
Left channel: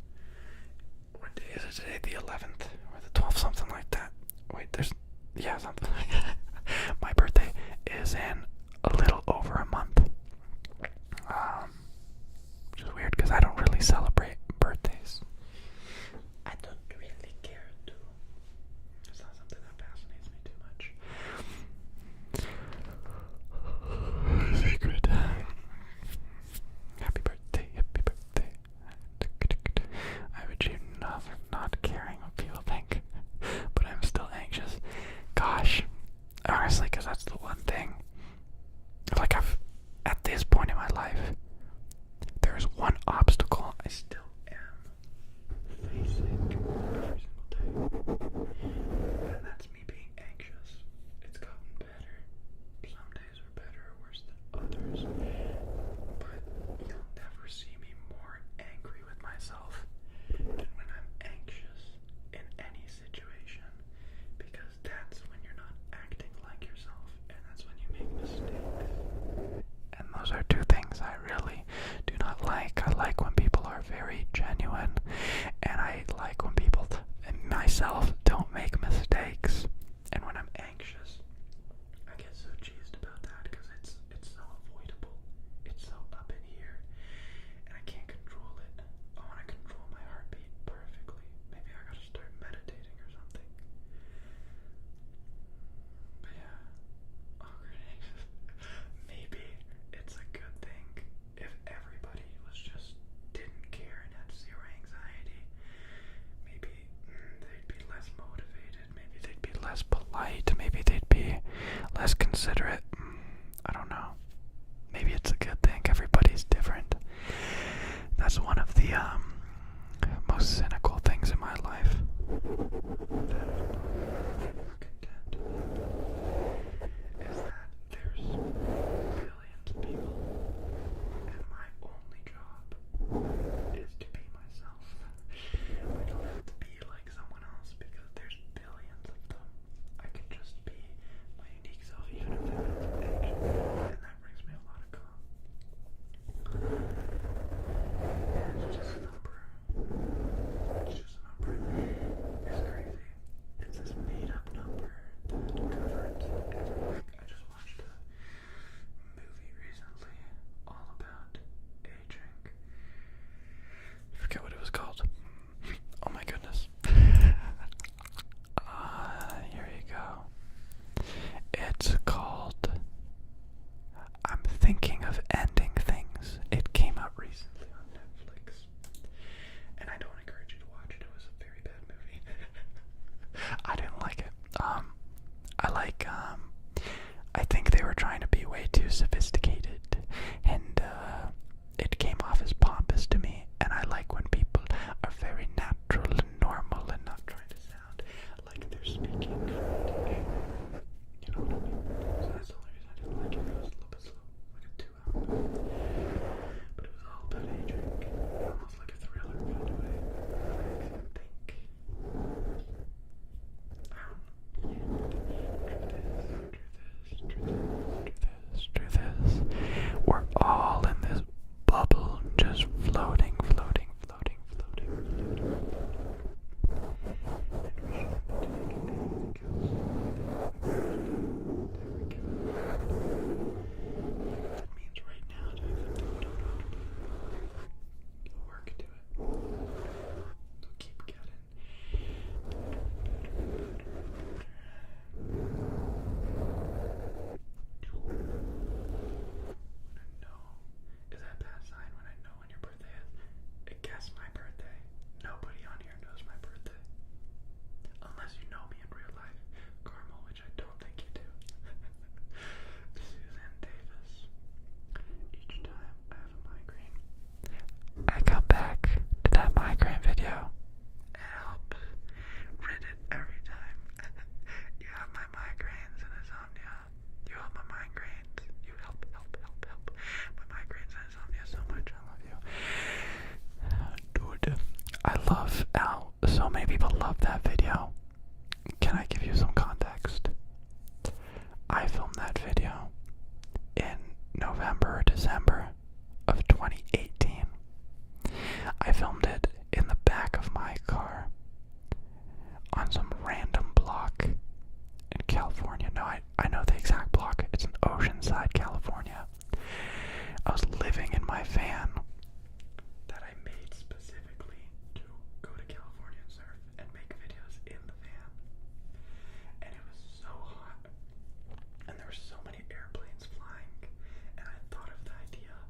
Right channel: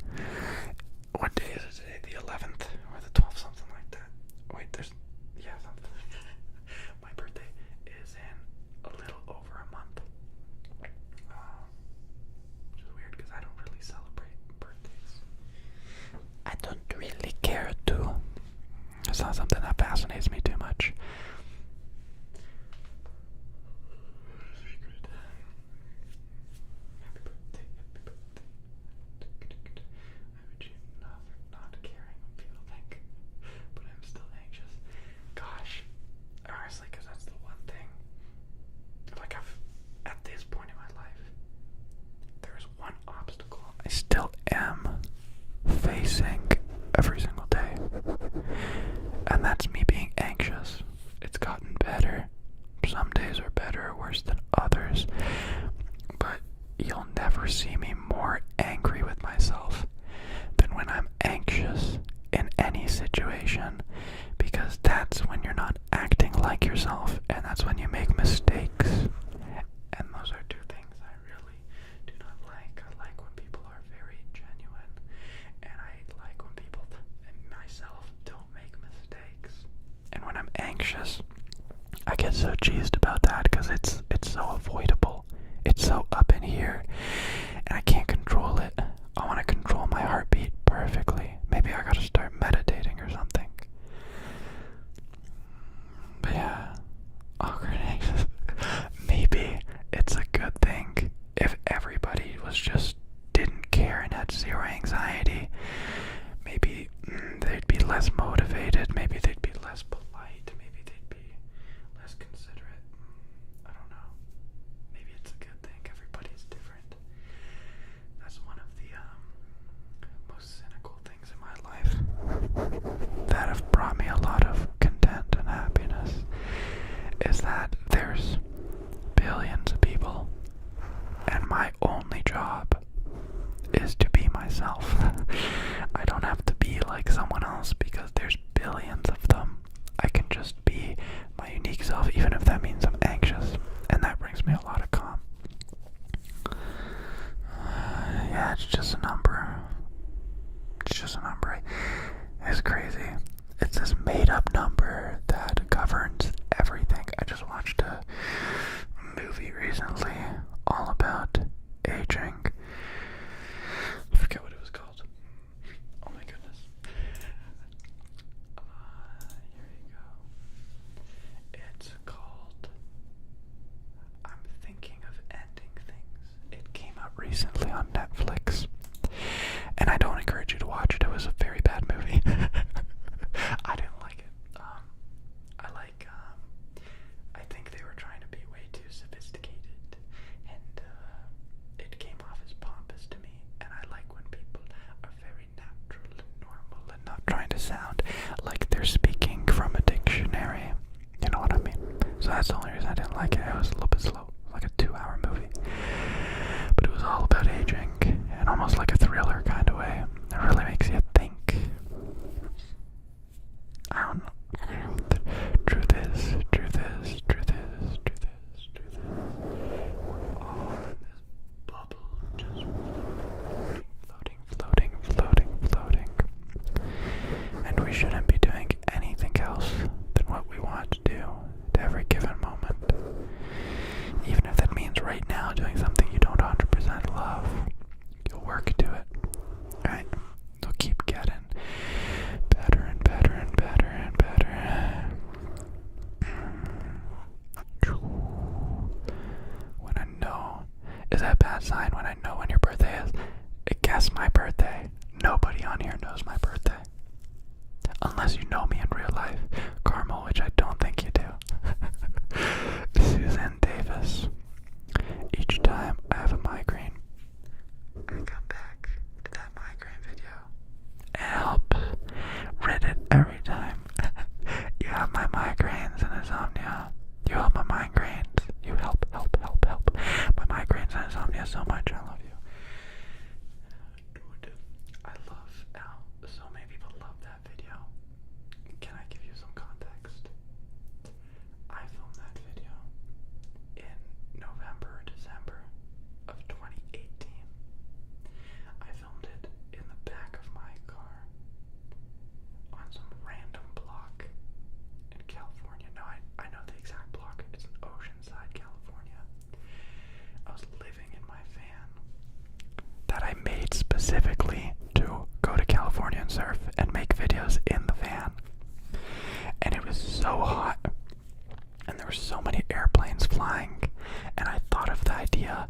What day is it today? The 11th or the 12th, something like that. Wait, something like that. My birthday is in a little over a month. Which is weird because I don't really celebrate birthdays. I don't really care to. It's not something that fascinates me too much. Secret. Happy birthday, happy birthday. I've achieved not caring what people think, but I'm still anxious. Gosh, honestly, because that's the one thing. Like, at this point in my life, there's one obstacle I still am facing every single day, and that's me being anxious. It's gotten better. Some days are better or worse than others, but you'll never see me more angry with myself than when I'm anxious in any situation, because that's when you're not acting like yourself, and that's when you make mistakes. And those are two things I really do not like. I like when people are very genuine, and I like when people and myself don't make mistakes. And when I'm anxious, I get so cheesed about that because it's so avoidable. It's so up in here, and I can't control it. I want to control my heartbeat perfectly. Maybe I gotta start meditating or something. But yeah, awkward and anxious. Maybe it's a good thing if everybody didn't care and had zero anxiety. Maybe they'd be less motivated. Maybe they'd be less polite. Maybe they'd be less considerate. I don't know. Maybe it's a good thing. Everybody's different. That's one of the most cynical things in my life that have brought me a lot of content and happiness, is that there's billions of people, and my only job is to be myself. I don't have to be like someone else because there's billions of them. I can just be my unique self, even if that means I'm anxious, and that brings me a lot of calm. Yeah, it's just a number. It's just a number. It's crazy. It's this made-up number that governs everything. I just watched a movie recently all about aging. I forget what it was called. Oh my goodness. unless you know me in real life. Carmel, which I don't think you do. Susan Davis. Each time I have a migraine, I come back to that migraine video. It helps. Read it every time. You have my migraines and insomnia. You help my migraines. You help my migraines and insomnia so much. I love you. Dude, I love how so many people love that video. Can I give you some context? I filmed that video in November or December of 2018. I filmed it in the back of my car on some random block in California. No, I know the exact block. It's in Oceanside, California. I was living in my van that I made specifically to go to California and surf and make videos in the van. And it was so hot, and there were so many airplanes flying, and I thought of the idea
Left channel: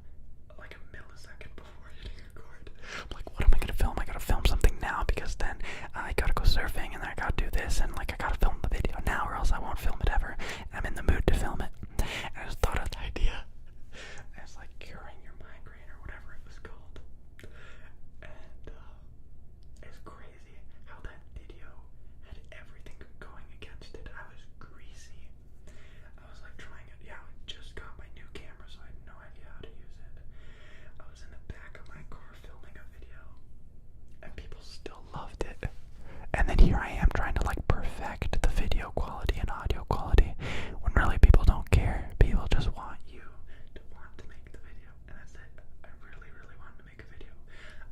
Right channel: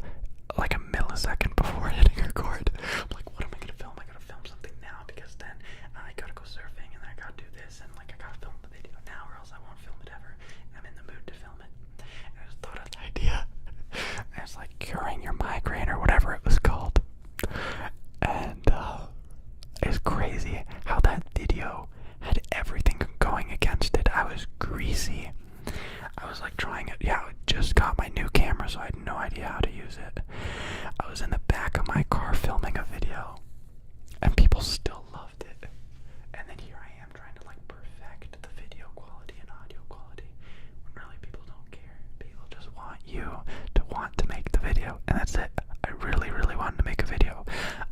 like a millisecond before hitting record. I'm like, what am I gonna film? I gotta film something now, because then I gotta go surfing, and then I gotta do this, and like I gotta film the video now, or else I won't film it ever. And I'm in the mood to film it. And I just thought of the idea. And it's like curing your migraine or whatever it was called. And it's crazy how that video had everything going against it. I was greasy. I was like trying it. Yeah, I just got my new camera, so I had no idea how to use it. I was in the back of my car filming a video, and people still loved it. And then here I am trying to like perfect the video quality and audio quality, when really people don't care. People just want you to want to make the video, and that's it. I really, really wanted to make a video.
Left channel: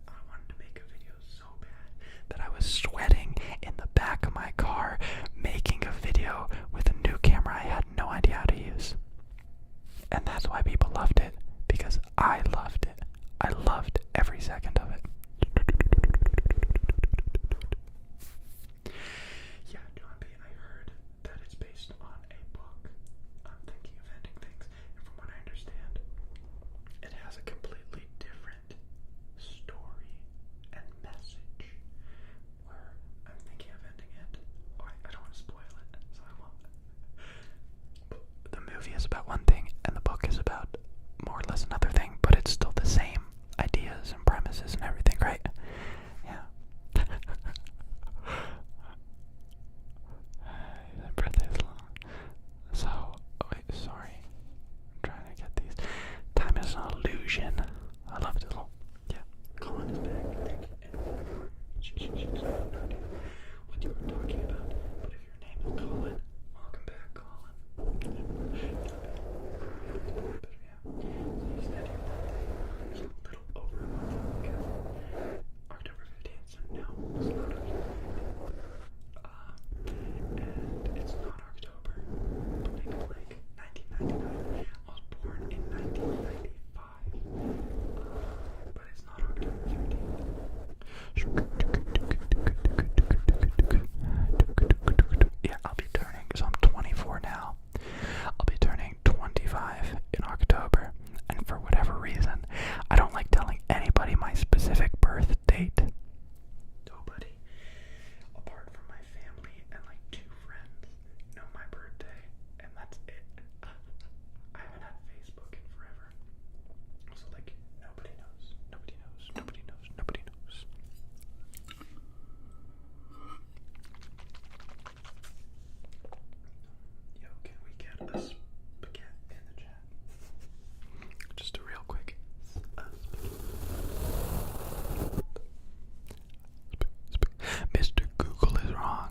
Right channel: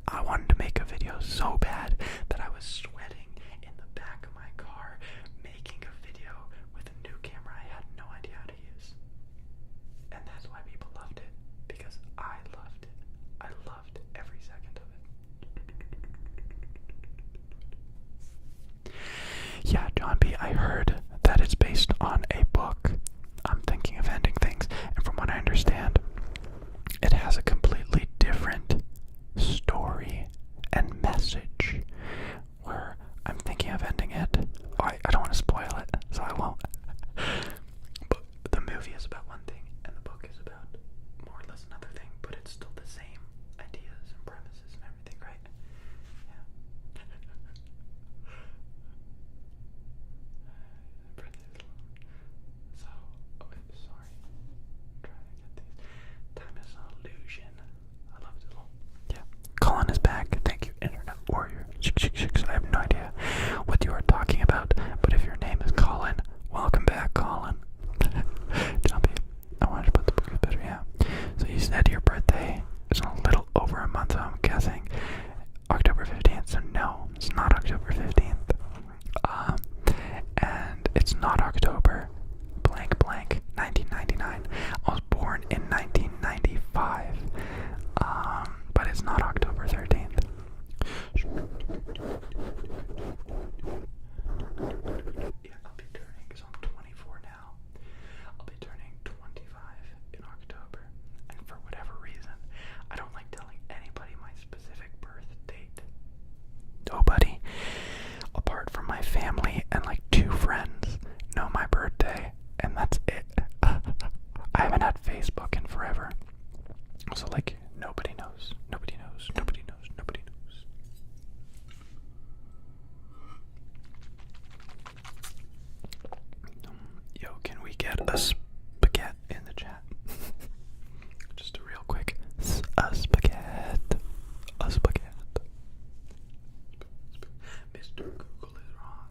I wanted to make a video so bad that I was sweating in the back of my car making a video with a new camera I had no idea how to use. And that's why people loved it, because I loved it. I loved every second of it. Yeah, John B., I heard that it's based on a book. I'm thinking of ending things, and from what I understand, it has a completely different story and message, where I'm thinking of ending it. Oh, I don't want to spoil it, so I won't. But the movie is about one thing, and the book is about more or less another thing, but it's still the same ideas and premises and everything, right? Yeah. That breath is long. So, wait, sorry. I'm trying to get these. Time is an illusion. I love this little. Yeah. Colin is back. Thank you, Internet Warrior. I have no idea what you are talking about, but if your name is Colin, welcome back, Colin. Jumpy. I wanted to put the book better, yeah. So you said your birthday is a little over a month, I'm guessing. October 15th, so no, it's not October 15th. And it's not October blank blank 1999. I was born in 1995. But it's not October 13th. Yeah, I'll be turning, because I'm 24 now. I'll be turning 25 in October, and for whatever reason, I don't like telling anybody my specific birth date. Nobody, apart from my family and like 2 friends, know my birthday, and that's it. I haven't had Facebook in forever, so like nobody knows. Nobody knows. Nobody knows. Nobody knows. Yo, can we get a spaghetti in the chat? Just a real quick spaghetti. A spaghetti. Mr. Google is wrong.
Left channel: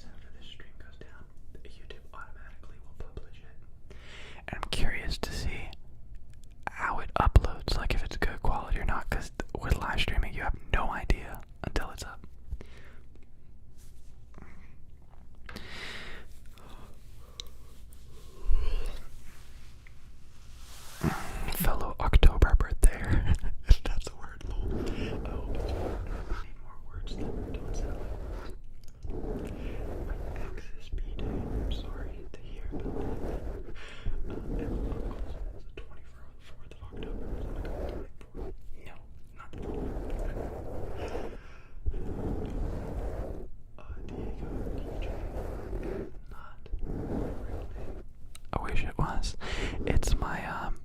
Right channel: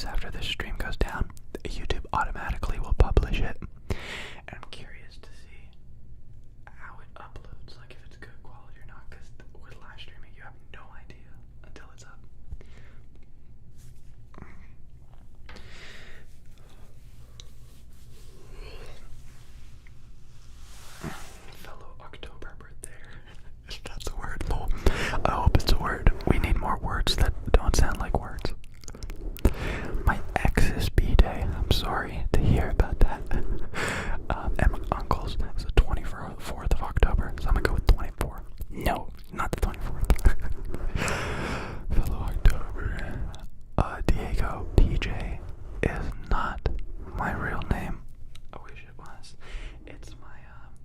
is after this stream goes down, YouTube automatically will publish it. And I'm curious to see how it uploads, like if it's good quality or not, because with live streaming you have no idea until it's up. Fellow October birthdayer. If that's a word, lol. I hope it's a word. We need more words that don't sound like words. My ex's B-Day. I'm sorry to hear about that. And my uncle's is the 24th of October, so I'm gonna go with 24. No, not the 24th. Fellow October. Diego TJ is not my real name. I wish it was. It's my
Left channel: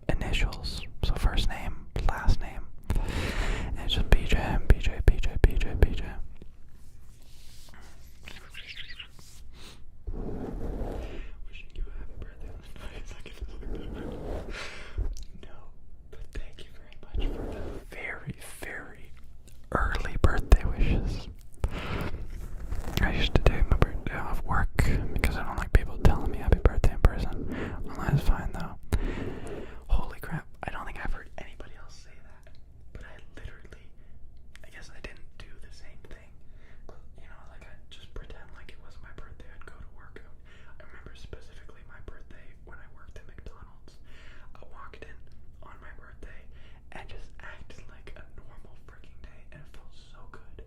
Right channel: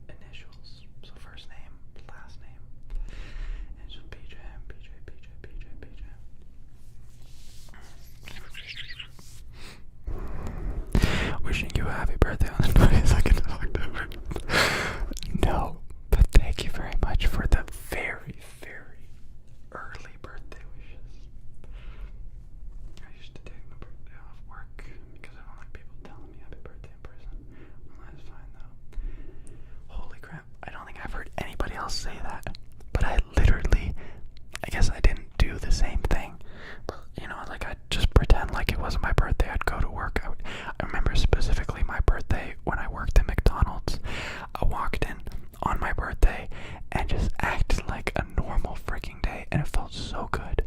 initials. So first name, last name. And it's just BJ. Wishing you a happy birthday on the 22nd of October. No, but thank you very much for the very, very early birthday wishes. I used to take my birthday off work because I don't like people telling me happy birthday in person. Online is fine though. Holy crap, I don't think I've heard anybody else say that. But I guess I didn't do the same thing. But, you know, like I'd just pretend like it wasn't my birthday. I'd go to work. I remember specifically my birthday when I worked at McDonald's. I walked in on my birthday and just acted like a normal freaking day. And it felt so good.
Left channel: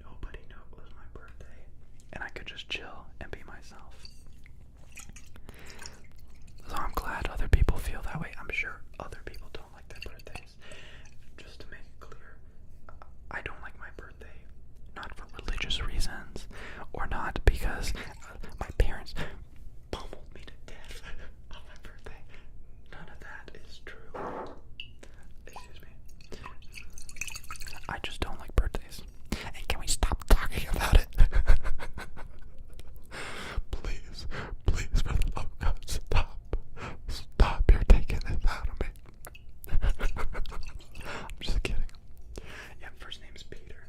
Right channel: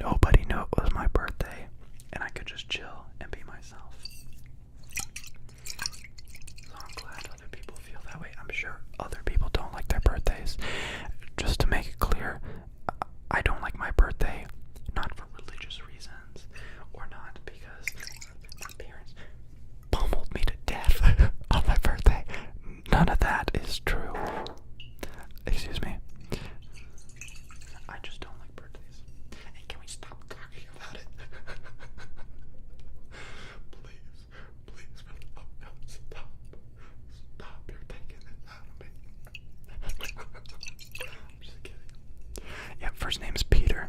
Nobody knew it was my birthday. And I could just chill and be myself. So I'm glad other people feel that way. I'm sure other people don't like their birthdays. Just to make it clear, I don't like my birthday, not for religious reasons, or not because my parents pummeled me to death on my birthday. None of that is true. Excuse me. I just don't like birthdays. And can we stop talking about it? Please, for the love of God, stop. Stop, you're taking this out of me. I'm just kidding. Yeah, first name's Peter.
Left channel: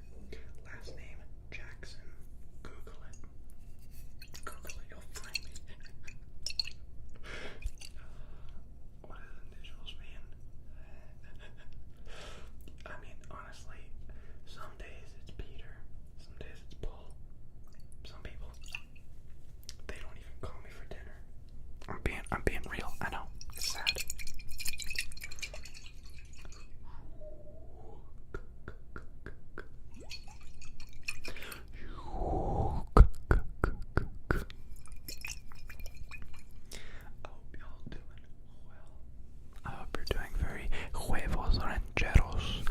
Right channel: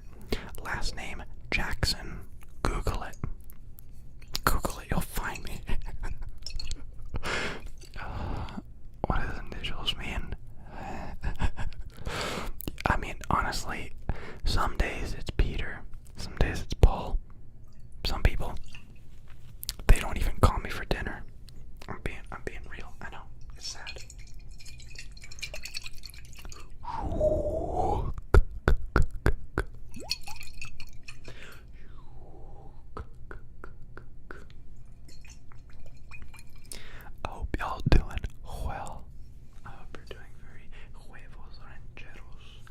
Last name, Jackson. Google it. You'll find me. What does initials mean? I mean, honestly, some days it's Peter. Some days it's Paul. Some people, they don't even call me for dinner. I'm being real. I know. It's sad. I hope y'all doing well. I hope you're doing very huevos rancheros.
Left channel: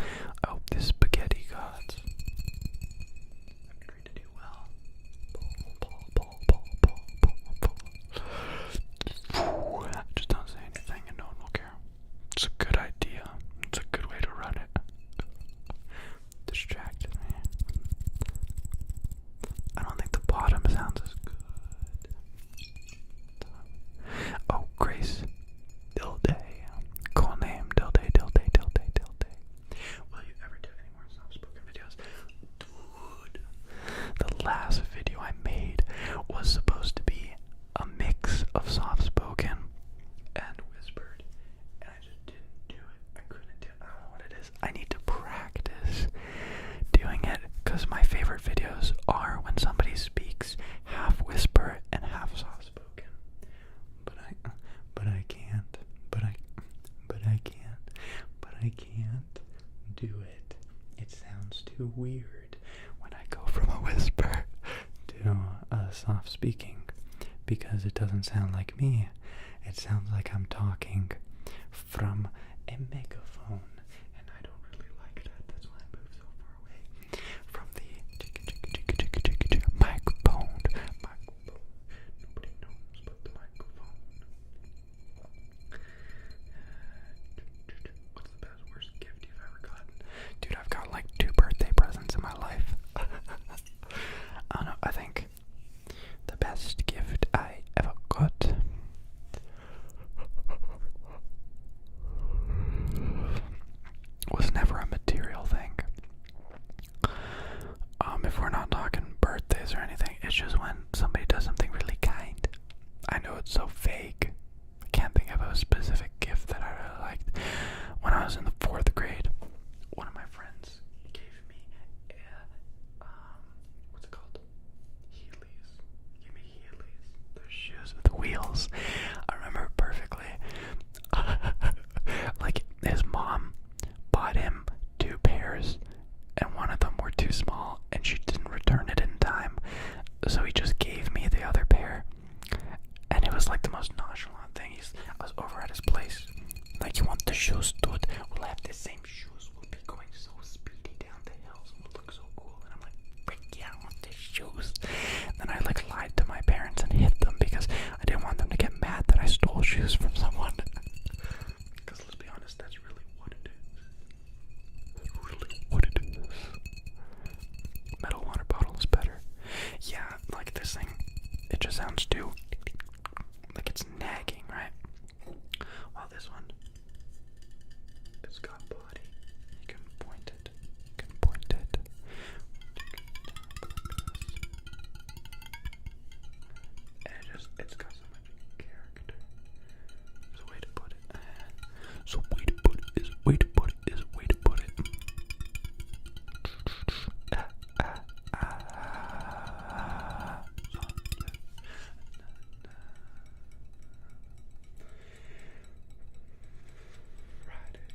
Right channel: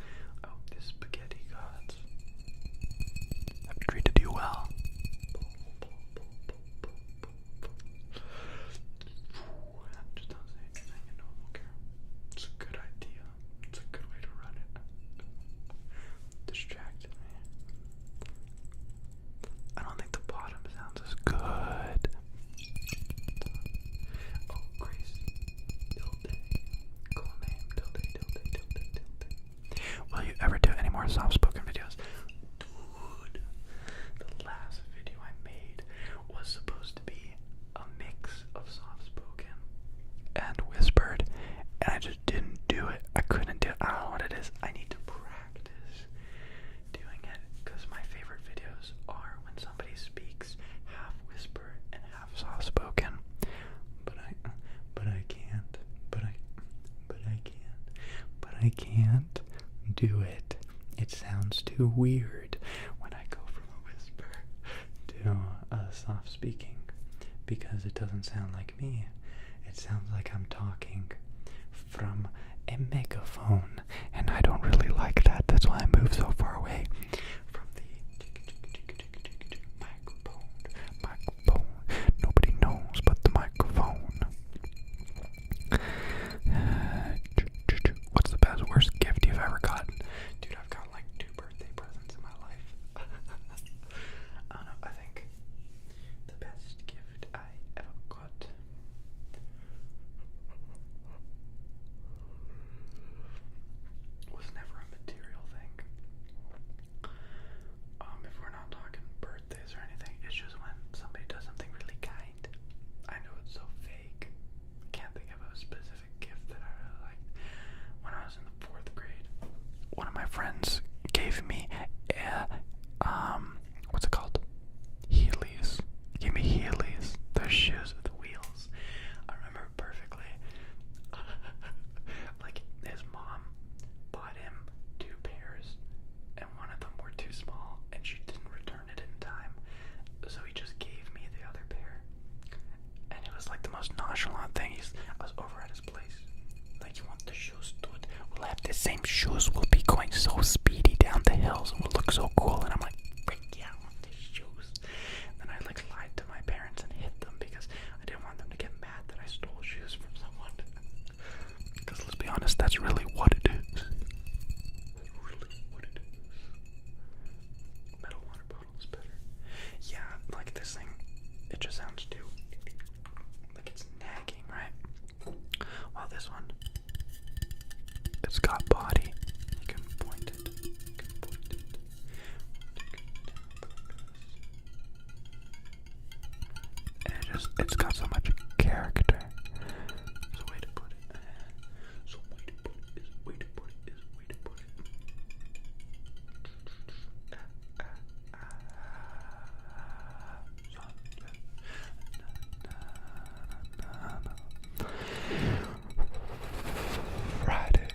I hope the spaghetti gods have treated you well. Just don't say anything and no one will care. It's a good idea. It's a good way to run it. Distracted me. I don't think the bottom sounds as good. Oh, Grace. Dilday. Cool name. Dilday. Will you ever do any more soft-spoken videos? Dude, the last video I made was supposed to be a mix of soft-spoken and whispered, and I just didn't do it. I couldn't do it. I don't know what it is. I need to practice doing it, because my favorite videos are when somebody speaks half whisper and half soft-spoken. But I can't do it. It sounds too weird when I go from a whisper to a soft speaking, because it doesn't sound like me. It sounds like I'm talking from a megaphone, and I don't really like that. That's why I move so far away from the microphone. Nobody knows but the microphone. What's the best, worst gift you've ever gotten? Dude, I've got like 2 birthday presents in my life. I don't know, I think the best gift I ever got was never a material thing. sounds too like it's nagging, right? While this one, it's got body. You can point it. And it's got so much character. There's a way to put it. So way to put it is way to put it is way to put it. Friday.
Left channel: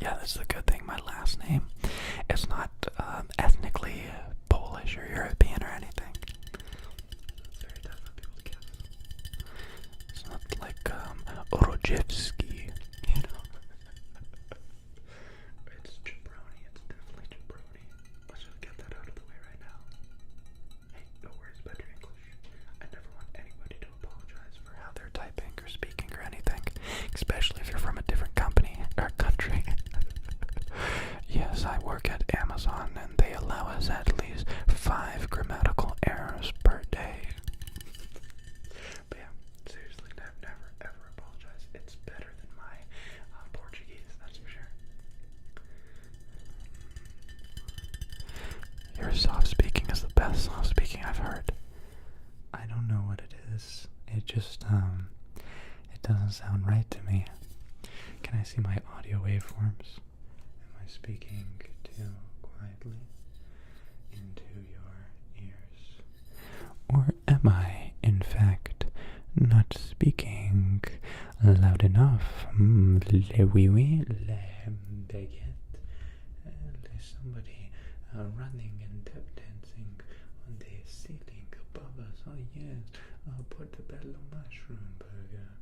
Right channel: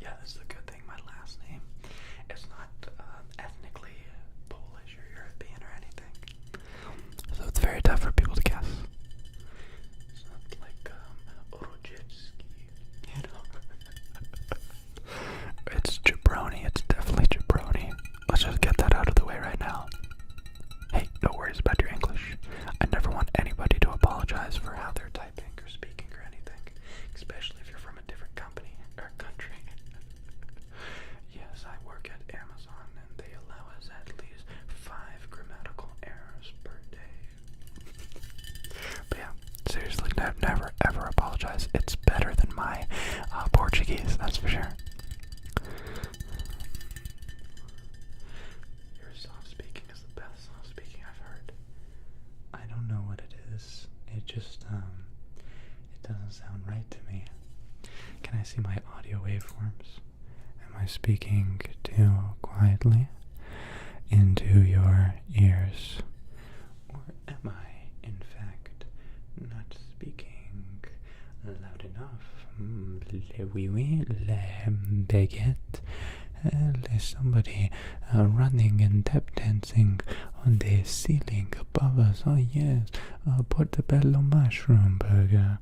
Yeah, that's the good thing. My last name is not ethnically Polish or European or anything, so it's very tough for people to guess. It's not like Orojewski, you know. It's jabroni. It's definitely jabroni. Let's just get that out of the way right now. Hey, no worries about your English. I never want anybody to apologize for how they're typing or speaking or anything, especially if you're from a different company or country. Yes, I work at Amazon and they allow us at least 5 grammatical errors per day. But yeah, seriously, never ever apologize. It's better than my Portuguese, that's for sure. Your soft speaking is the best soft speaking I've heard. I don't know what it is. It just, it doesn't sound right to me. Can I see my audio waveforms? Am I speaking too quietly into your ears? Or am I, in fact, not speaking loud enough? Le oui oui, le baguette. There's somebody running and tap dancing on the ceiling above us. Oh yes, portobello mushroom burger.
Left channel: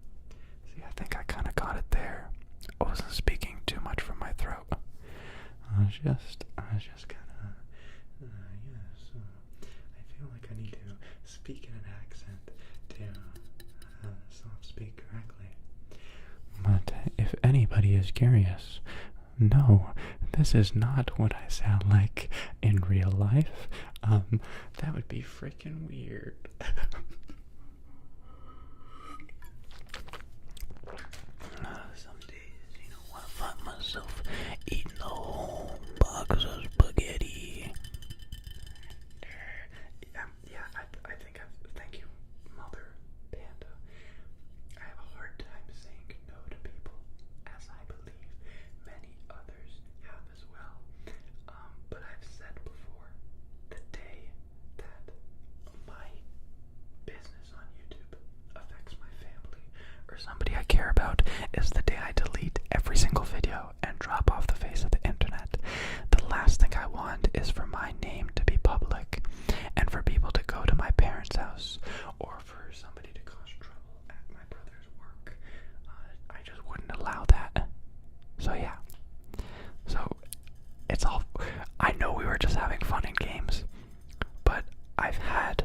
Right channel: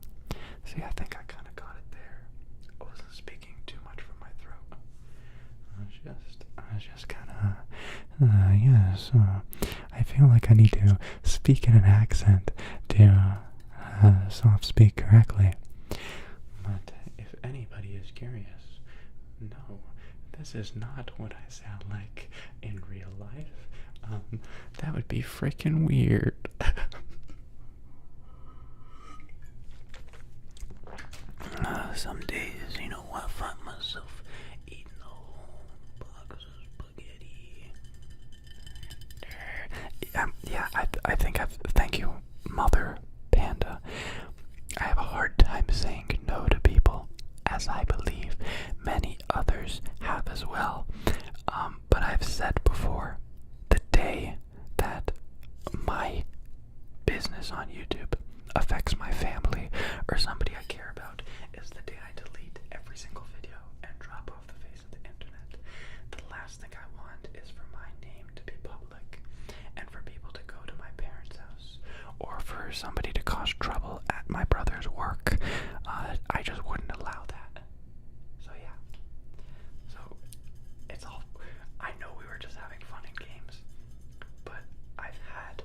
See, I think I kind of got it there. I wasn't speaking too much from my throat. I was just kind of, yes. I feel like I need to speak in an accent to soft speak correctly. But if anybody is curious, no, this is not what I sound like in real life. That would be freaking weird. Some days, you know, I find myself eating a whole box of spaghetti. Yeah, I think thank you, Mother Panda. I have a hard time saying no to people, as I believe many others have as well. But I've said before, the day that my business on YouTube affects my family or somebody I care about is the day I delete every single video and drop off the face of the internet. The last thing I want is for my name to be public and for people to go to my parents' house or for somebody to cause trouble at my brother's work. I just wouldn't allow that. So yeah. So it's all, I know we were just having fun and games, but I've had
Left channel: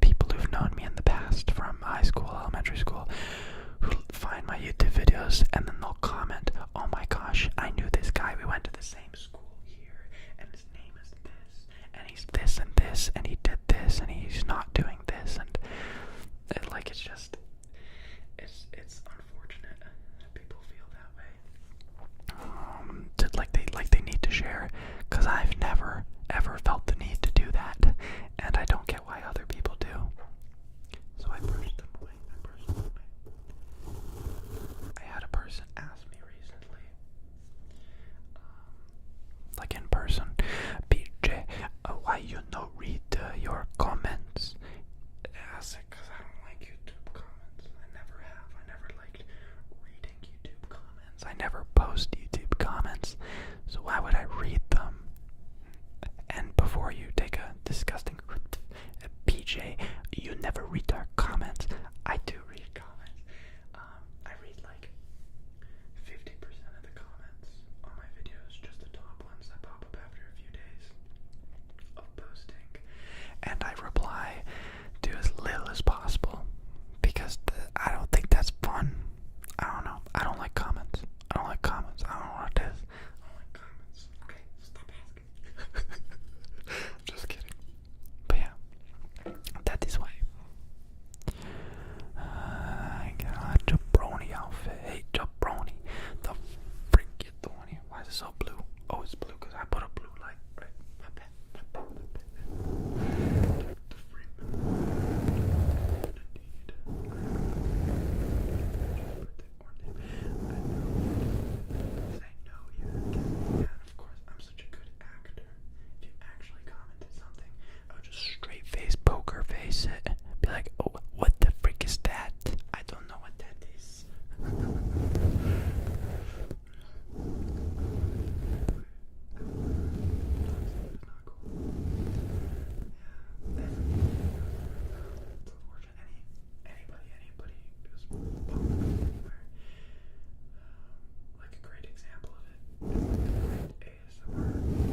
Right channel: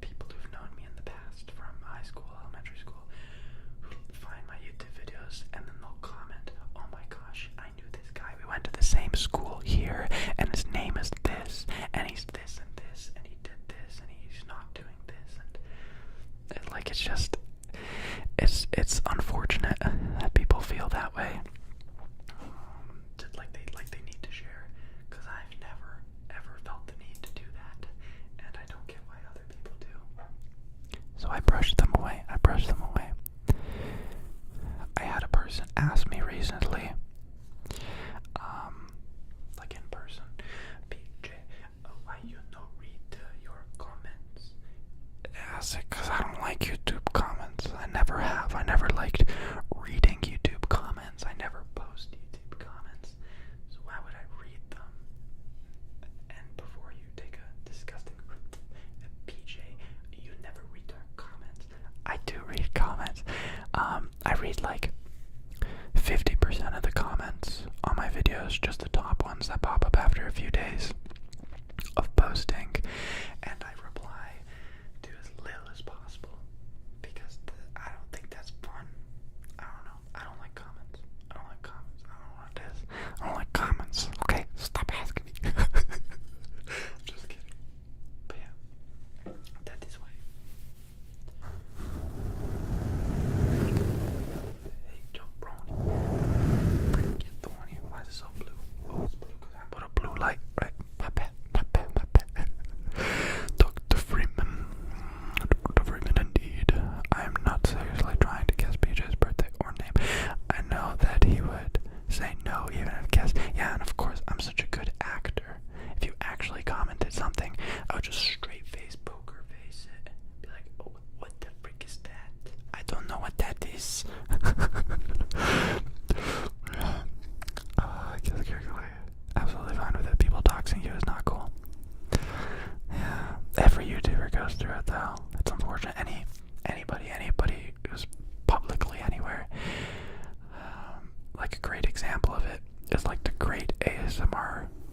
people who've known me in the past from high school, elementary school, who find my YouTube videos and then they'll comment, oh my gosh, I knew this guy, we went to the same school here, and his name is this, and he's this and this, and he did this, and he's not doing this, and it's just, it's unfortunate that people feel that way, like they need to share, because I've never ever felt the need to do that, and I don't get why other people do. So I brushed them away. I had a person ask me recently, like in person, BJ, why you no read your comments? I said, because I don't like YouTube comments. I never have. I never liked reading YouTube comments. I never post YouTube comments. So why would I read them? And before you take a disgusting PJ, you never read our comments. I do read comments. I read like 50% of the comments on my videos, just the top ones that pop up after a few days of posting, and I reply to as little as possible because I don't think that's fun. I don't know. I don't like comments. I don't know what it is. I don't like comments. Okay, stop asking me.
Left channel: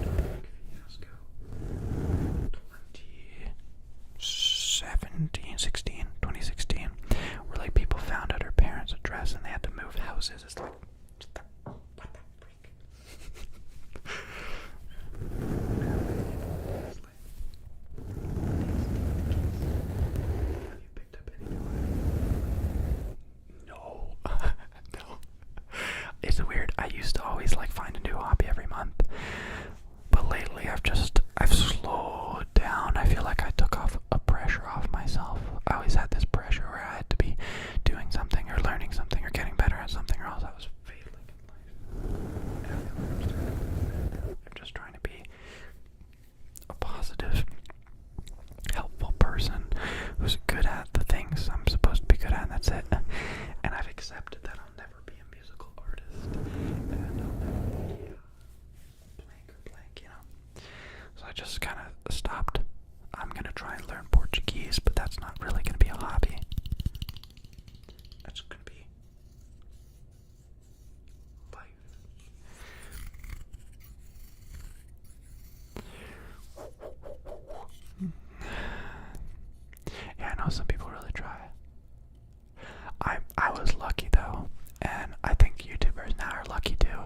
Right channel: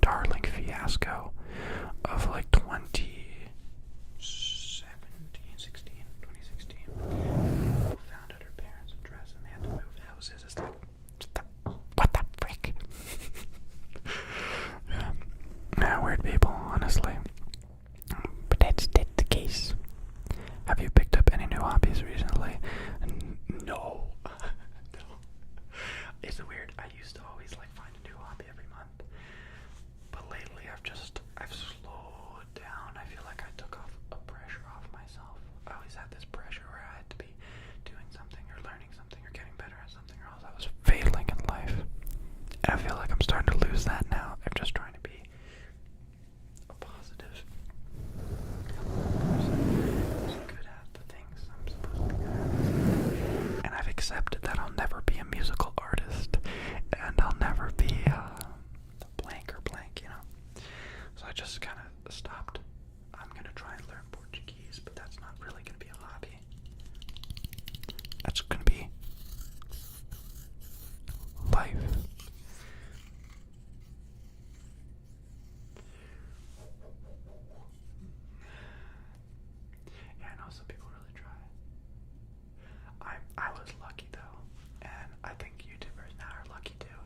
darling fiasco of like 2016, like people found out her parents' address and they had to move houses. It's like, what the frick? Yeah, weird people, honestly. But that's the case. Have you picked up any new hobbies recently? No. No. It's weird. I used to always like find a new hobby every month. But lately I've slowed down. I feel like I took off a pressure off myself. I always had this pressure where I had to be doing something or learning something or getting better at something or else I was failing in life. And I feel like I'm starting to lose that now. I'm just trying to be a positive, helpful person who's good at the things I'm supposed to be good at. That's it. And I've accepted that I'll never be a musical artist and I'll never be blank or blank, you know. So I just kind of stopped. I'm gonna try and learn Portuguese, but that's not really gonna be a hobby. That's gonna be life. Yeah, I know some people really try. I was lucky though, and I think YouTubers now are lucky too,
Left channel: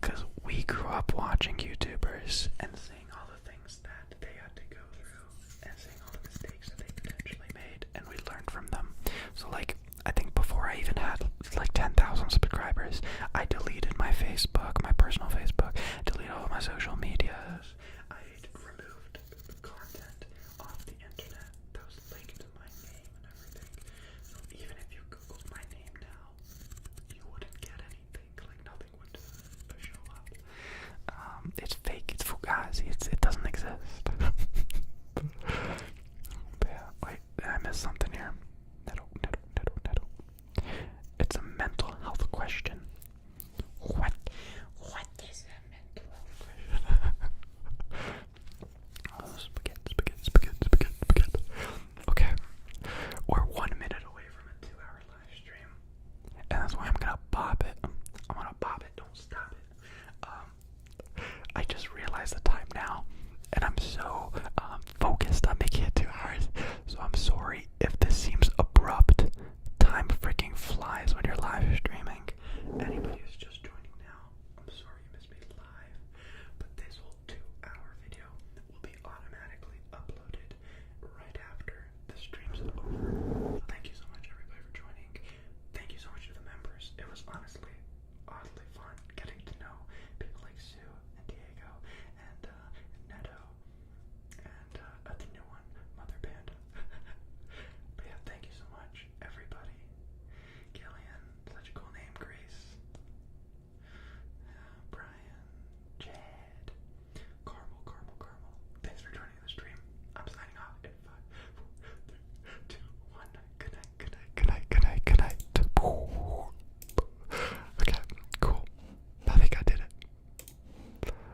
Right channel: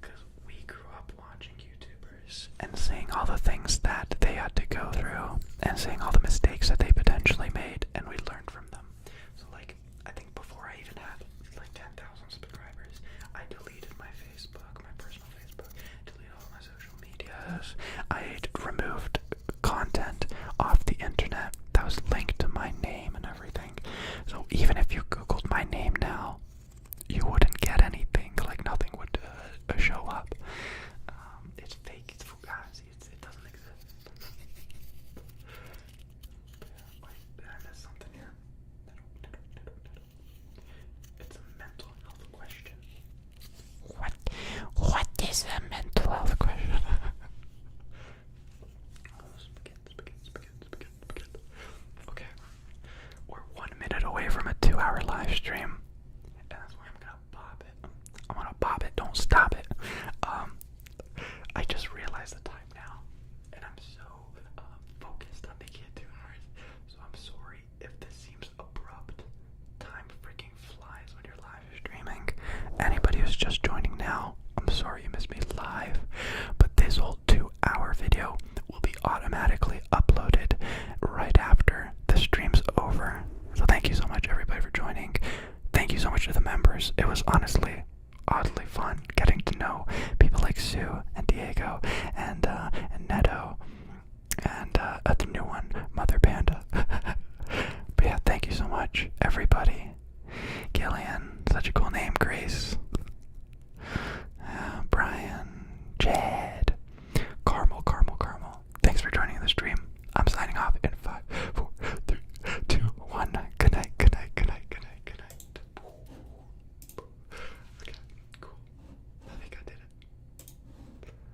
because we grew up watching YouTubers and seeing all the things that they had to go through and seeing all the mistakes that they potentially made, and we learned from them. So like, I think before I even had like 10,000 subscribers, I deleted my Facebook, my personal Facebook, deleted all of my social medias. I removed content off the internet that was linked to my name and everything. So even if you Googled my name now, you wouldn't get anything. Like nothing would show up. It's fake. It's fugazi. It doesn't exist. Yeah, wait, did I miss something here? No. It's a mental health question. What is a mental health question? Spaghetti. Okay. We're 1 minute away from a 2-hour live stream. And that's why I'm gonna pop it. I'm gonna pop it, don't stop it. I just realized the time now. And I'm so focused on making it 2 hours. So I'm sorry if this seems abrupt. Time freaking flies when you're live streaming. Anybody who's just joining now, I'm sorry you missed me live. But this whole 2-hour video will be automatically uploaded right after the stream's over. So thank you so much everybody for joining. Thank you so much to the members. It was honestly oddly fun getting to know people like Sue and Diego and Neto and the new one, Mother Panda. But yeah, thank you so much everybody. Gillian, such a cool name. Grace,